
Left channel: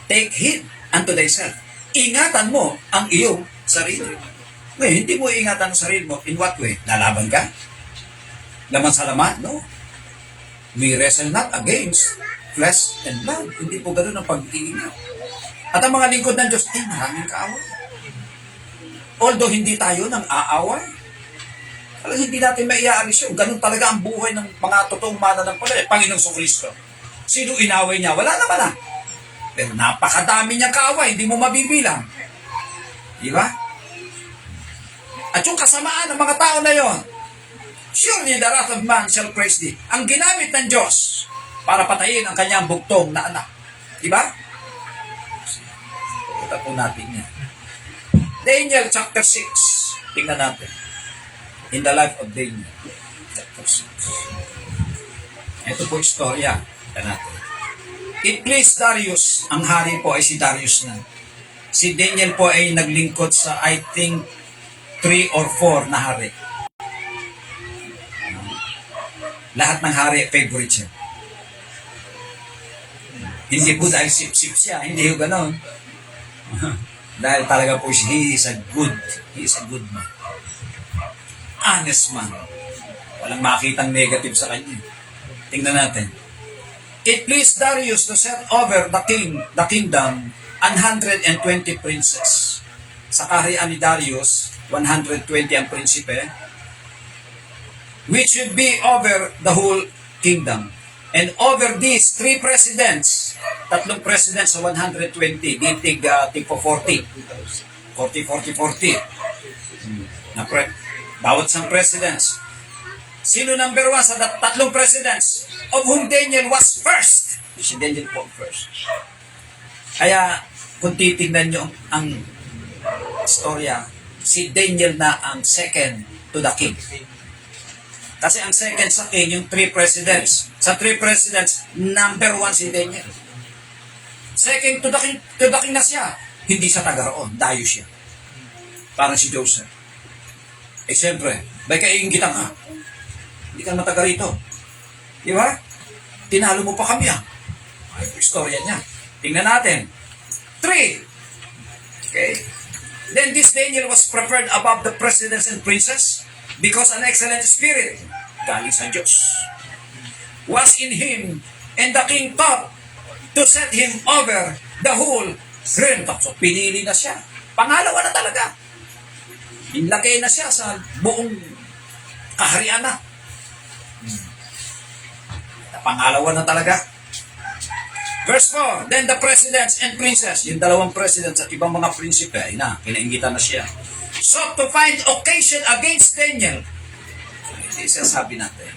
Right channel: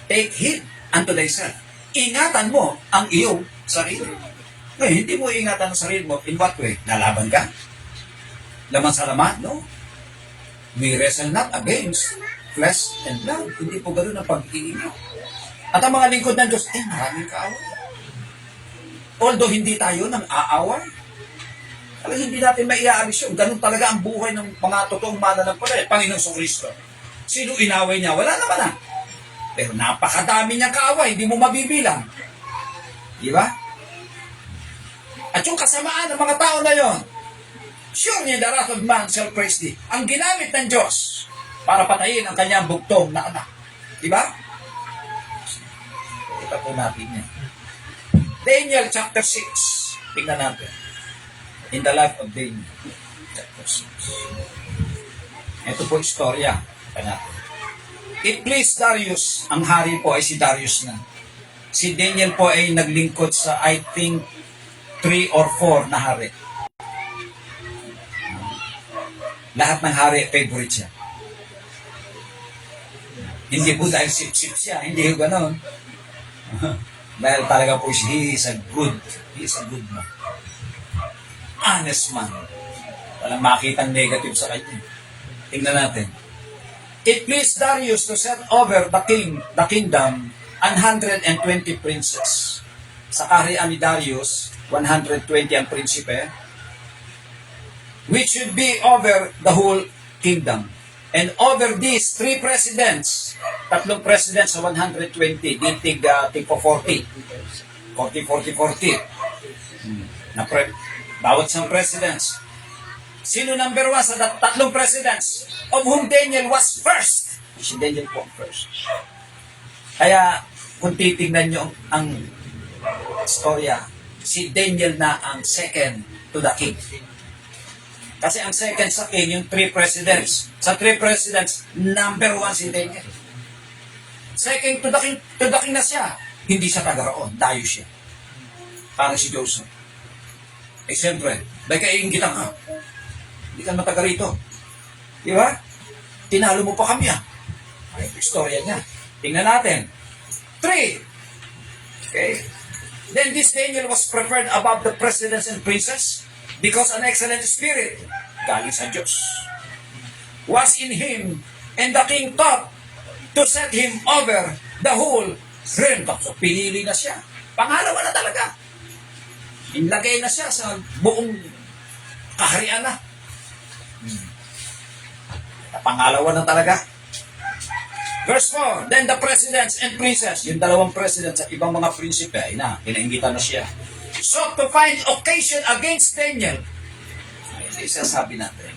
Take heed unto thyself. Ingatan mo ang iyong sarili. Ngayon, hindi mo ingatan ang sarili mo. In what way? Lalaban ka? Laman sa laman? No. We wrestle not against flesh and blood. Hindi po ganoon ang pag-iingat. At ang mga lingkod ng Diyos, maraming kaaway. Although hindi tayo nang aaway. Alam, hindi natin may iaalis yun. Ganun talaga ang buhay ng mga totoong mananampalataya. Panginoong Kristo. Sino inaway niya? Wala naman na. Pero napakadami niyang kaaway. Hindi mo mabibilang. Di ba? At yung kasamaan ng mga tao na yon, surely the wrath of man shall praise thee. Ang ginamit ng Diyos para patayin ang kanyang bugtong na anak. Di ba? Ito po natin yan. Daniel chapter 6. Tingnan natin. In the life of Daniel. Chapter 6. Ito po istorya. Tingnan natin. It pleased Darius. Ang hari po ay si Darius na. Si Daniel po ay naglingkod sa I think 3 or 4 na hari. Lahat ng hari, favorite siya. Hindi po dahil sip-sip siya, hindi po ganon. Dahil talaga po siya, he is a good man. Honest man. Walang makitang negative sa kanya. Tingnan natin. It pleased Darius to set over the kingdom, 120 princes. Sa kaharian ni Darius, 120 ang prinsipe, which should be over the whole kingdom. And over these 3 presidents, 3 presidents sa 120, tig po 40. 40. Bawat isang presidents. Sino number 1 sa 3 presidents? Of whom Daniel was first. Si Daniel po first. Kaya, kung titignan nyo ang storya, si Daniel na ang second to the king. Kasi ang second sa king, yung 3 presidents. Sa 3 presidents, number 1 si Daniel. Second to the king na siya. Hindi siya taga roon, dayo siya. Parang si Joseph. Siyempre, may kaiingitan ka. Hindi ka mataga rito. Di ba? Tinalo mo pa kami Ay, istorya niya. Tingnan natin. 3. Okay. Then this Daniel was preferred above the presidents and princes because an excellent spirit, galing sa Diyos, was in him, and the king thought to set him over the whole realm. So, pinili na siya. Pangalawa na talaga. Inlagay na siya sa buong kaharian na. Pangalawa na talaga. Verse 4, then the presidents and princes, yung 2 presidents at ibang mga prinsipe, ay pinaingitan na siya, sought to find occasion against Daniel. Hindi sasabi natin.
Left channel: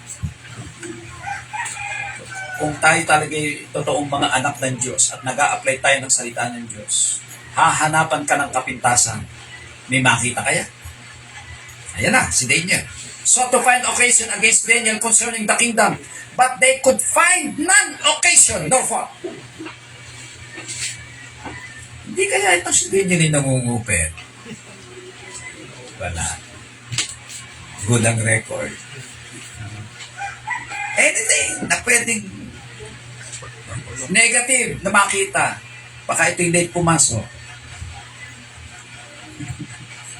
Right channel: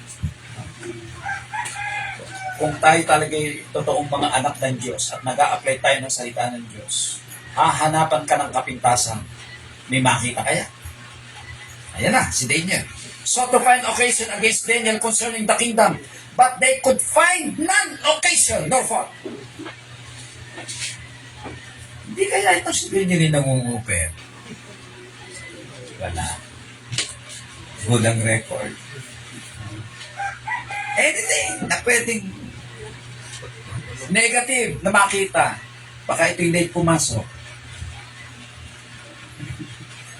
Kung tayo talaga totoong mga anak ng Diyos at nag-a-apply tayo ng salita ng Diyos, hahanapan ka ng kapintasan. May makita kaya? Ayan na, si Daniel. sought to find occasion against Daniel concerning the kingdom, but they could find none occasion nor fault. Hindi kaya ito si Daniel yung nangungupit? Wala. Good ang record. Anything na pwedeng negative na makita, baka ito yung late pumasok.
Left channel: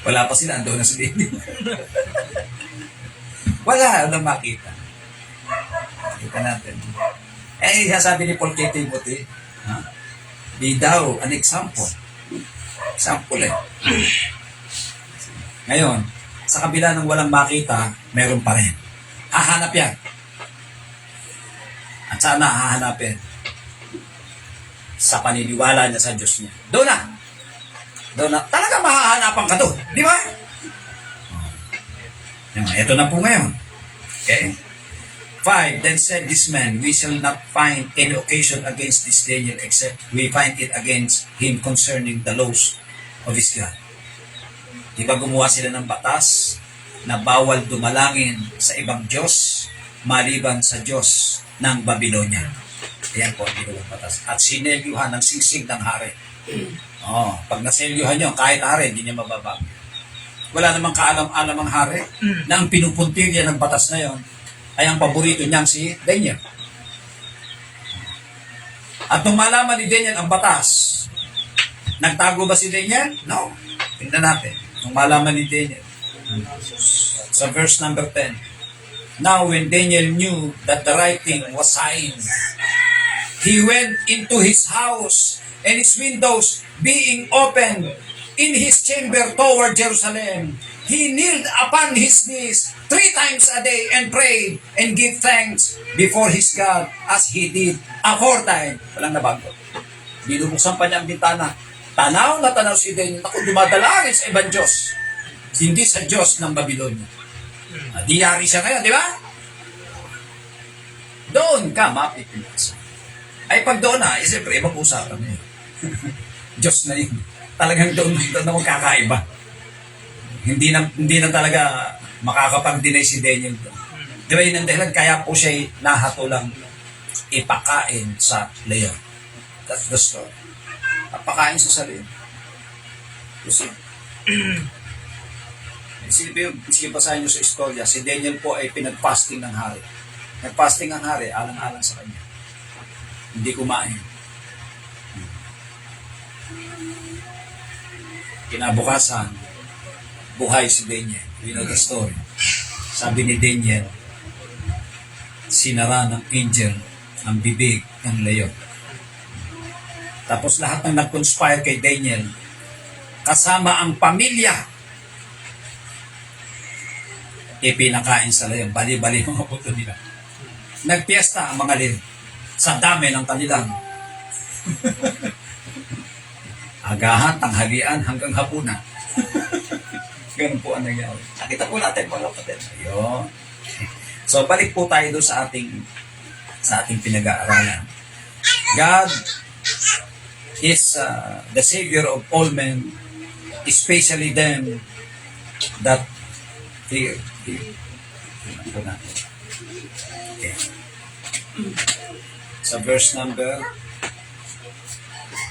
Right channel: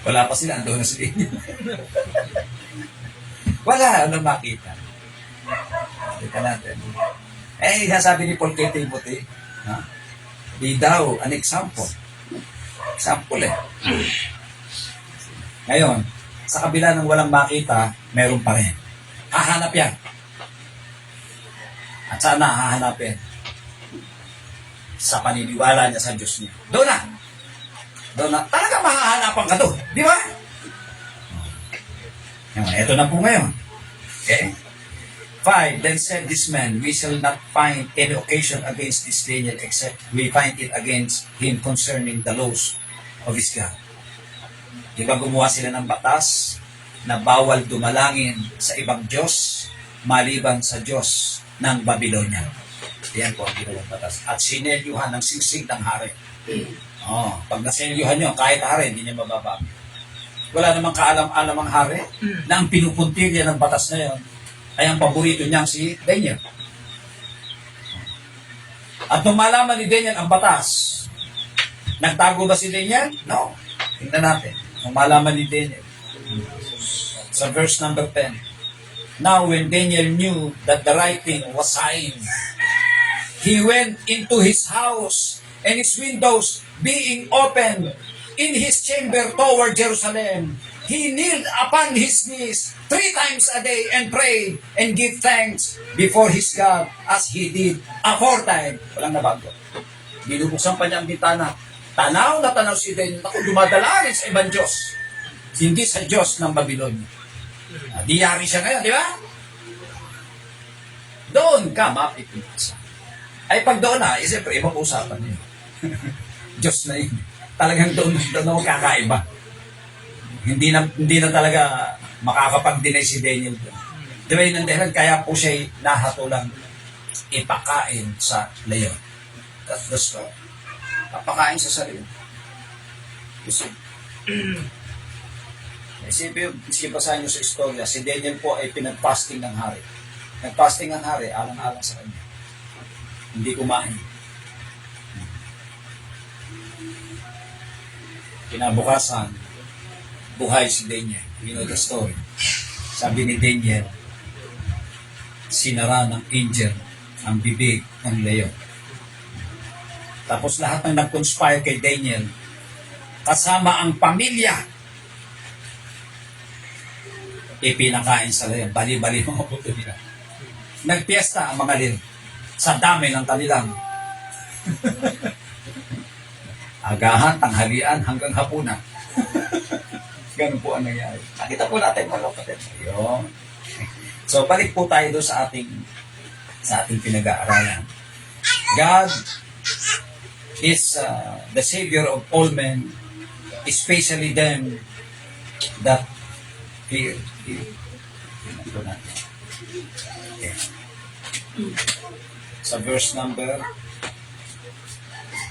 Wala pa sila, ando na si Daniel. Wala na makita. Kita natin. Sabi ni Paul kay Timothy, be thou an example. Example Ngayon, sa kabila ng walang makita, meron pa rin. Hahanap yan. At saan na hahanapin? Sa paniniwala niya sa Diyos niya. Doon na. Talaga mahahanapan ka doon. Di ba? Ito na po ngayon. Okay? 5. Then said this man, we shall not find any occasion against this Daniel except we find it against him concerning the laws of his God. Di ba gumawa sila ng batas na bawal dumalangin sa ibang Diyos maliban sa Diyos ng Babylonia. Yan po ang ginawang batas. At sinelyuhan ng singsing ng hari. Pag naselyuhan nyo, kahit hari, hindi niya mababago. Wala namang kaalam-alam ang hari na ang pinupuntirya ng batas na yon ay ang paborito niyang si Daniel. At nung malaman ni Daniel ang batas, nagtago ba si Daniel? No. Tingnan natin. Nung malaman ni Daniel. Sa verse number 10. Now when Daniel knew that the writing was signed, he went into his house, and his windows being opened in his chamber toward Jerusalem, he kneeled upon his knees 3 times a day and prayed and gave thanks before his God as he did aforetime. Walang nabago. Binubuksan pa niya ang bintana. Tanaw na tanaw si Daniel. Ako, dumadala rin sa ibang Diyos. Hindi sa Diyos ng Babylonia. Diyari siya ngayon, di ba? Doon ka mapipinasa. Ay pag doon na, siyempre, ibang usapan na yun. Diyos na yun. Talagang doon na magkakaiba. Hindi na talaga makakapag-deny si Daniel doon. Di ba yun ang dahilan? Kaya po siya nahatulang ipakain sa leon. That's the story. Papakain sa sarili. Kasi, sige basahin nyo sa istorya, si Daniel po ay pinag-fasting ng hari. Nag-fasting ang hari, alang-alang sa kanya. Hindi kumain. Kinabukasan, buhay si Daniel. You know the story. Sabi ni Daniel, sinara ng angel ang bibig ng leon. Tapos lahat ng nag-conspire kay Daniel, kasama ang pamilya, ipinakain sa leon. Bali-bali mga puto nila. Nagpiesta ang mga leon sa dami ng kanilang agahan, tanghalian, hanggang hapunan. Ganun po ang nangyari. Nakita po natin mga kapatid. Ayun. So, balik po tayo doon sa ating pinag-aaralan. God is the Savior of all men, especially them that fear. Ito natin. Okay. Sa verse number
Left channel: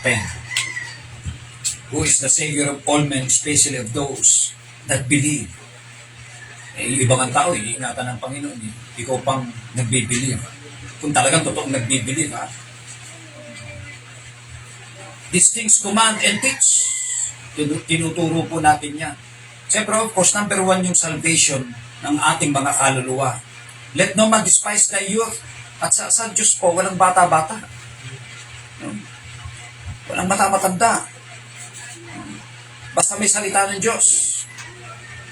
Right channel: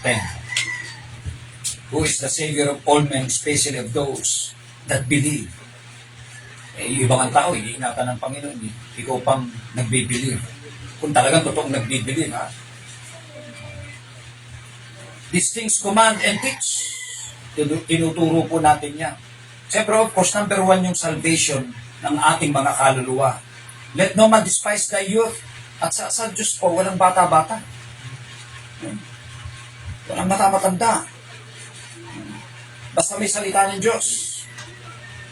10. Who is the Savior of all men, especially of those that believe. Ibang ang tao, iniingatan ng Panginoon. Ikaw pang nagbibilieve. Kung talagang totoong nagbibilieve, ha? These things command and teach. Tinuturo po natin yan. Siyempre, of course, number 1 yung salvation ng ating mga kaluluwa. Let no man despise thy youth. At sa Diyos po, walang bata-bata. Walang mata-matanda. Basta may salita ng Diyos.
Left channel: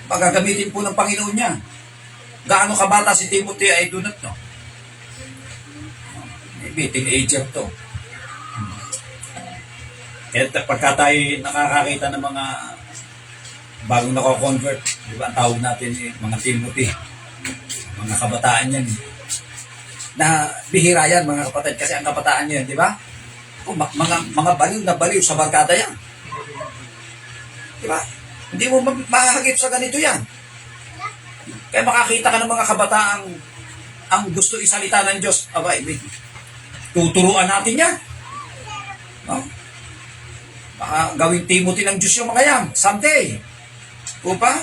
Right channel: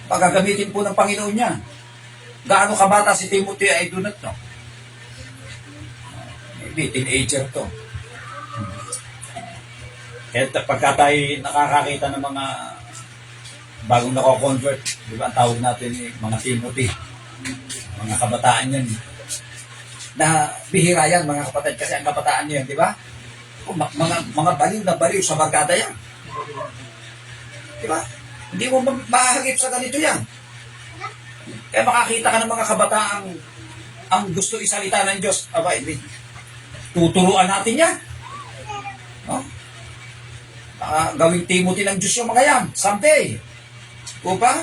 Pagagamitin po ng Panginoon niya. Gaano kabata si Timothy, I do not know. Maybe teenager to. Kaya pagka tayo nakakakita ng mga bagong nako-convert, di ba ang tawag natin mga Timothy, mga kabataan yan. Na bihira yan mga kapatid, kasi ang kabataan nyo yan, di ba? Mga baliw na baliw sa barkada yan. Di ba? Hindi mo makakagip sa ganito yan. Kaya makakita ka ng mga kabataang ang gusto isalita ng Diyos, abay, tuturuan natin yan. No? Baka gawing Timothy ng Diyos yung mga yan, someday. O ba?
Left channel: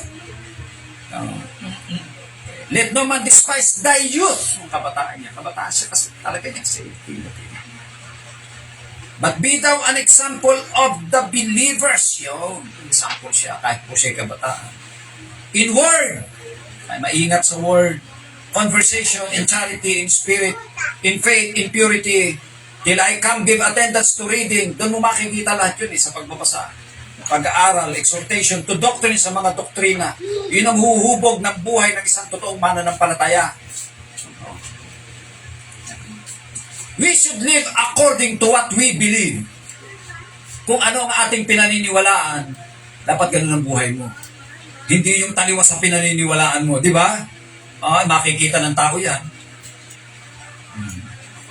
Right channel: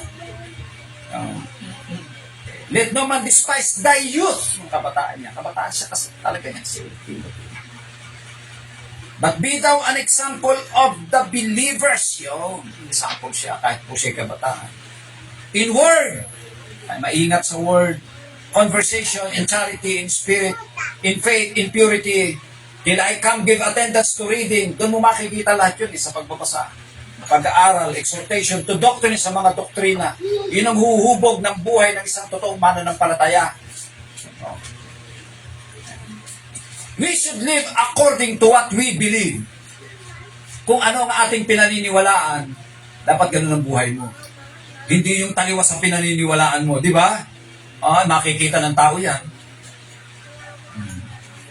Let no man despise thy youth. Ang kabataan niya. Kabataan siya kasi talaga niya si Timothy. But be thou an example of the believers. Yun. Example siya kahit po siya kabataan. In word. Ay maingat sa word. Conversation, in charity, in spirit, in faith, in purity. Till I come give attendance to reading. Doon mo makikita lahat yun sa pagbabasa. Pag-aaral, exhortation to doctrine sa mga doktrina. Yun ang huhubog ng buhay ng isang totoong mananampalataya. We should live according to what we believe. Kung ano ang ating pinaniniwalaan, dapat ganun ang buhay mo. Hindi yung taliwas sa pinaniniwalaan mo, di ba? Makikita ng tao yan.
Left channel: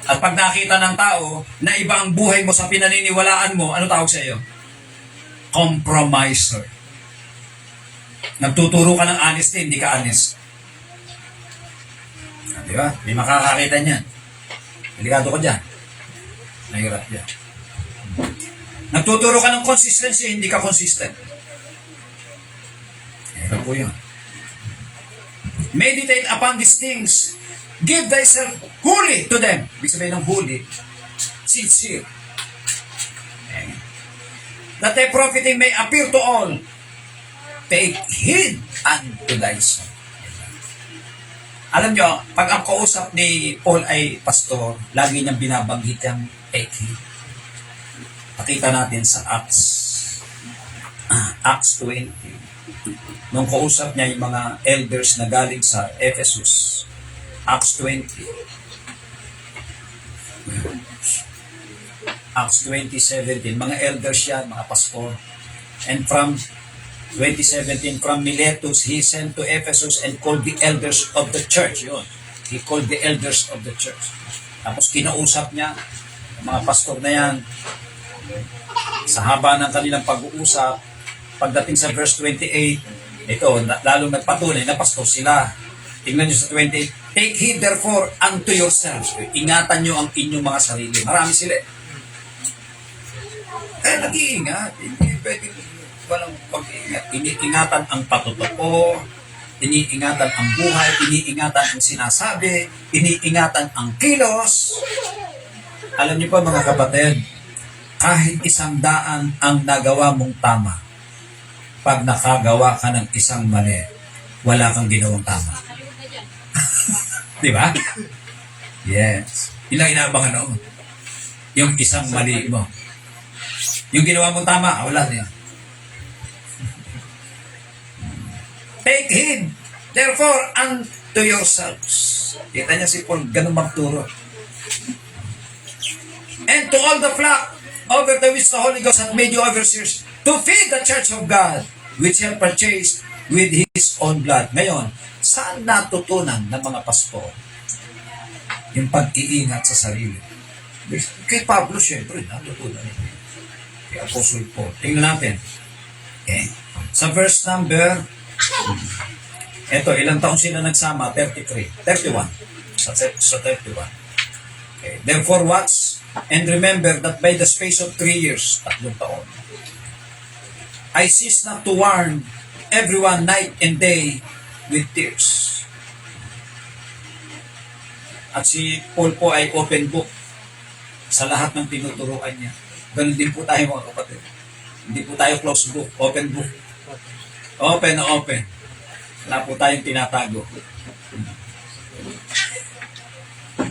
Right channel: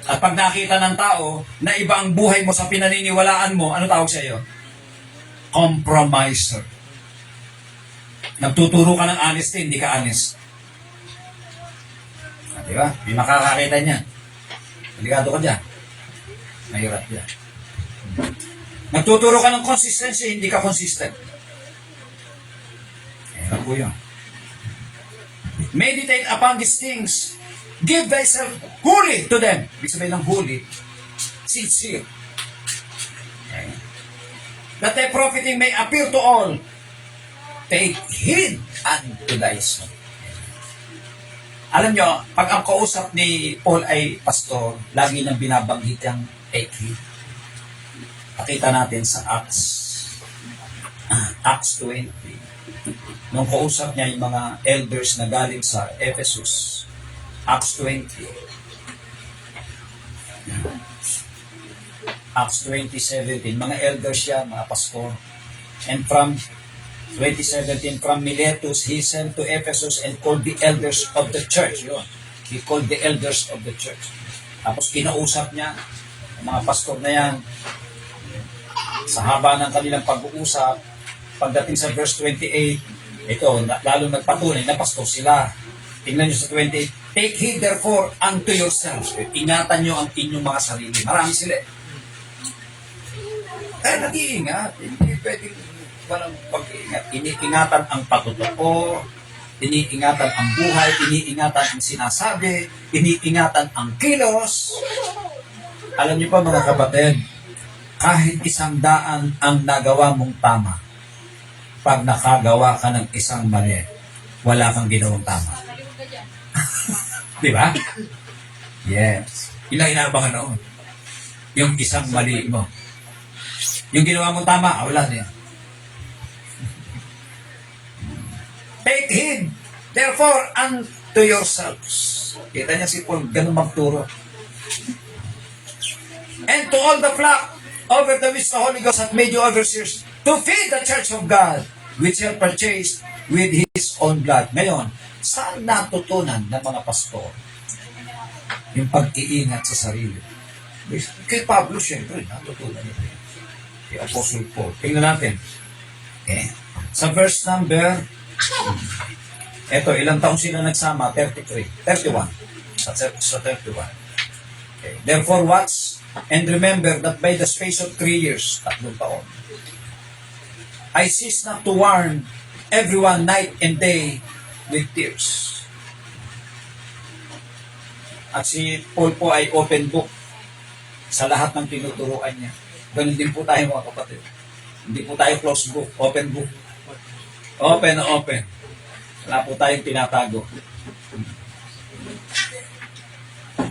At pag nakita ng tao na iba ang buhay mo sa pinaniniwalaan mo, ano tawag sa iyo? Compromiser. Nagtuturo ka ng honesty, hindi ka honest. Di ba? Hindi makakakita niyan. Delikado ka dyan. Nahirap yan. Nagtuturo ka ng consistency, hindi ka consistent. Hirap po yun. Meditate upon these things. Give thyself wholly to them. Ibig sabihin ng wholly, sincere. Okay. That thy profiting may appear to all. Take heed unto thyself. Alam nyo, pag ang kausap ni Paul ay pastor, lagi niyang binabanggit yung take heed. Pakita natin sa Acts 20. Nung kausap niya yung mga elders na galing sa Ephesus. Acts 20. Acts 20:17. Mga elders yan, mga pastor. And from 20:17, from Miletus, he sent to Ephesus and called the elders of the church. Yun. He called the elders of the church. Tapos kinausap niya, mga pastor na yan, sa haba ng kanilang pag-uusap, pagdating sa verse 28, ito, lalong nagpatunay na pastor sila. Tingnan nyo sa 28, take heed therefore unto yourselves. Ingatan nyo ang inyong mga sarili. Marami sila. Nag-iingat. Hindi pwedeng walang pag-iingat. Iniingatan ang patutuo, iniingatan ang buhay, iniingatan ang sinasabi, iniingatan ang kilos. Alam niyo pa mga kapatid, kahit 100 ang nagawa mong tama, pag nakagawa ka ng isang mali, wala kang ginawang tama. Di ba? Yes. Ilang inaabangan noon? Yung isang mali mo. Yung ginawa mong tama, wala niya. Take heed, therefore, unto yourselves. Kita niya si Paul, ganun magturo. And to all the flock, over the which the Holy Ghost hath made you overseers, to feed the church of God, which he hath purchased with his own blood. Ngayon, saan natutunan ng mga pastor yung pag-iingat sa sarili? Kay Pablo, siyempre, natutunan ito. Kay Apostle Paul. Tingnan natin. Okay. Sa verse number, eto, ilang taon sila nagsama? 31. Sa 31. Okay. Therefore, watch and remember that by the space of 3 years, 3 taon, I cease not to warn everyone night and day with tears. At si Paul po ay open book sa lahat ng tinuturuan niya. Ganun din po tayo mga kapatid. Hindi po tayo closed book, open book. Open na open. Wala po tayong tinatago.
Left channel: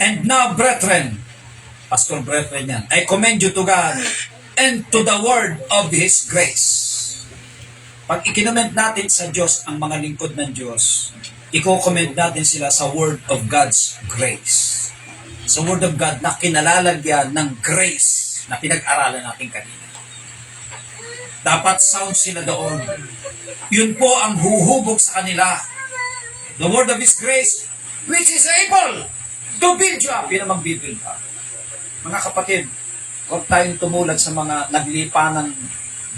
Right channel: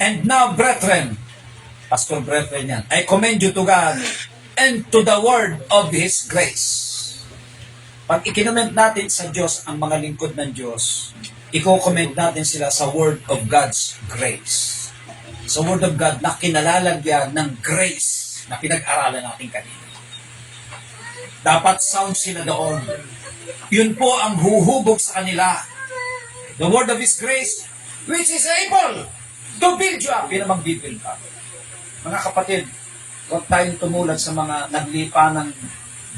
And now, brethren, Pastor brethren yan, I commend you to God and to the word of His grace. Pag ikinomment natin sa Diyos ang mga lingkod ng Diyos, i-comment natin sila sa word of God's grace. Sa word of God na kinalalagyan ng grace na pinag-aralan natin kanina. Dapat sound sila doon. Yun po ang huhubog sa kanila. The word of His grace, which is able to build you up. Yun ang mag-build up. Mga kapatid, huwag tayong tumulad sa mga naglipa ng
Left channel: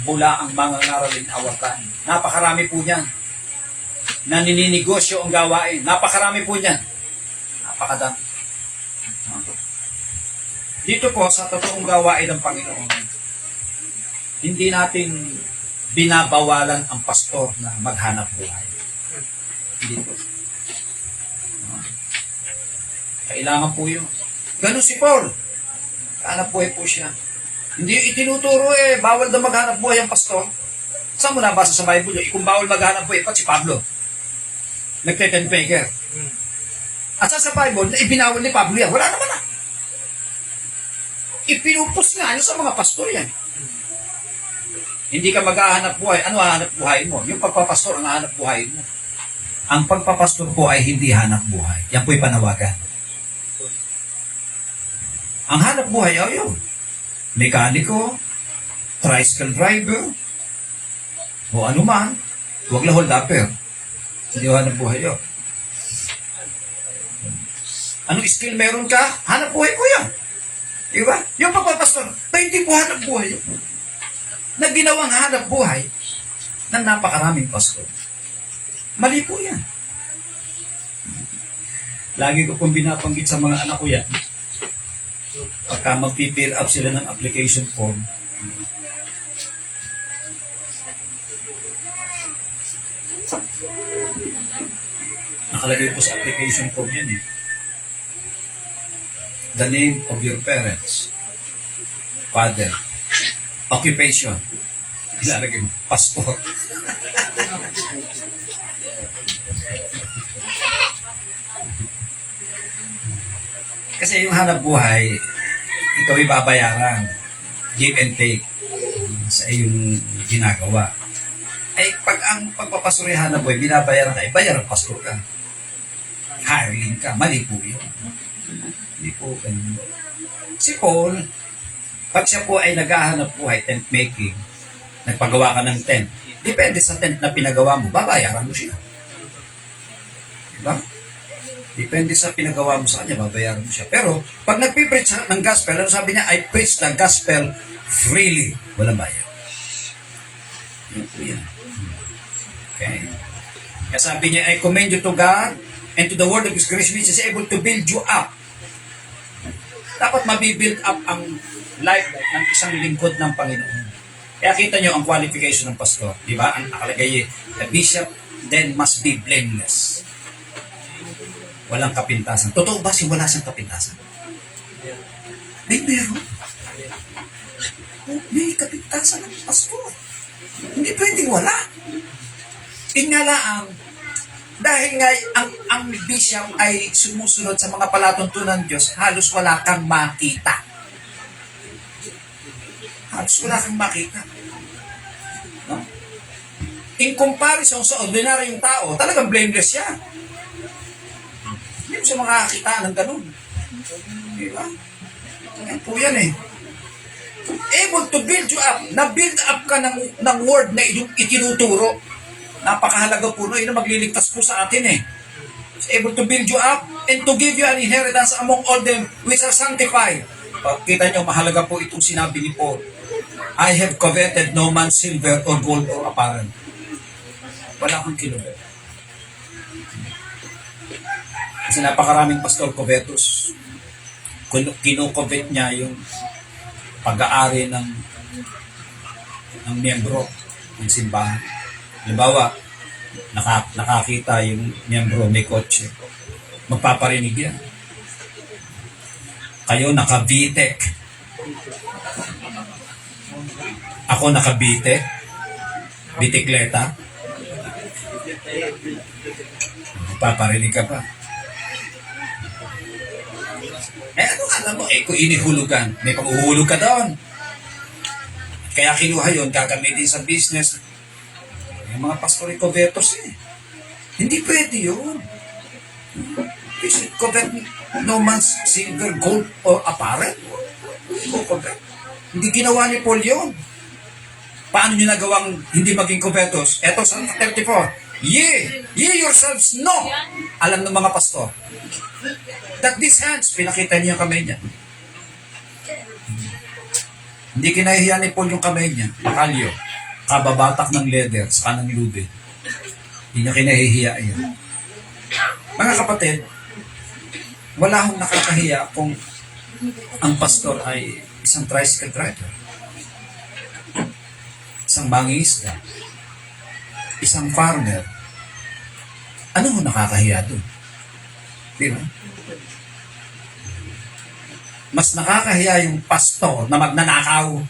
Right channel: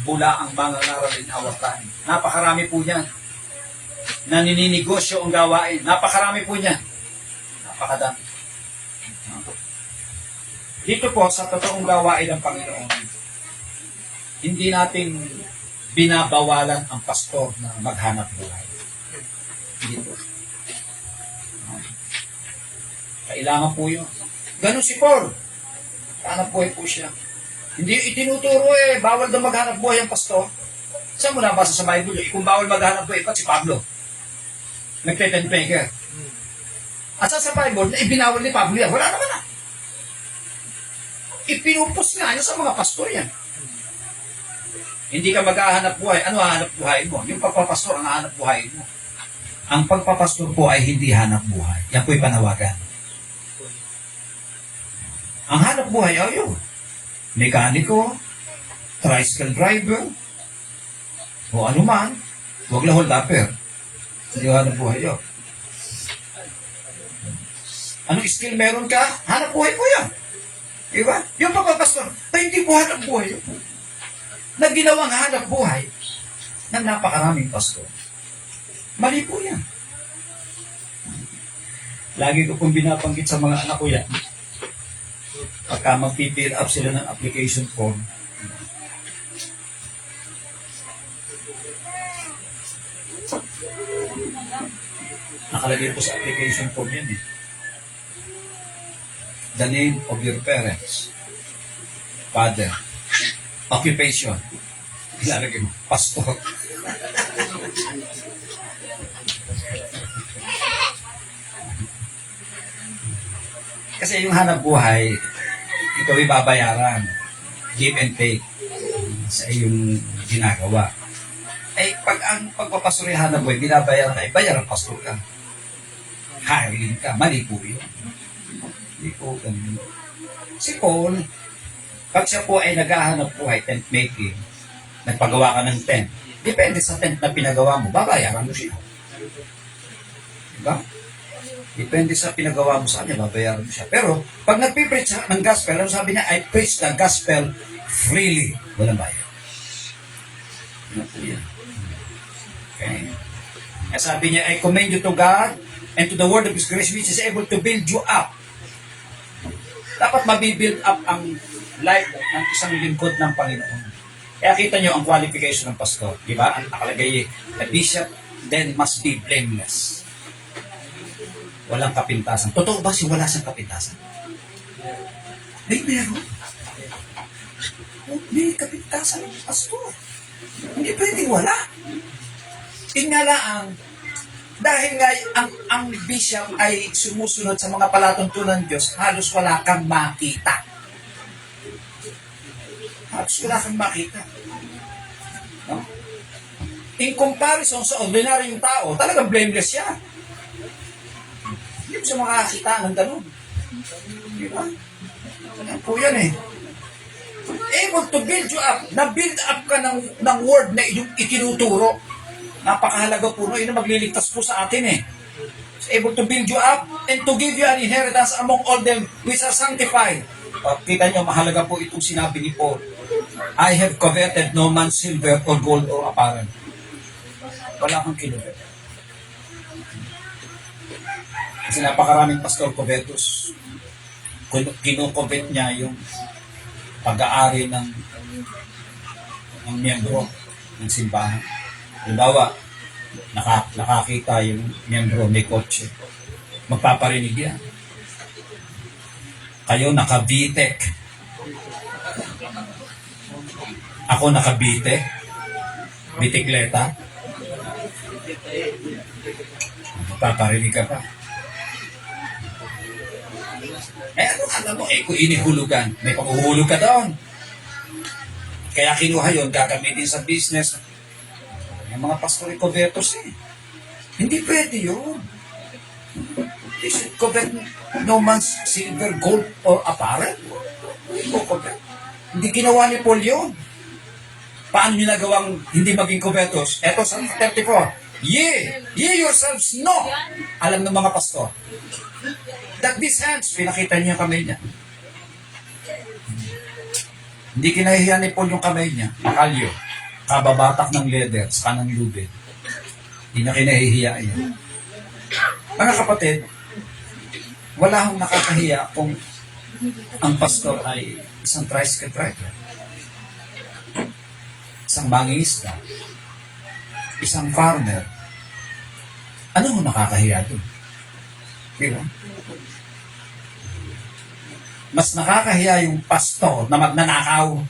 bula ang mga naraling awatan. Napakarami po niyan. na nininegosyo ang gawain. Napakarami po niyan. Napakadami. No? Dito po sa totoong gawain ng Panginoon, hindi nating binabawalan ang pastor na maghanap buhay. Hindi po. No? Kailangan po yun. Ganun si Paul. Hanap buhay po siya. Hindi itinuturo bawal daw maghanap buhay ang pastor. Saan mo nabasa sa Bible yun? Kung bawal maghanap buhay, si Pablo. Nagte-tent maker. At sa Bible, ibinawal ni Pablo yan. Wala naman na. Ipinupos nga yun sa mga pastor yan. Hindi ka maghahanap buhay. Ano hahanap buhay mo? Yung pagpapastor ang hahanap buhay mo. Ang pagpapastor po ay hindi hanap buhay. Yan po'y panawagan. Ang hanap buhay ay yun. Mekaniko, tricycle driver, o ano man, huwag lang hold upper. Hindi hanap buhay yun. Anong skill meron ka? Hanap buhay po yan. Diba? Yung pagpapastor, hindi po hanap buhay yun. Na ginawang hanap buhay ng napakaraming pastor. Mali po yan. Lagi ko pong binabanggit sa mga anak ko yan. Pagka mag-fill up sila ng application form, nakalagay po sa application form yan The name of your parents, father, occupation, ilalagay mo, pastor. Kasi yung hanap buhay, ikaw ay babayaran, give and take sa iyong ginagawa. Ay, pag ang pagpapastor ay hanap buhay, binabayaran ka, bayaran pastor ka. Hiring ka, mali po yun. Hindi po ganun. Si Paul, pag siya po ay naghahanap buhay, tent making, nagpagawa ka ng tent, depende sa tent na pinagawa mo, babayaran mo siya. Diba? Depende sa pinagawa mo sa kanya, babayaran mo siya. Pero, pag nagpipreach ng gospel, ano sabi niya, I preach the gospel freely. Walang bayad. Yan po yan. Okay? Kaya sabi niya, I commend you to God and to the word of His grace which is able to build you up. Dapat mabibuild up ang life ng isang lingkod ng Panginoon. Kaya kita nyo ang qualification ng pastor. Di ba? Ang nakalagay, the bishop then must be blameless. Walang kapintasan. Totoo ba wala siyang kapintasan? May meron. May kapintasan ng pastor. Hindi pwedeng wala. Ingalaang, dahil nga ang bishop ay sumusunod sa mga palatuntunan ng Diyos, halos wala kang makita. Halos wala kang makita. No? In comparison sa ordinaryong tao, talagang blameless siya. Hindi mo siya makakita ng ganun. Di ba? Yan po yan Able to build you up. Na-build up ka ng word na itinuturo. Napakahalaga po, yun ang magliligtas po sa atin It's able to build you up and to give you an inheritance among all them which are sanctified. Kita nyo, mahalaga po itong sinabi ni Paul. I have coveted no man's silver or gold or apparel. Wala kang kinuha. Kasi napakaraming pastor covetous. Kinukovet niya yung pag-aari ng miyembro ng simbahan. Halimbawa, nakakita yung miyembro may kotse. Magpaparinig yan. Kayo naka-VTEC. Ako naka-VTEC. Bitikleta. Magpaparinig ka pa. Ano alam mo, kung inihulugan, may panghuhulog ka doon. Kaya kinuha yun, gagamitin sa business. Yung mga pastori covetous Hindi pwede yun. Covet no man's silver, gold, or apparel. Hindi ginawa ni Paul yun. Paano nyo nagawang hindi maging covetous? Eto sa 34. Ye yourselves know. Alam ng mga pastor. That these hands, pinakita niya kamay niya. Hindi kinahiya ni Paul yung kamay niya. Makalyo. Kababatak ng leather sa kanang lubid. Hindi na kinahihiya yan. Mga kapatid, wala akong nakakahiya kung ang pastor ay isang tricycle driver, isang mangingisda, isang farmer. Ano ho nakakahiya doon? Di ba? Mas nakakahiya yung pastor na magnanakaw.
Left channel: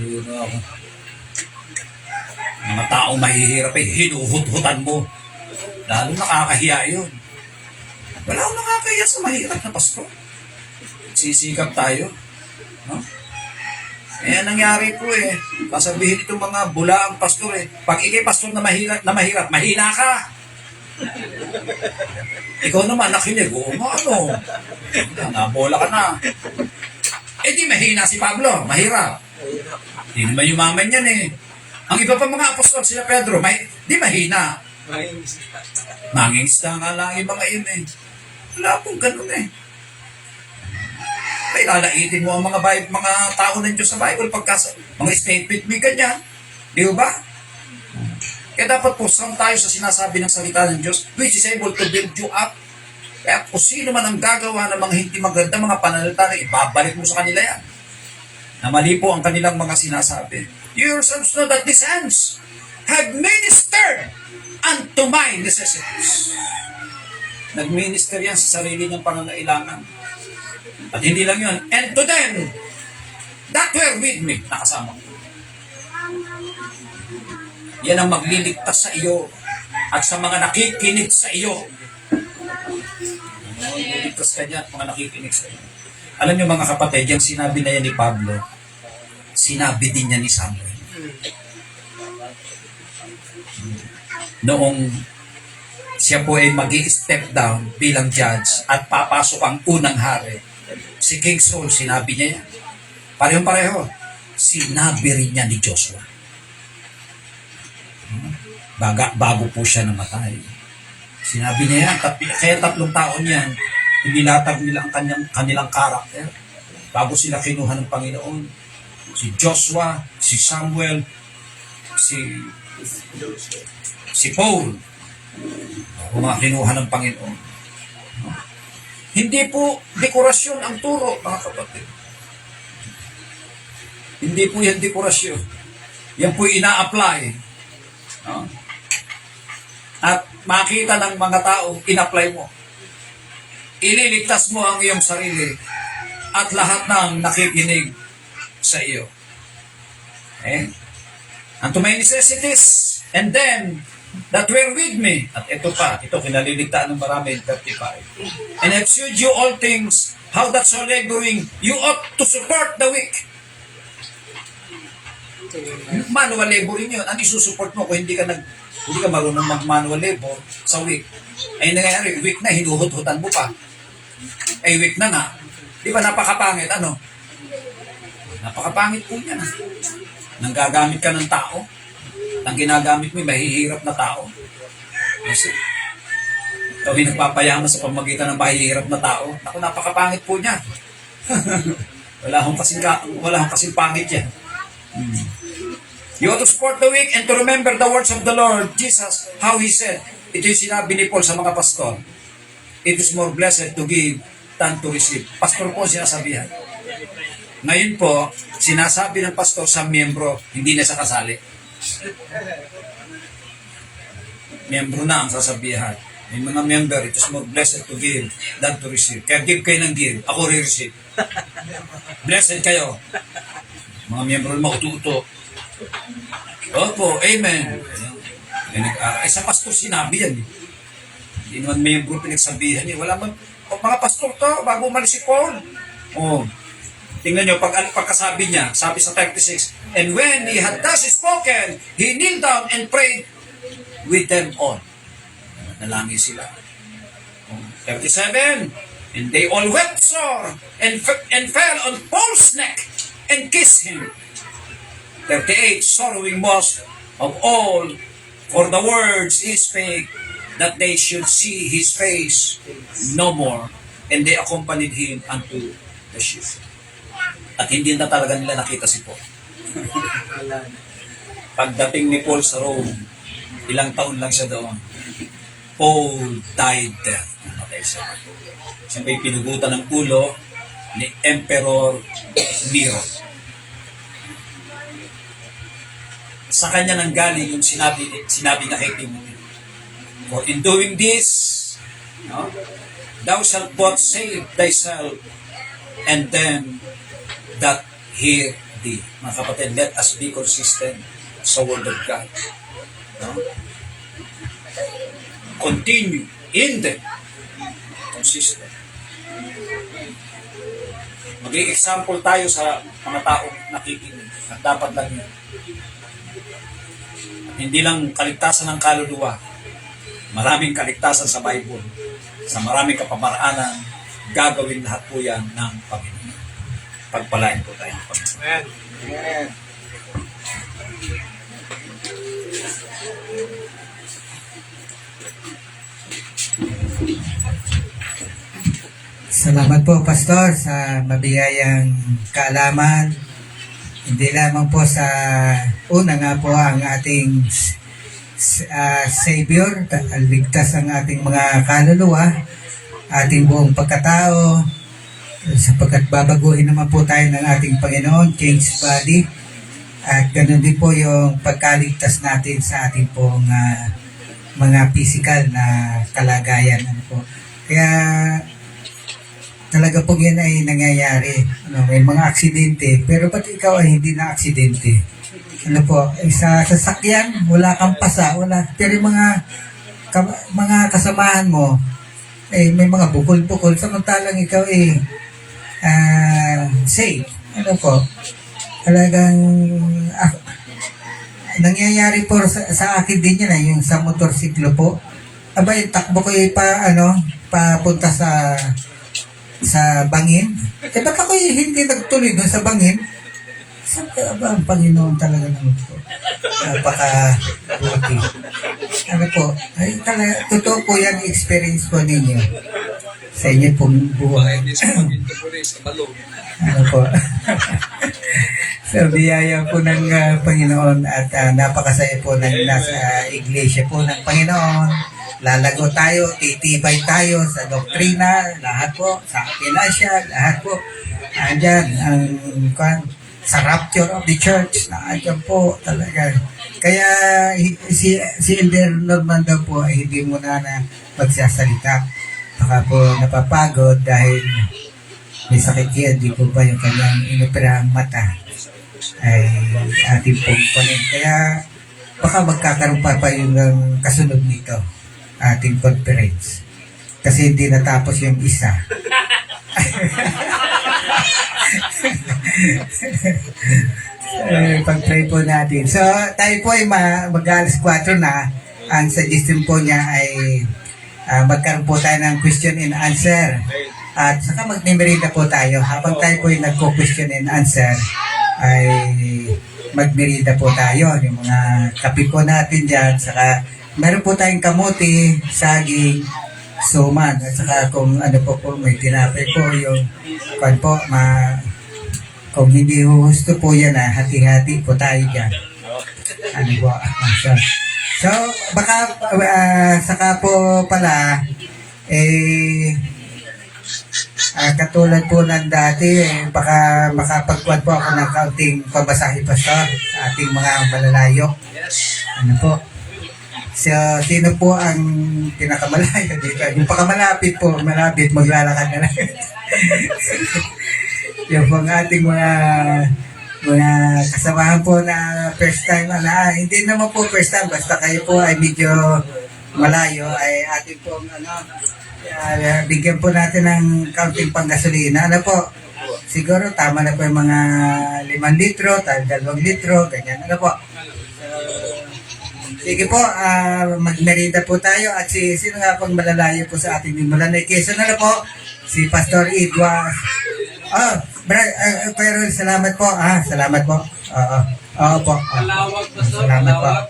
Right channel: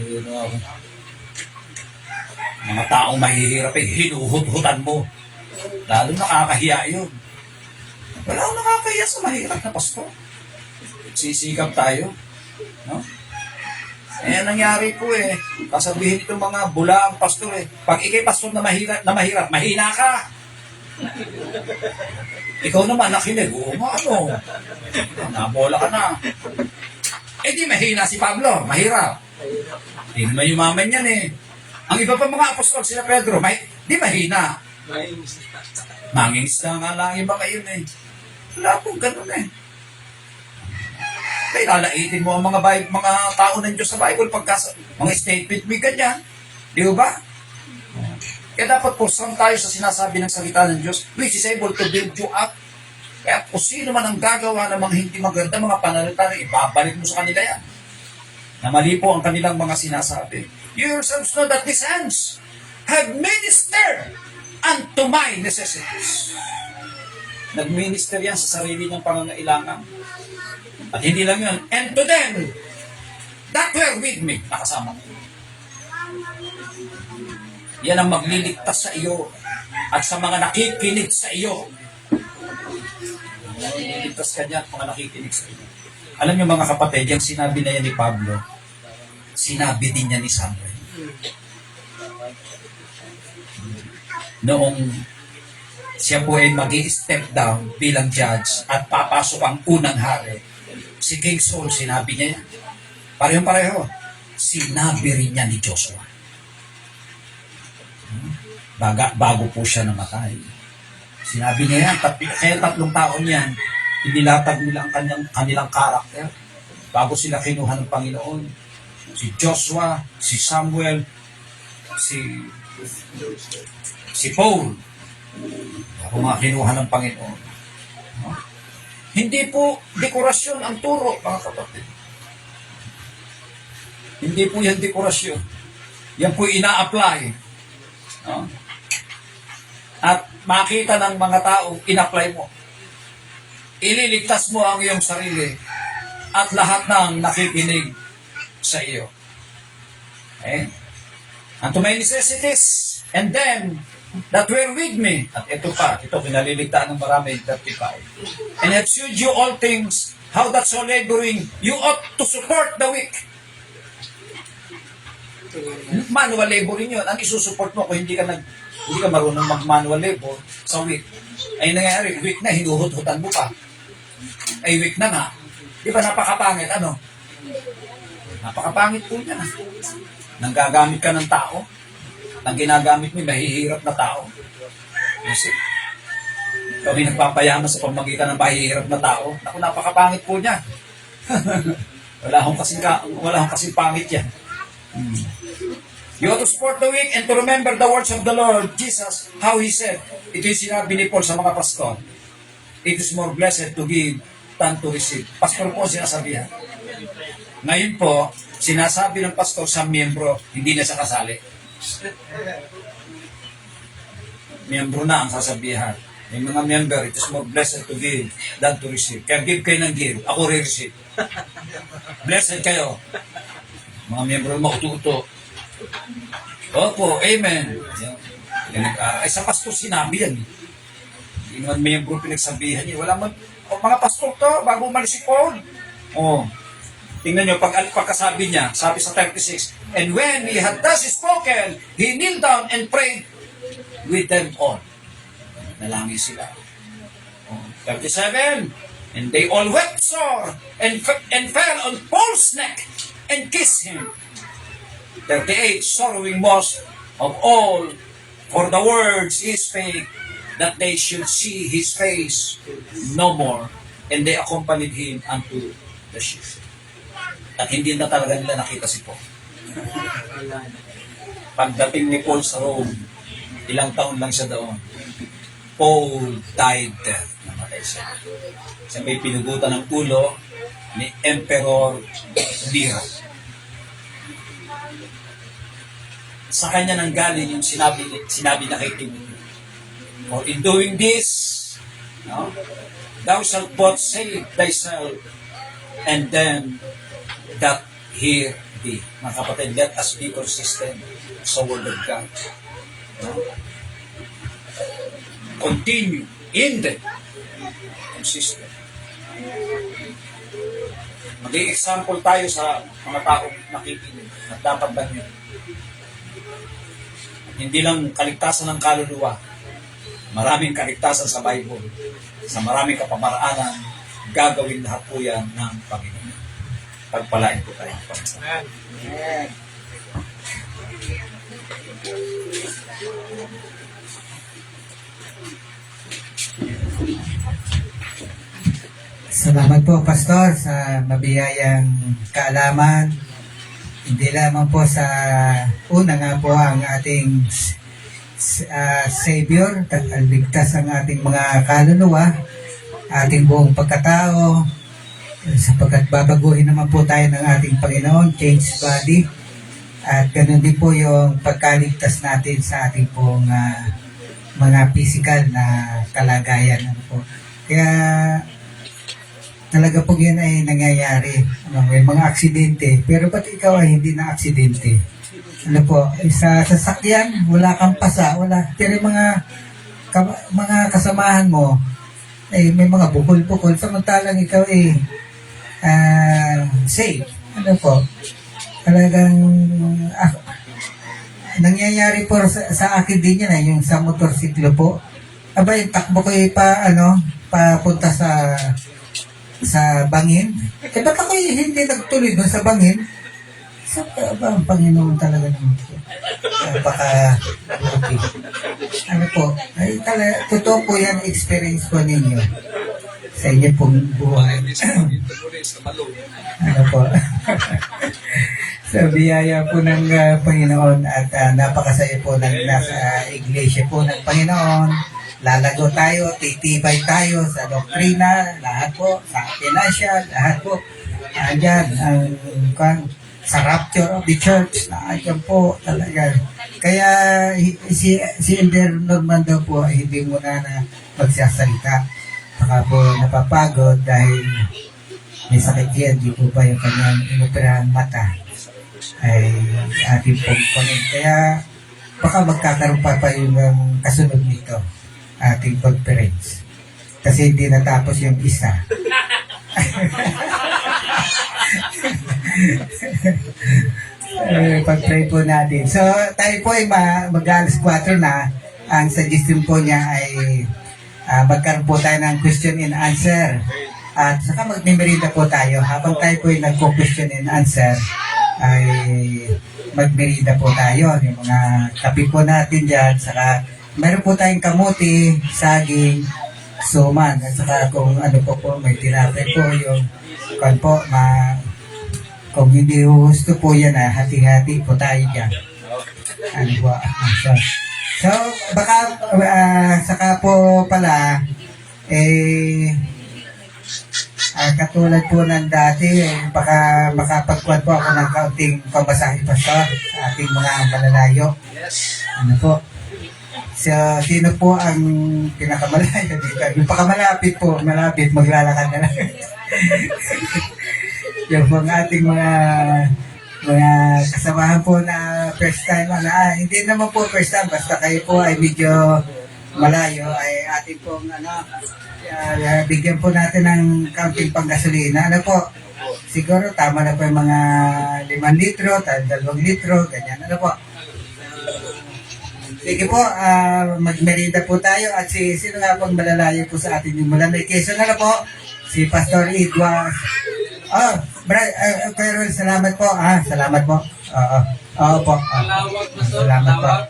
Yun ako. Mga taong mahihirap eh, hinuhut-hutan mo. Lalo nakakahiya yun. Wala akong nakakahiya sa mahirap na pastor. Sisikap tayo. No? Eh, nangyari po eh. Kasabihin itong mga bulaang pastor eh. Pag ikay pastor na mahirap, mahina ka. Ikaw naman nakinig, ano? Nabola ka na. Eh di mahina si Pablo, mahirap. Di naman yumaman yan eh. Ang iba pa mga apostol, sila Pedro, di mahina. Mangingisda nga lang yung mga yun eh. Wala pong ganun eh. Kaya lalaitin mo ang mga tao ng Diyos sa Bible pagka mga statement may ganyan. Di ba? Kaya dapat po saan tayo sa sinasabi ng salita ng Diyos which is able to build you up. Kaya kung sino man ang gagawa ng mga hindi maganda, mga panalita na ibabalik mo sa kanila yan. Na mali po ang kanilang mga sinasabi. You yourselves know that these hands have ministered unto my necessities. Nag-minister yan sa sarili ng pangangailangan. At hindi lang yun. And to them that were with me, nakasama ko. Yan ang magliligtas sa iyo at sa mga nakikinig sa iyo. Magliligtas ka niya at mga nakikinig sa iyo. Alam niyo mga kapatid, yung sinabi na yan ni Pablo, sinabi din niya ni Samuel. Noong siya po ay mag-i-step down bilang judge at papasok ang unang hari, si King Saul, sinabi niya yan. Parehong-pareho. Sinabi rin niya ni Joshua. Bago po siya namatay. Sinabi niya yan, kaya 3 taon yan, inilatag nila ang kanilang karakter bago sila kinuha ng Panginoon. Si Joshua, si Samuel, si Paul, bago mga kinuha ng Panginoon. Hindi po dekorasyon ang turo, mga kapatid. Hindi po yan dekorasyon. Yan po ina-apply. No? At makita ng mga taong in-apply mo. Ililigtas mo ang iyong sarili at lahat ng nakikinig sa iyo. Okay? And to my necessities, and then that were with me. At ito pa, ito kinaliligtaan ng marami, 35. And have shewed you all things, how that so laboring, you ought to support the weak. Manual laboring yun. Ang isusupport mo kung hindi ka marunong mag-manual labor sa weak. Ay nangyayari, weak na, hinuhut-hutan mo pa. Ay weak na. Di ba napakapangit, ano? Napakapangit po niya. Nang gagamit ka ng tao, ang ginagamit mo, mahihirap na tao. Kasi, kami nagpapayaman sa pamagitan ng mahihirap na tao. Naku, napakapangit po niya. wala akong kasing pangit yan. You ought to support the weak and to remember the words of the Lord Jesus, how He said. Ito yung sinabi ni Paul sa mga pastor. It is more blessed to give than to receive. Pastor po sinasabihan. Ngayon po, sinasabi ng pastor sa miyembro, hindi na sa kasali. Miyembro na ang sasabihan. May mga member, it is more blessed to give than to receive. Kaya give kayo ng give, ako re-receive. Blessed kayo. Mga miyembro na maututo. Opo, amen. Ay sa pastor sinabi yan. Hindi naman miyembro pinagsabihan niya. Wala man, mga pastor to, bago umalis si Paul. Tingnan nyo, pagkasabi niya, sabi sa 36, and when he had thus spoken, he kneeled down and prayed with them all. Nalangin sila. 37, and they all wept sore and fell on Paul's neck and kissed him. 38, sorrowing most of all for the words he spake, that they should see his face no more. And they accompanied him unto the ship. At hindi na talaga nila nakita si Paul. Pagdating ni Paul sa Rome, Ilang taon lang siya doon. Paul died death. Namatay siya. Siya may pinugutan ng ulo ni Emperor Nero. Sa kanya nang galing yung sinabi na kay Timothy. For in doing this, no, thou shalt both save thyself and them that hear thee. Mga kapatid, let us be consistent sa word of God. No? Continue in the consistent. Maging example tayo sa mga taong nakikinig at dapat lang yun. At hindi lang kaligtasan ng kaluluwa, maraming kaligtasan sa Bible, sa maraming kapamaraanan, gagawin lahat po yan ng Panginoon. Pagpalain po tayo ng Panginoon. Amen. Salamat po, Pastor, sa mabiyayang kaalaman. Hindi lamang po sa una nga po ang ating Savior, ligtas ang ating mga kaluluwa, ating buong pagkatao, sapagkat babaguhin naman po tayo ng ating Panginoon, change body, at ganoon din po yung pagkaligtas natin sa ating pong mga physical na kalagayan. Ano po. Kaya talaga po yan ay nangyayari. Ano, may mga aksidente, pero ba't ikaw ay hindi na aksidente? Ano po, sa sasakyan, wala kang pasa, wala. Pero mga kasamahan mo, eh, may mga bukol-bukol, samantalang ikaw eh, safe. Ano po, talagang, nangyayari po sa akin din yan, yung sa motorsiklo po. Aba, yung takbo ko papunta sa bangin. Eh, ba't ako hindi nagtuloy doon sa bangin? Siyempre, aba, ang Panginoon talaga naman po. Napaka-buti. Ano po, ay talaga, totoo po yan experience po ninyo sa inyo pong buhay. Ano po. Sa biyaya po ng Panginoon at napakasaya po ng nasa iglesia po ng Panginoon. Lalago tayo, titibay tayo sa doktrina, lahat po, sa pinasya, lahat po. Andyan, sa rapture of the church, andyan po talaga. Kaya si Elder Norman daw po ay hindi muna na magsasalita. Baka po napapagod dahil may sakit yan, di po ba yung kanyang inoperahan mata ay ating pong pangin. Kaya baka magkakaroon pa yung kasunod nito ating conference. Kasi hindi natapos yung isa. Pag-pray po natin. So, tayo po ay mag-alas 4 na. Ang suggestion po niya ay magkaroon po tayo ng question and answer. At saka magnimerida po tayo. Habang tayo po ay nagko-question and answer, ay magmerida po tayo. Yung mga kape po natin dyan. Saka meron po tayong kamuti, saging, suman. At saka kung ano po may tinapay po yung kung hindi gusto po yan hati-hati po tayo dyan. Ano po? So, baka saka po pala katulad po ng dati, baka makapagkuhan po ako ng kaunting pamasahe pa sa ating mga malalayo. Ano po? So, sino po ang pinakamalayo dito? Yung pakamalapit po, malapit, maglalakad na lang. Yung po ating mga kasamahan po na first time, hindi naman po first time, basta kayo po ay medyo malayo, ay ating pong bigyan po natin ng kaunting panggasolina. Ano po? Siguro tama na po yung mga 5 litro, 2 litro, ganyan. Ano po? Sige po, magmerida po tayo at sino nga pong malalayo po sa ating mula na Quezon na po, si Pastor Edward. Pero salamat po. Salamat po. Oo po. Malawag, Pastor. Salamat po. Malawag.